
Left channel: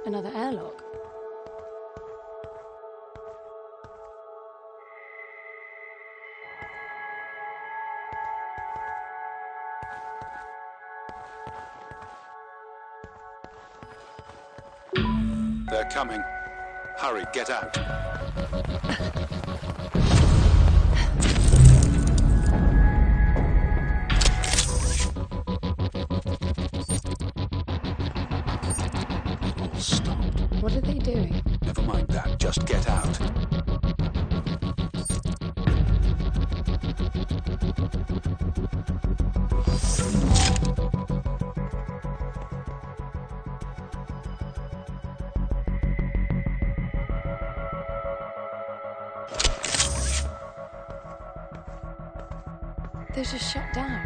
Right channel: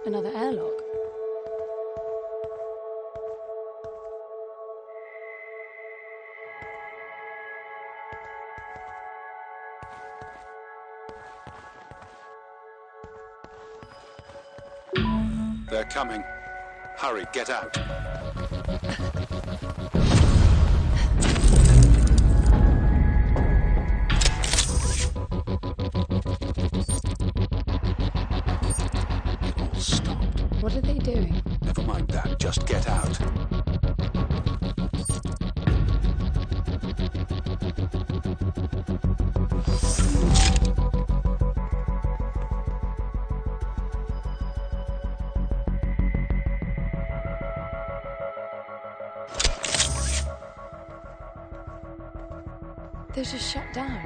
Another airlock. They're coming. Hurry, get out. It all stopped. What are they doing? Never mind that, just get out. They're just shut down.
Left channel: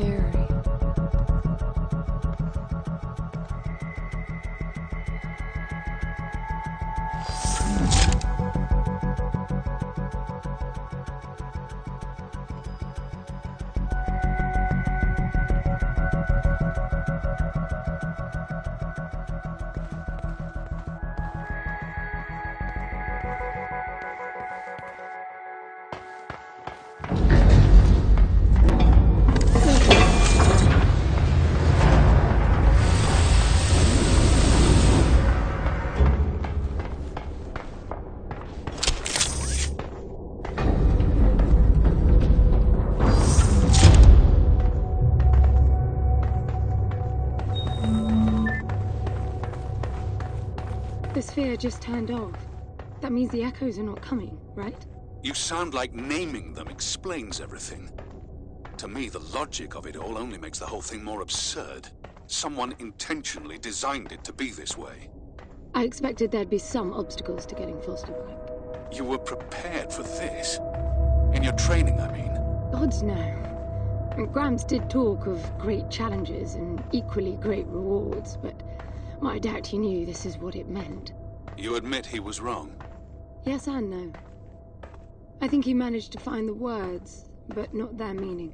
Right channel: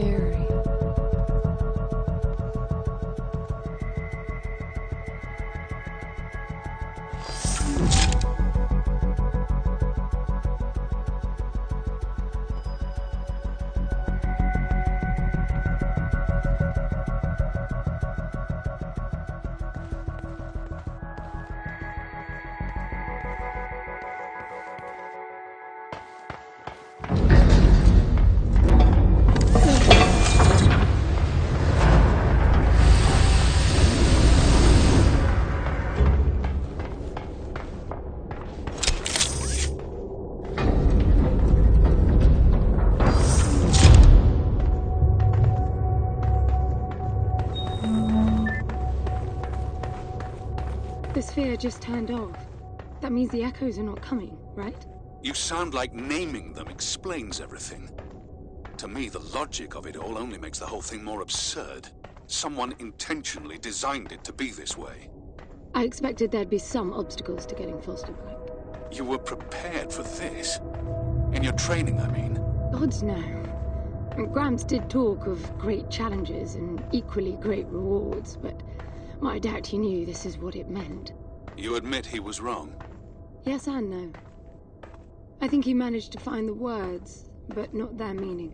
Eerie. The sphere just turned off. That means the echoes are not coming, right? You sound like naming them explains everything. To me, the logic of it all only makes the whole thing more absurd. Someone intentionally designed it to be this way. I expected there'd be some obstacles to getting Foster back. You were prepared for this? In your training, I mean? Gods no. Gramps did talk of great challenges and equally great rewards, but I doubt he knew this is what it meant. You admit he was wrong? Yes and no. I think he managed to find the words, but not their meaning.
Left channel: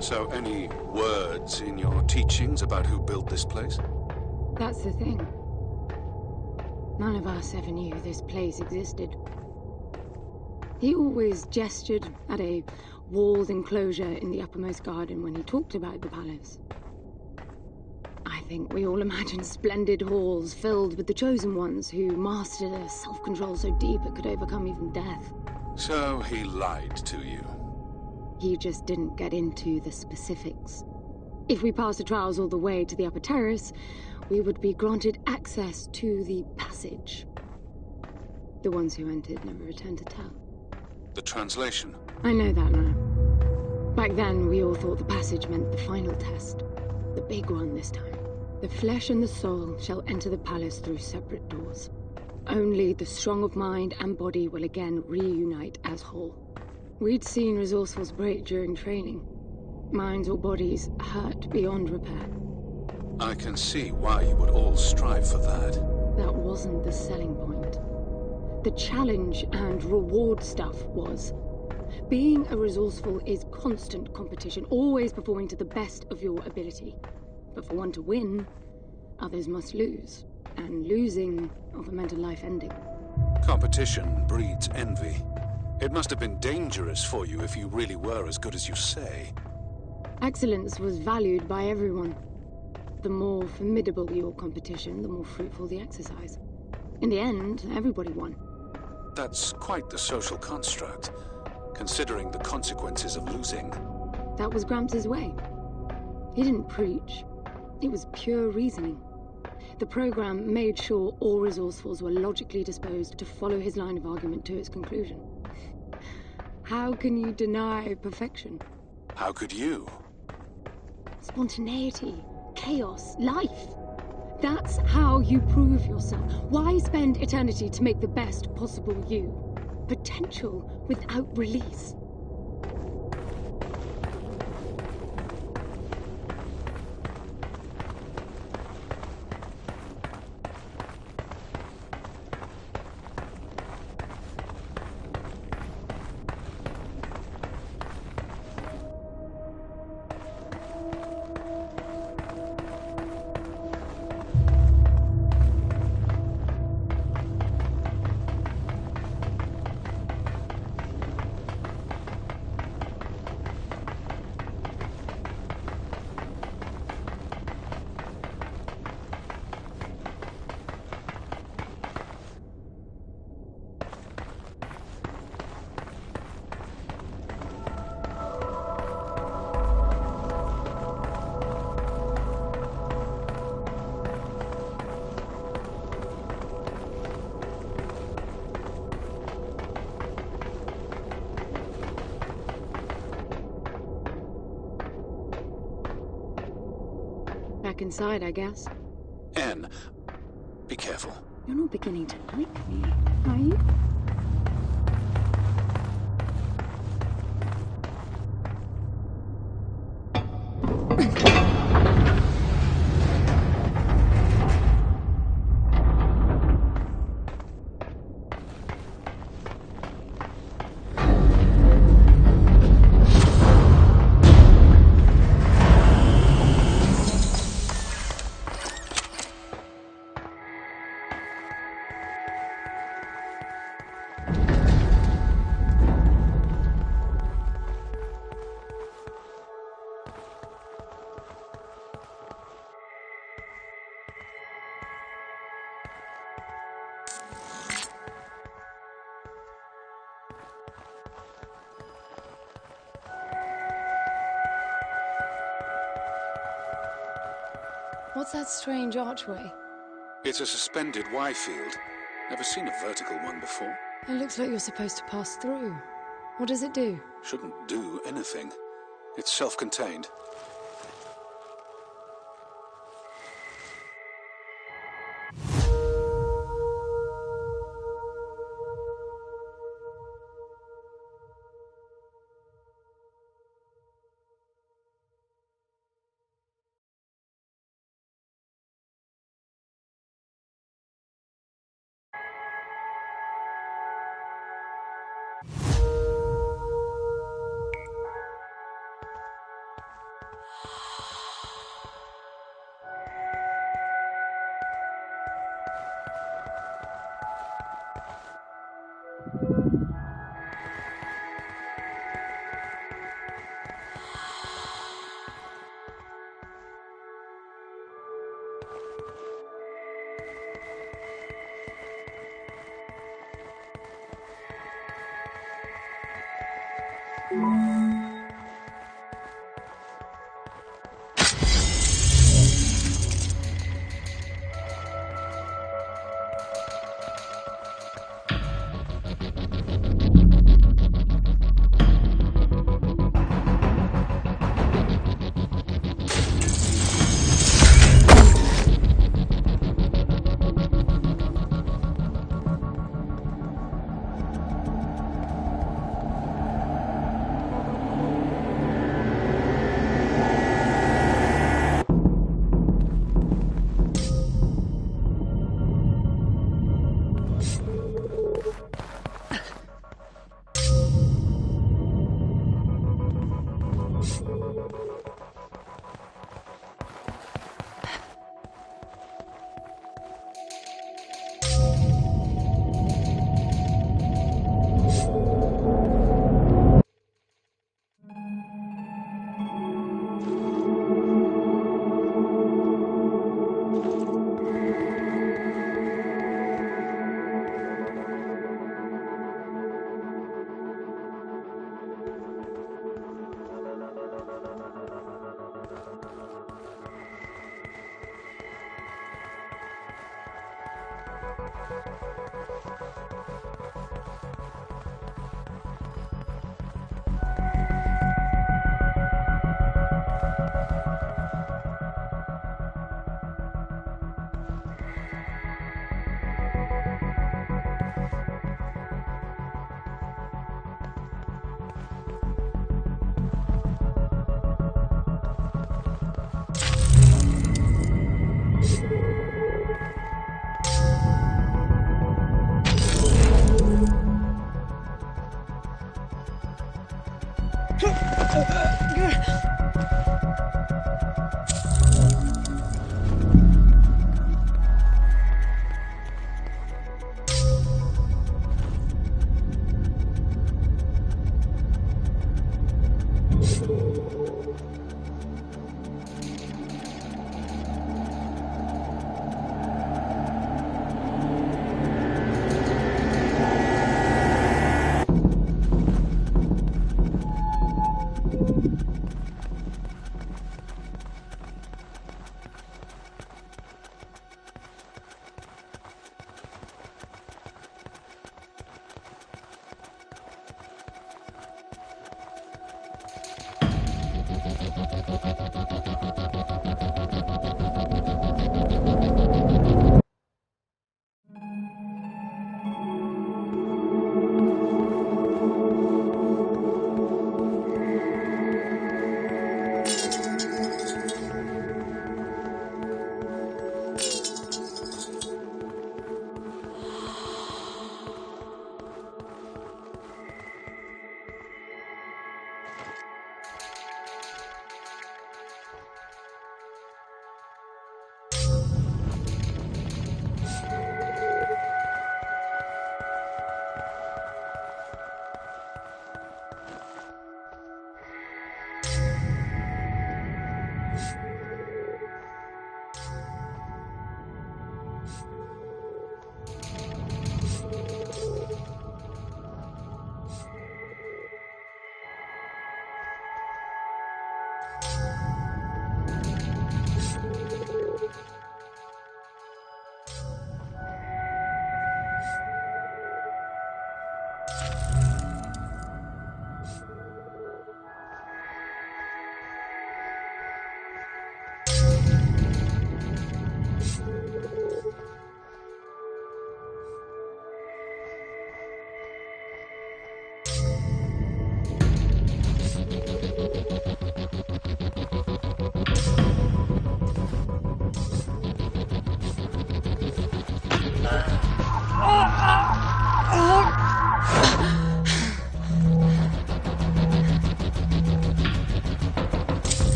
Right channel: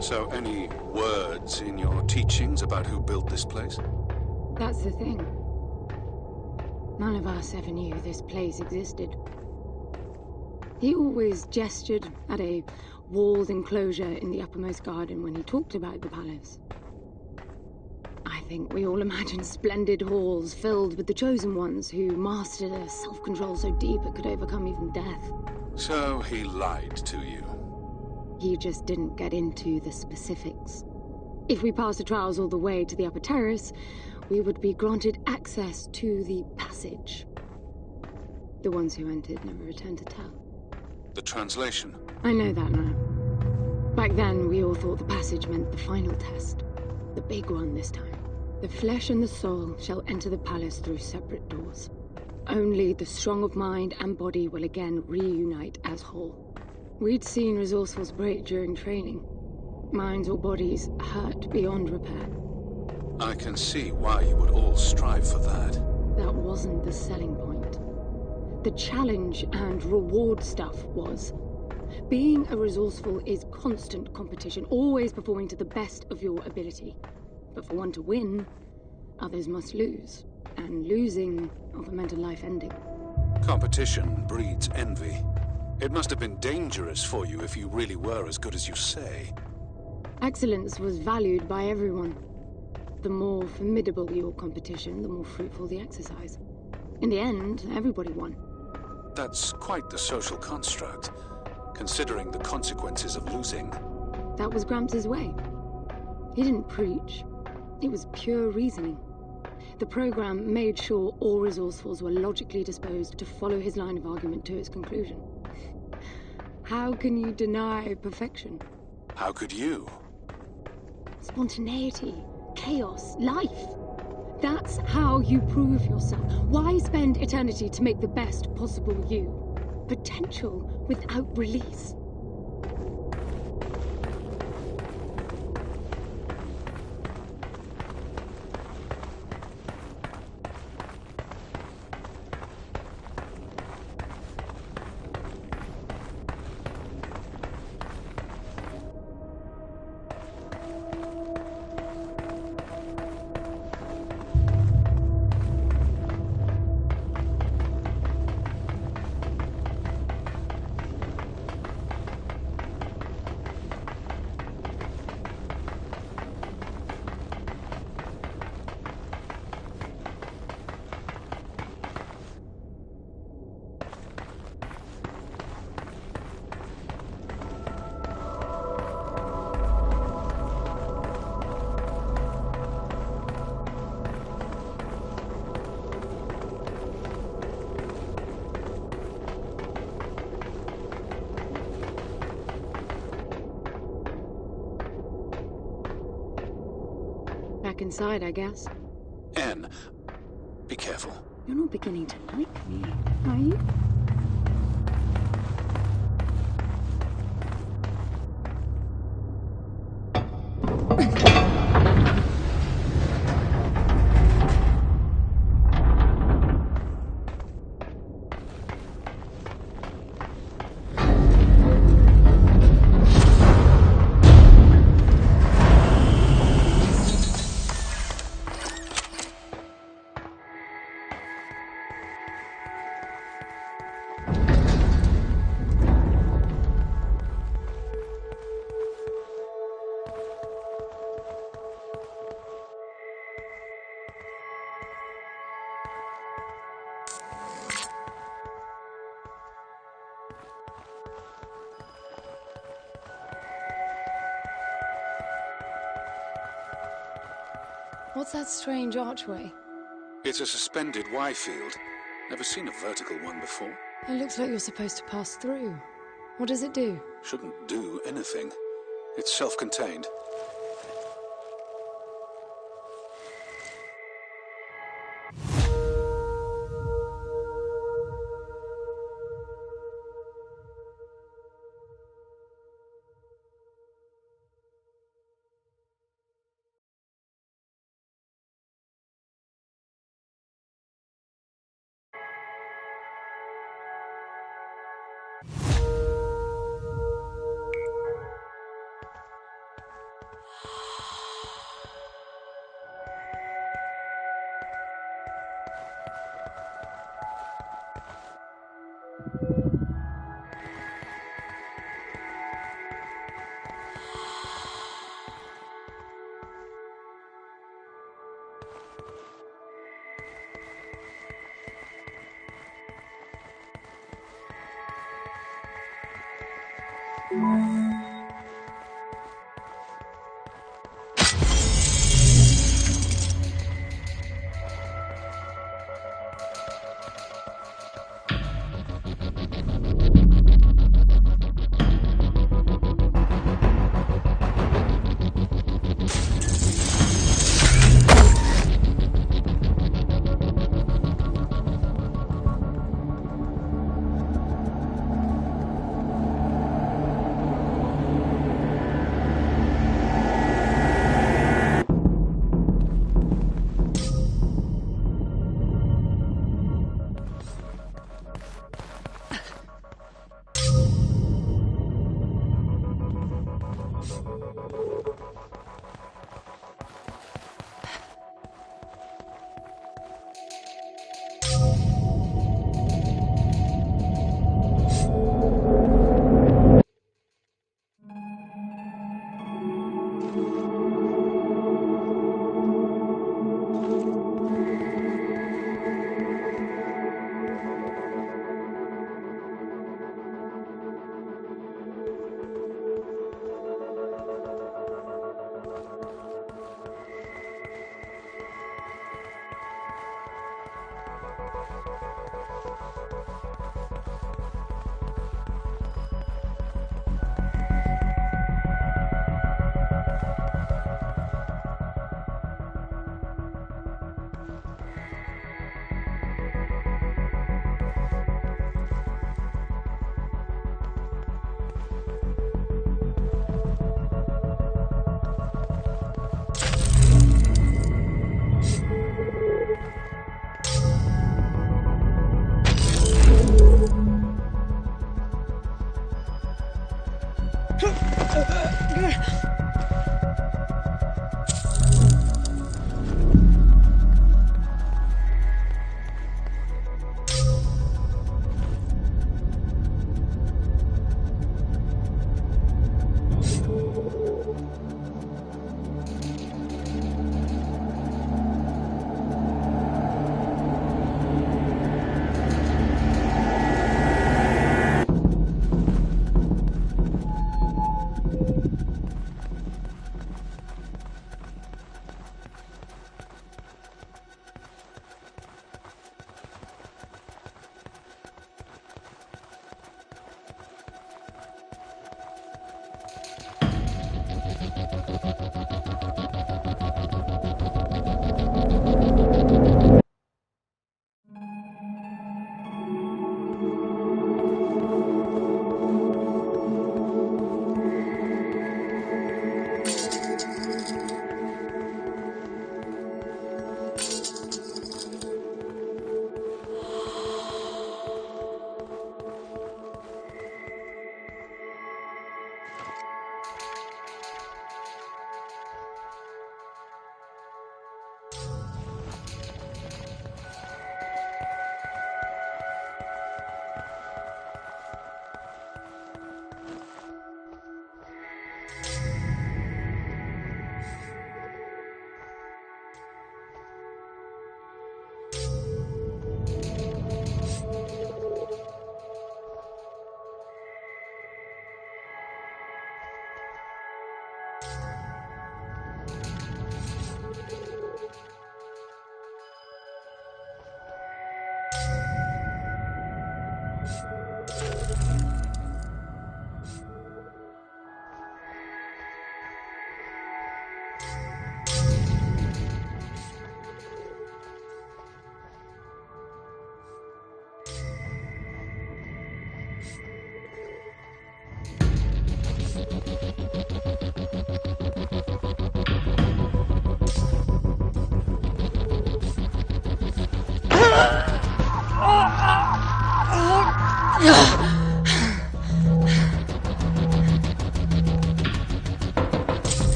So, any words in your teachings about who built this place? That's the thing. None of us ever knew this place existed. He always gestured at a walled enclosure in the uppermost garden when he talked about the palace. I think we all imagined splendid halls filled with the chosen ones who mastered a self-control so deep it could overcome even death. So he lied to you? He just didn't get into the specifics. If we passed the trials all the way to the upper terrace, we would be granted access to the passage. The ones who entered never returned to tell. The translation? I know that now. Back then, we all thought the passage meant the final test. The big one this time. The flesh and the soul shall enter the palace through separate doors. Only the strong of mind and body will again reunite as whole. We'd seen resourcefuls break during training. Minds or bodies hurt beyond repair. I can see why you would all strive for that. That wasn't the selling point. The challenge and reward stuff was. Being a resourceful is constant competition, always performing to the best of your ability. But for one to win, others must lose. And losing often meant a life ending. Competition breeds envy. It must have been dangerous for you if you really were as good as you say. Excellence was valued by everyone. The more formidable your competition, the more fruitful the exercise. In the end, everybody won. That's quite the social construct, considering the consequences of losing. That was Gramps' way. He didn't preach. It was pure reasoning. The program made sure all resourcefuls were logically disposed to follow his line of argument to its conclusion. How can you deny perfection? How could you? Spontaneity, chaos, life. That's how you prove yourself. Why spend eternity to make the best possible you? Potential without release. Back inside, I guess. Anne, be careful. You're not beginning to like me, are you? What's that strange archway? It's a suspended Y field. Never seen a vertical one before. It looks like you're supposed to pass through. What does it do? Shouldn't do anything. It's self-contained.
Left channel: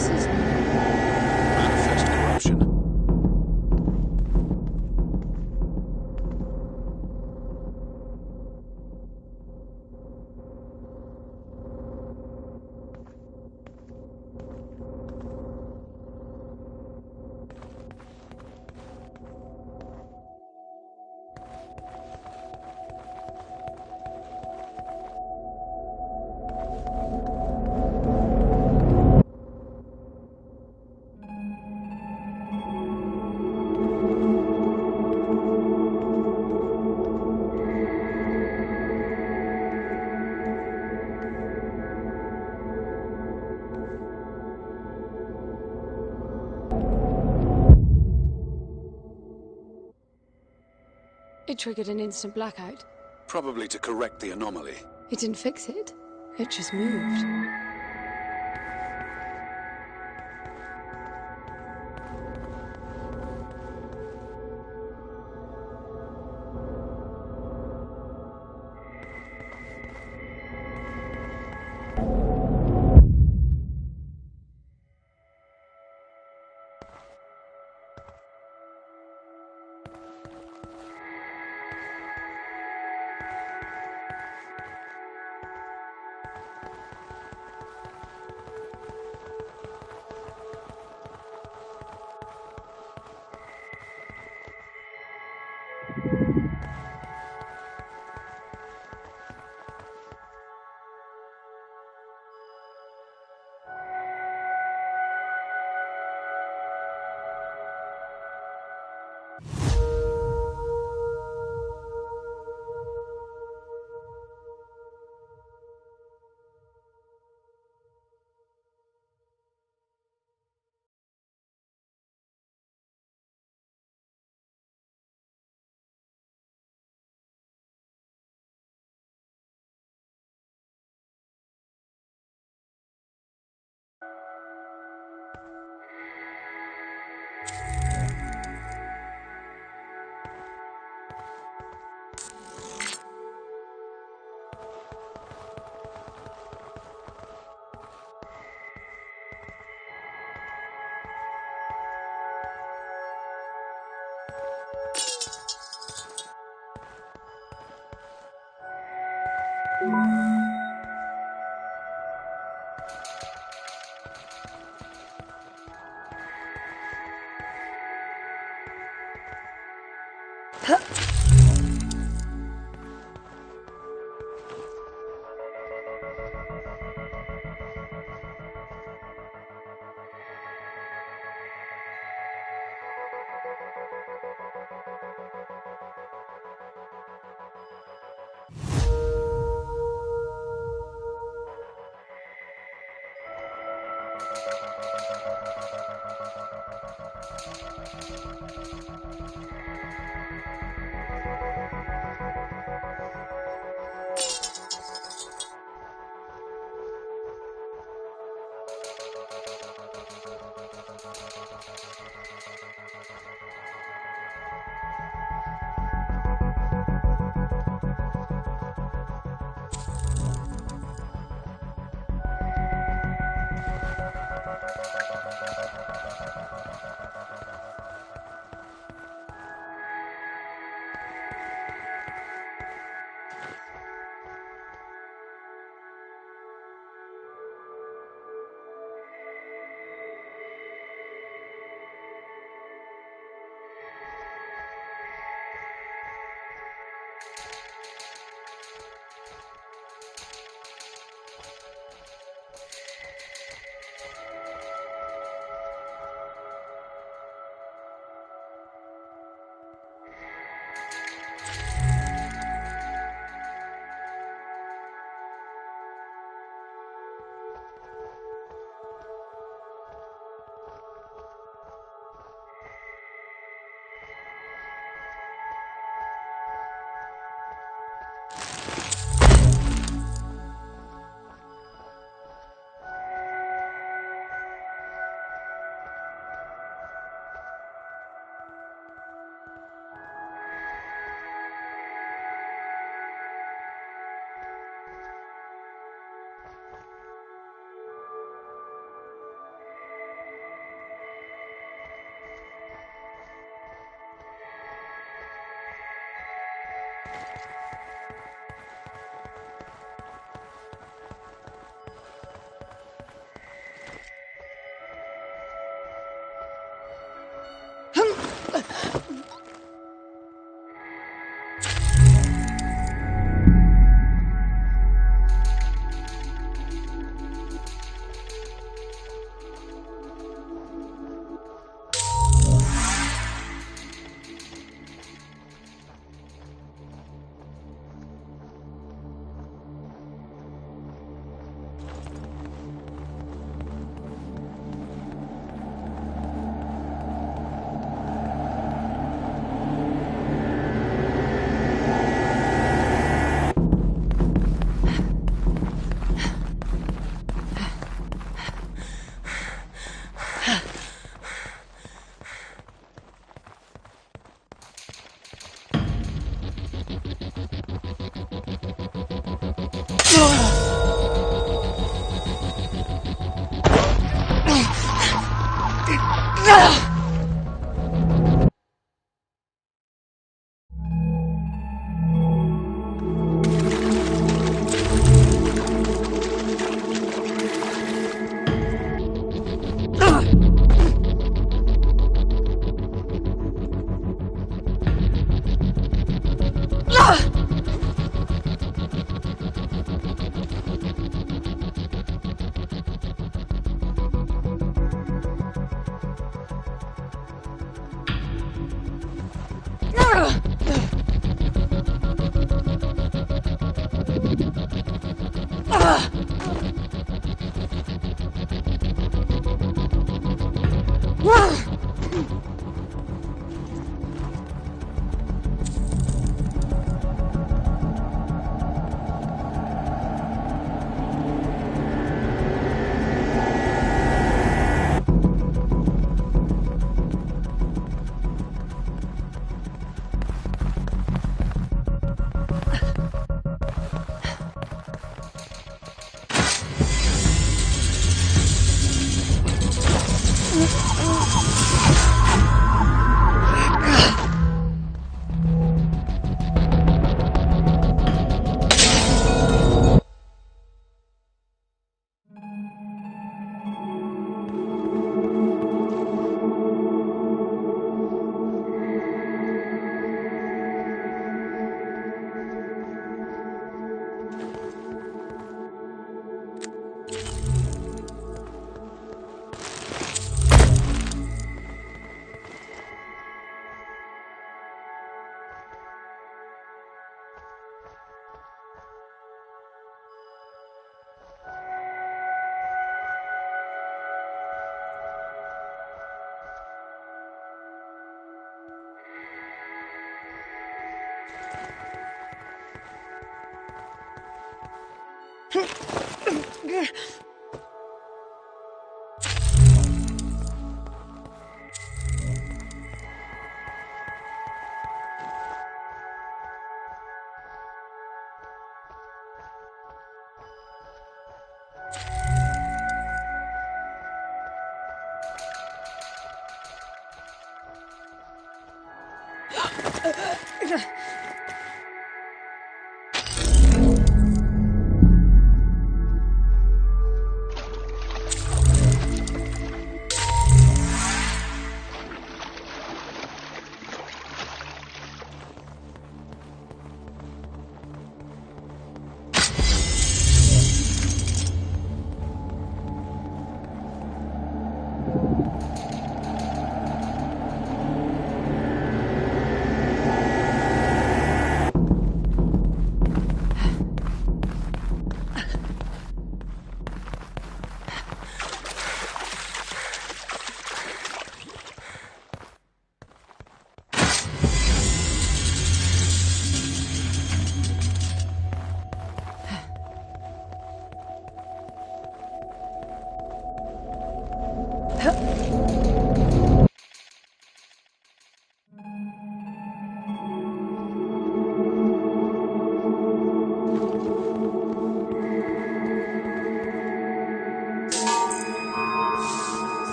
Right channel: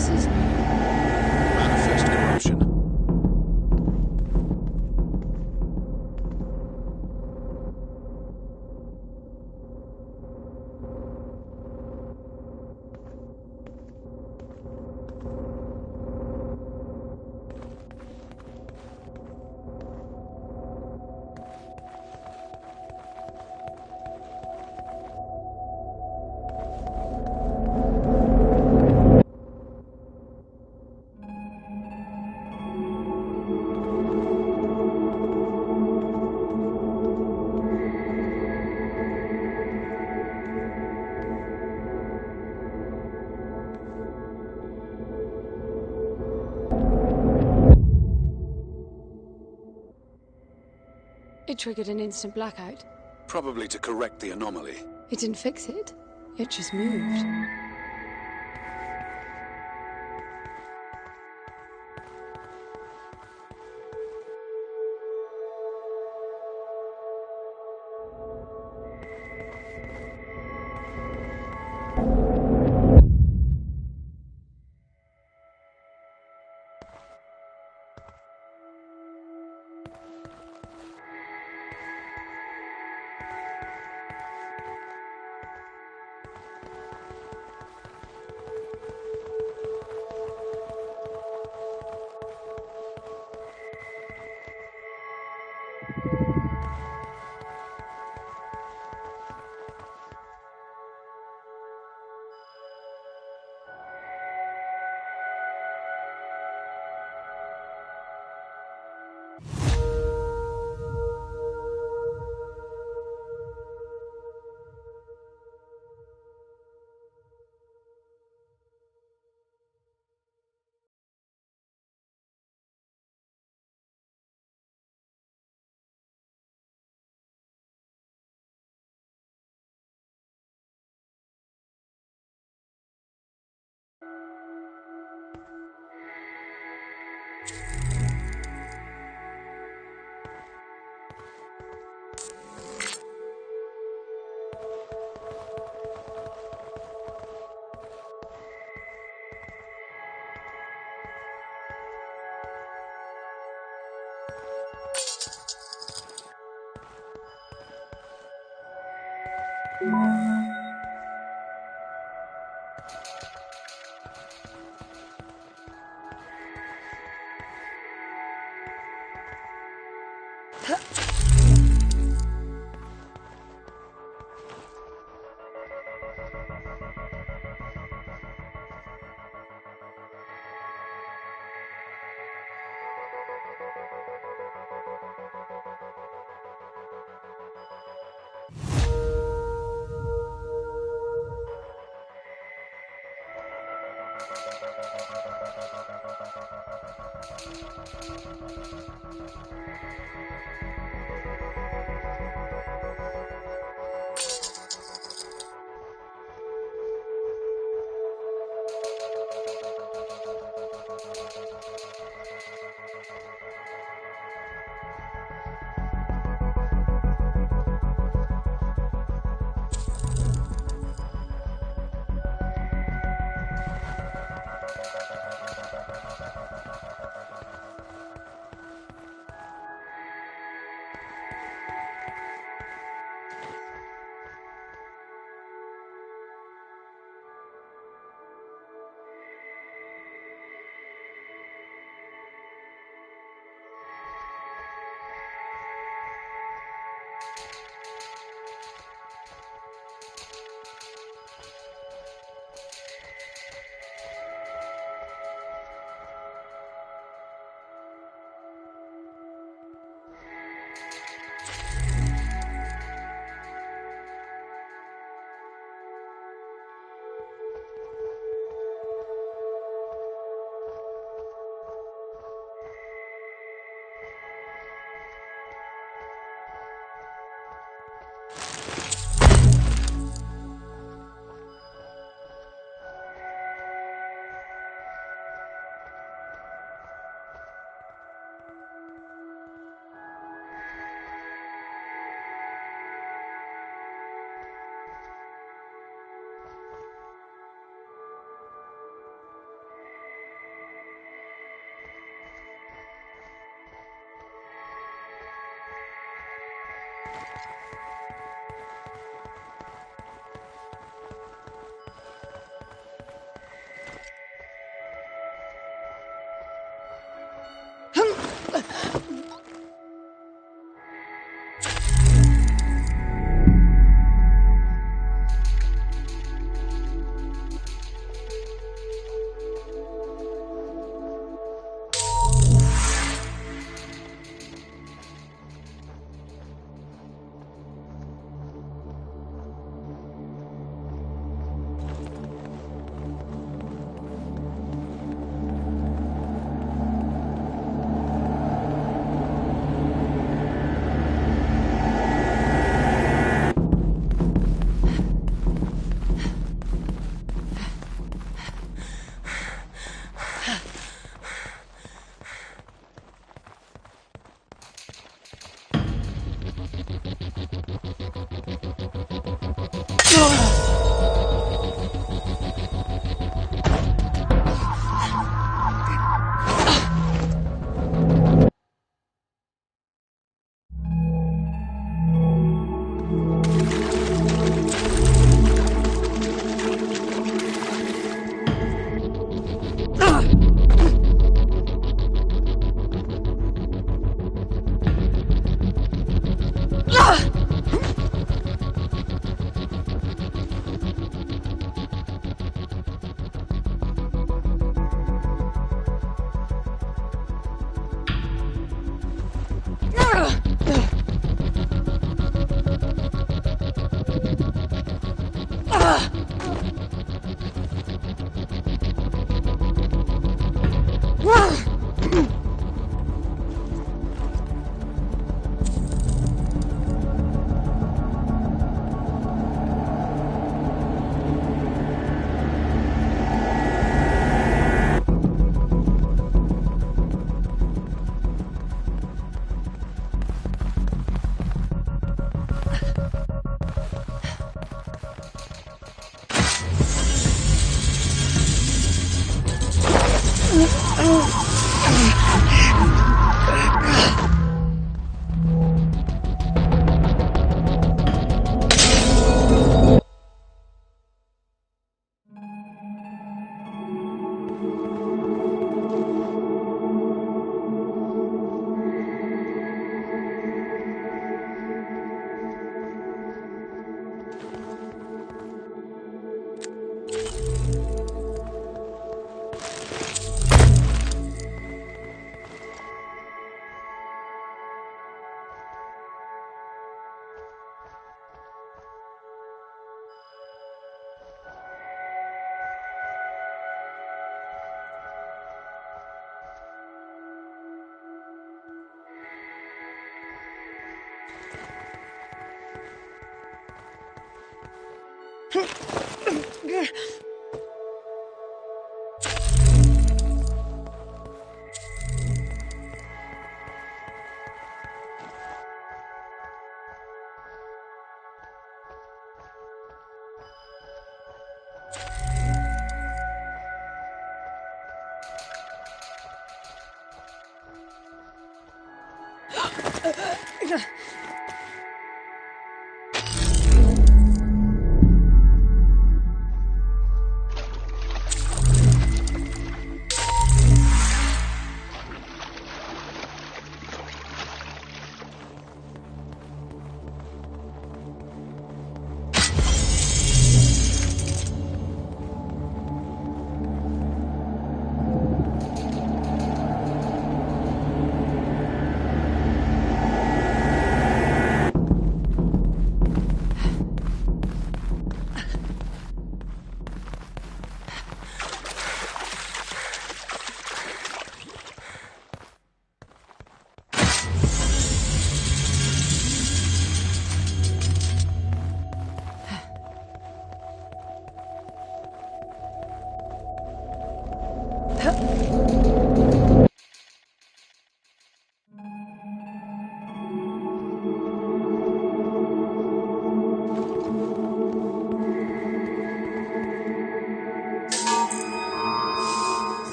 This is... Manifest corruption. It triggered an instant blackout. Probably to correct the anomaly. It didn't fix it. It just moved.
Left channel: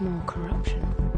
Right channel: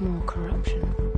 More corruption.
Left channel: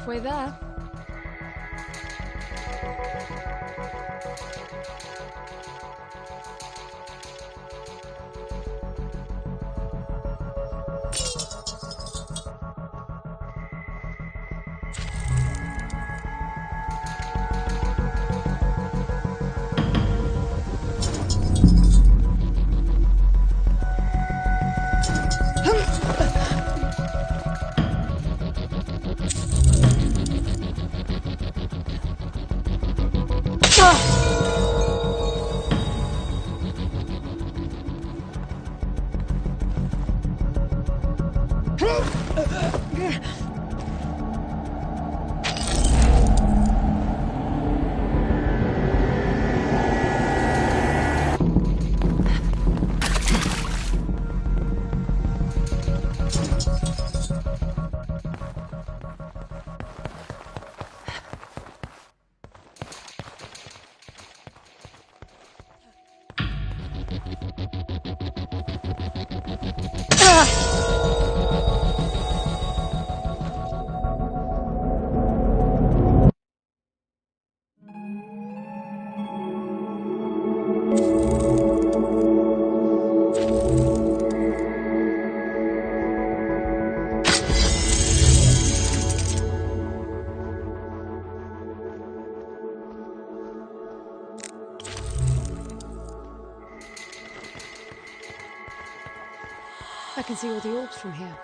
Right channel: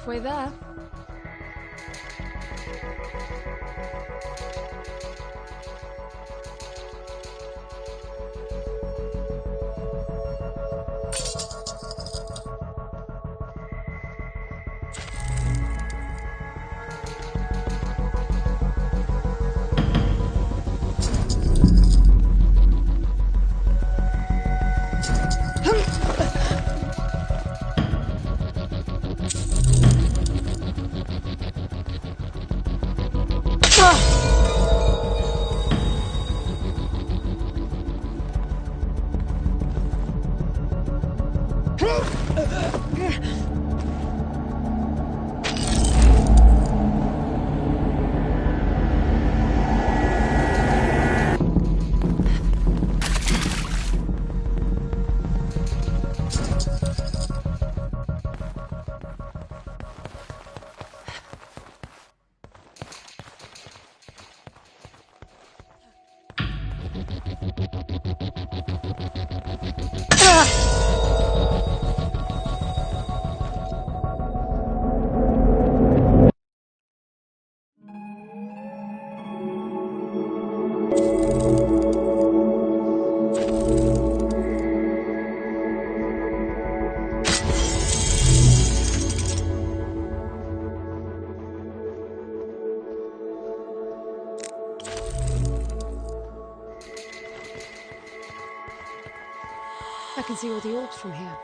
halfway there. I can see all the orbs from here.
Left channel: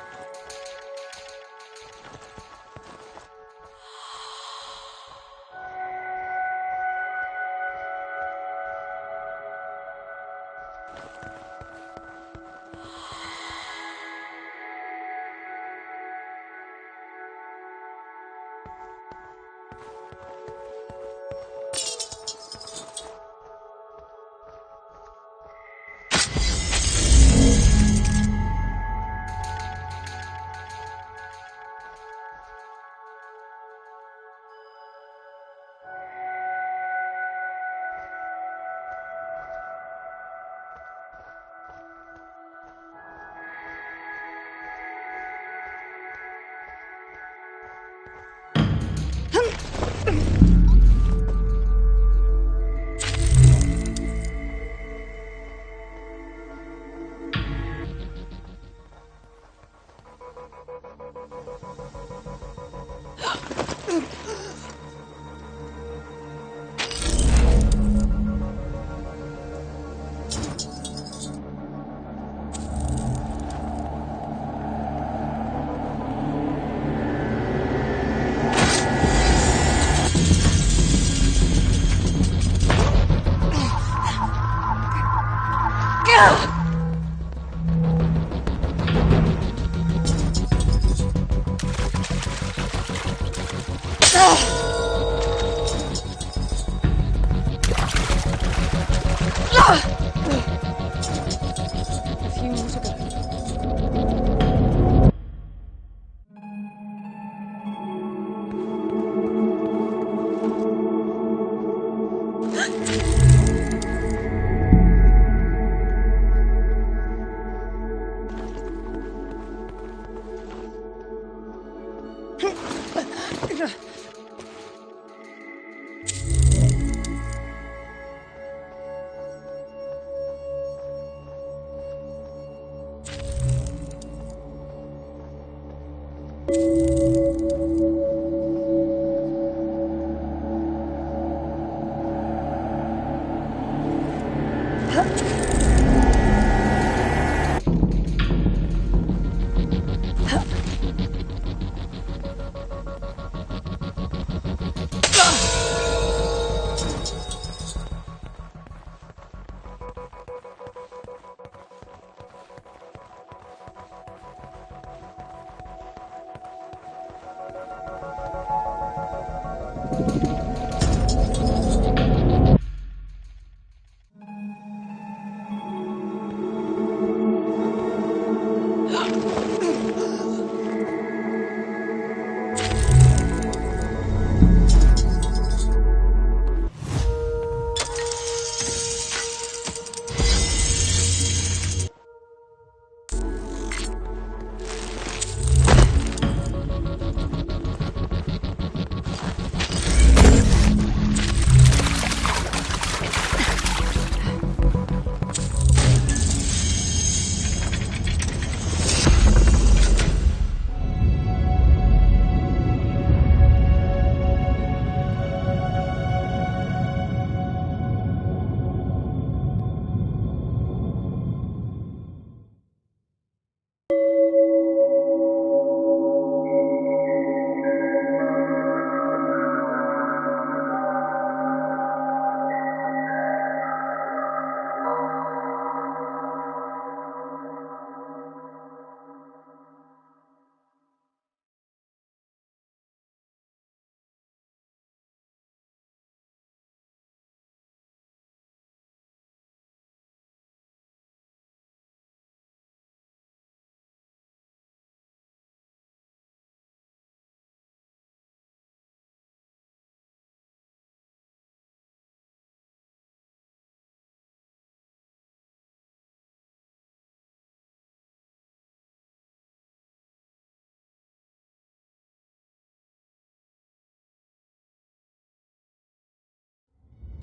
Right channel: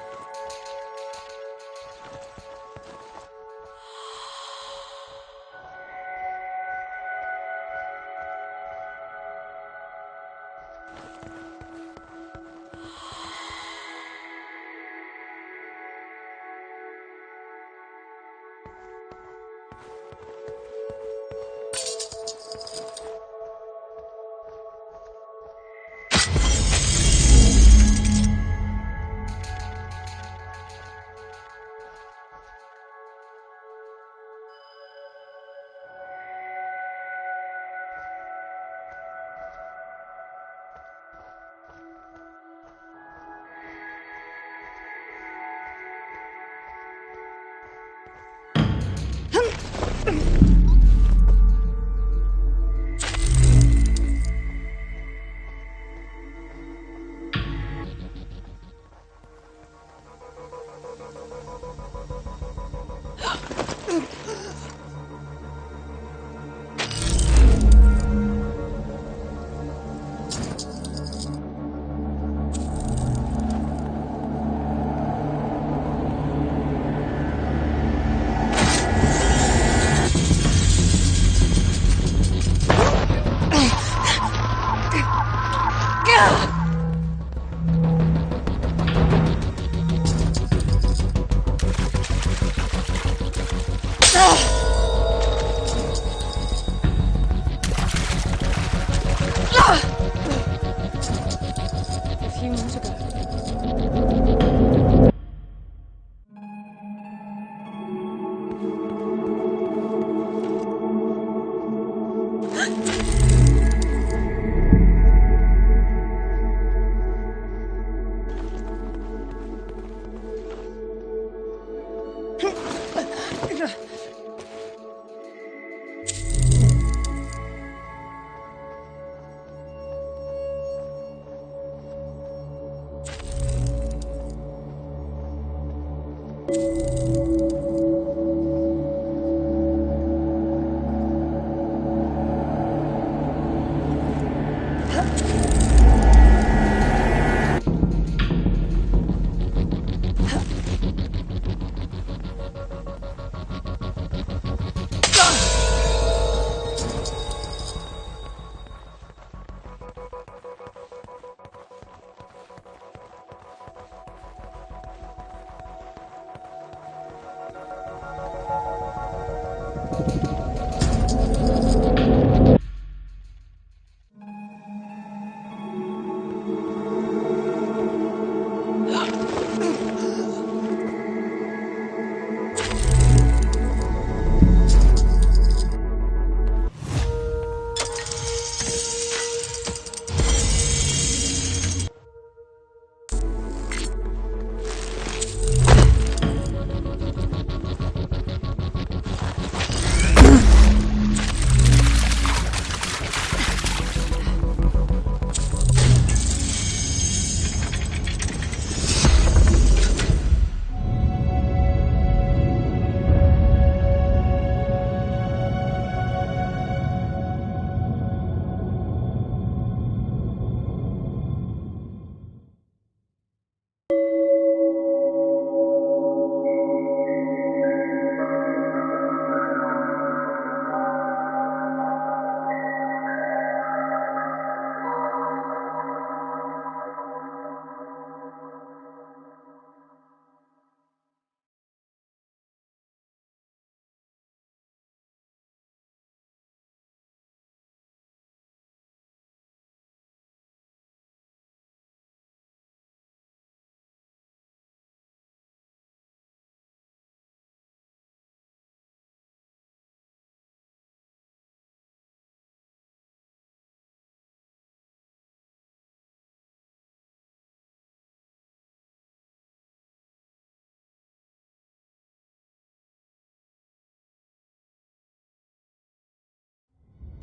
A few more to go.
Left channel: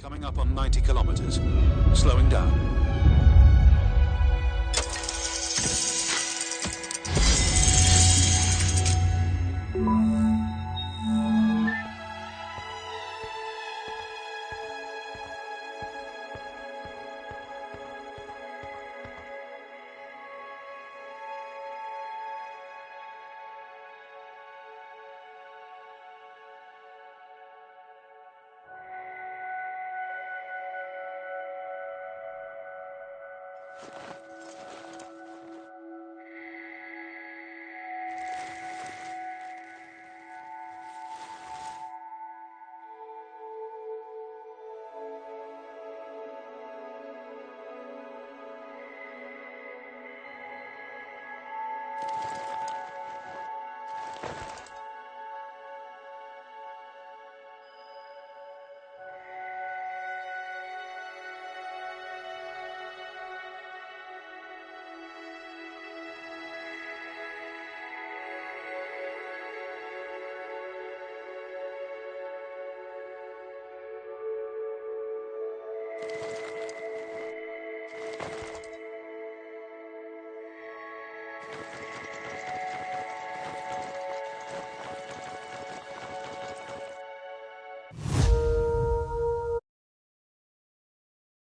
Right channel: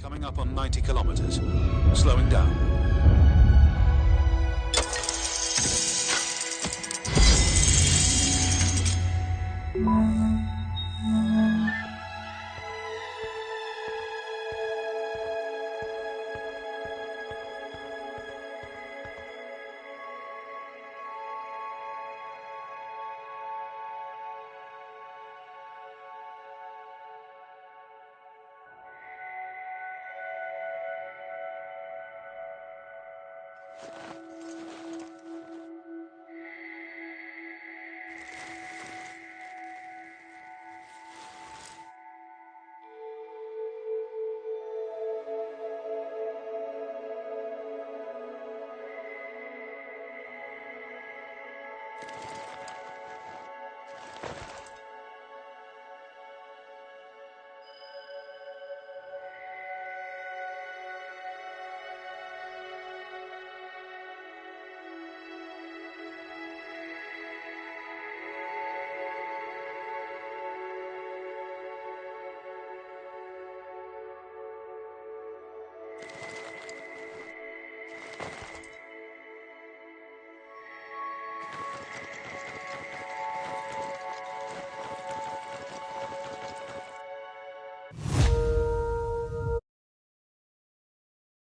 Coming up on 90 kilometers. Slowing down.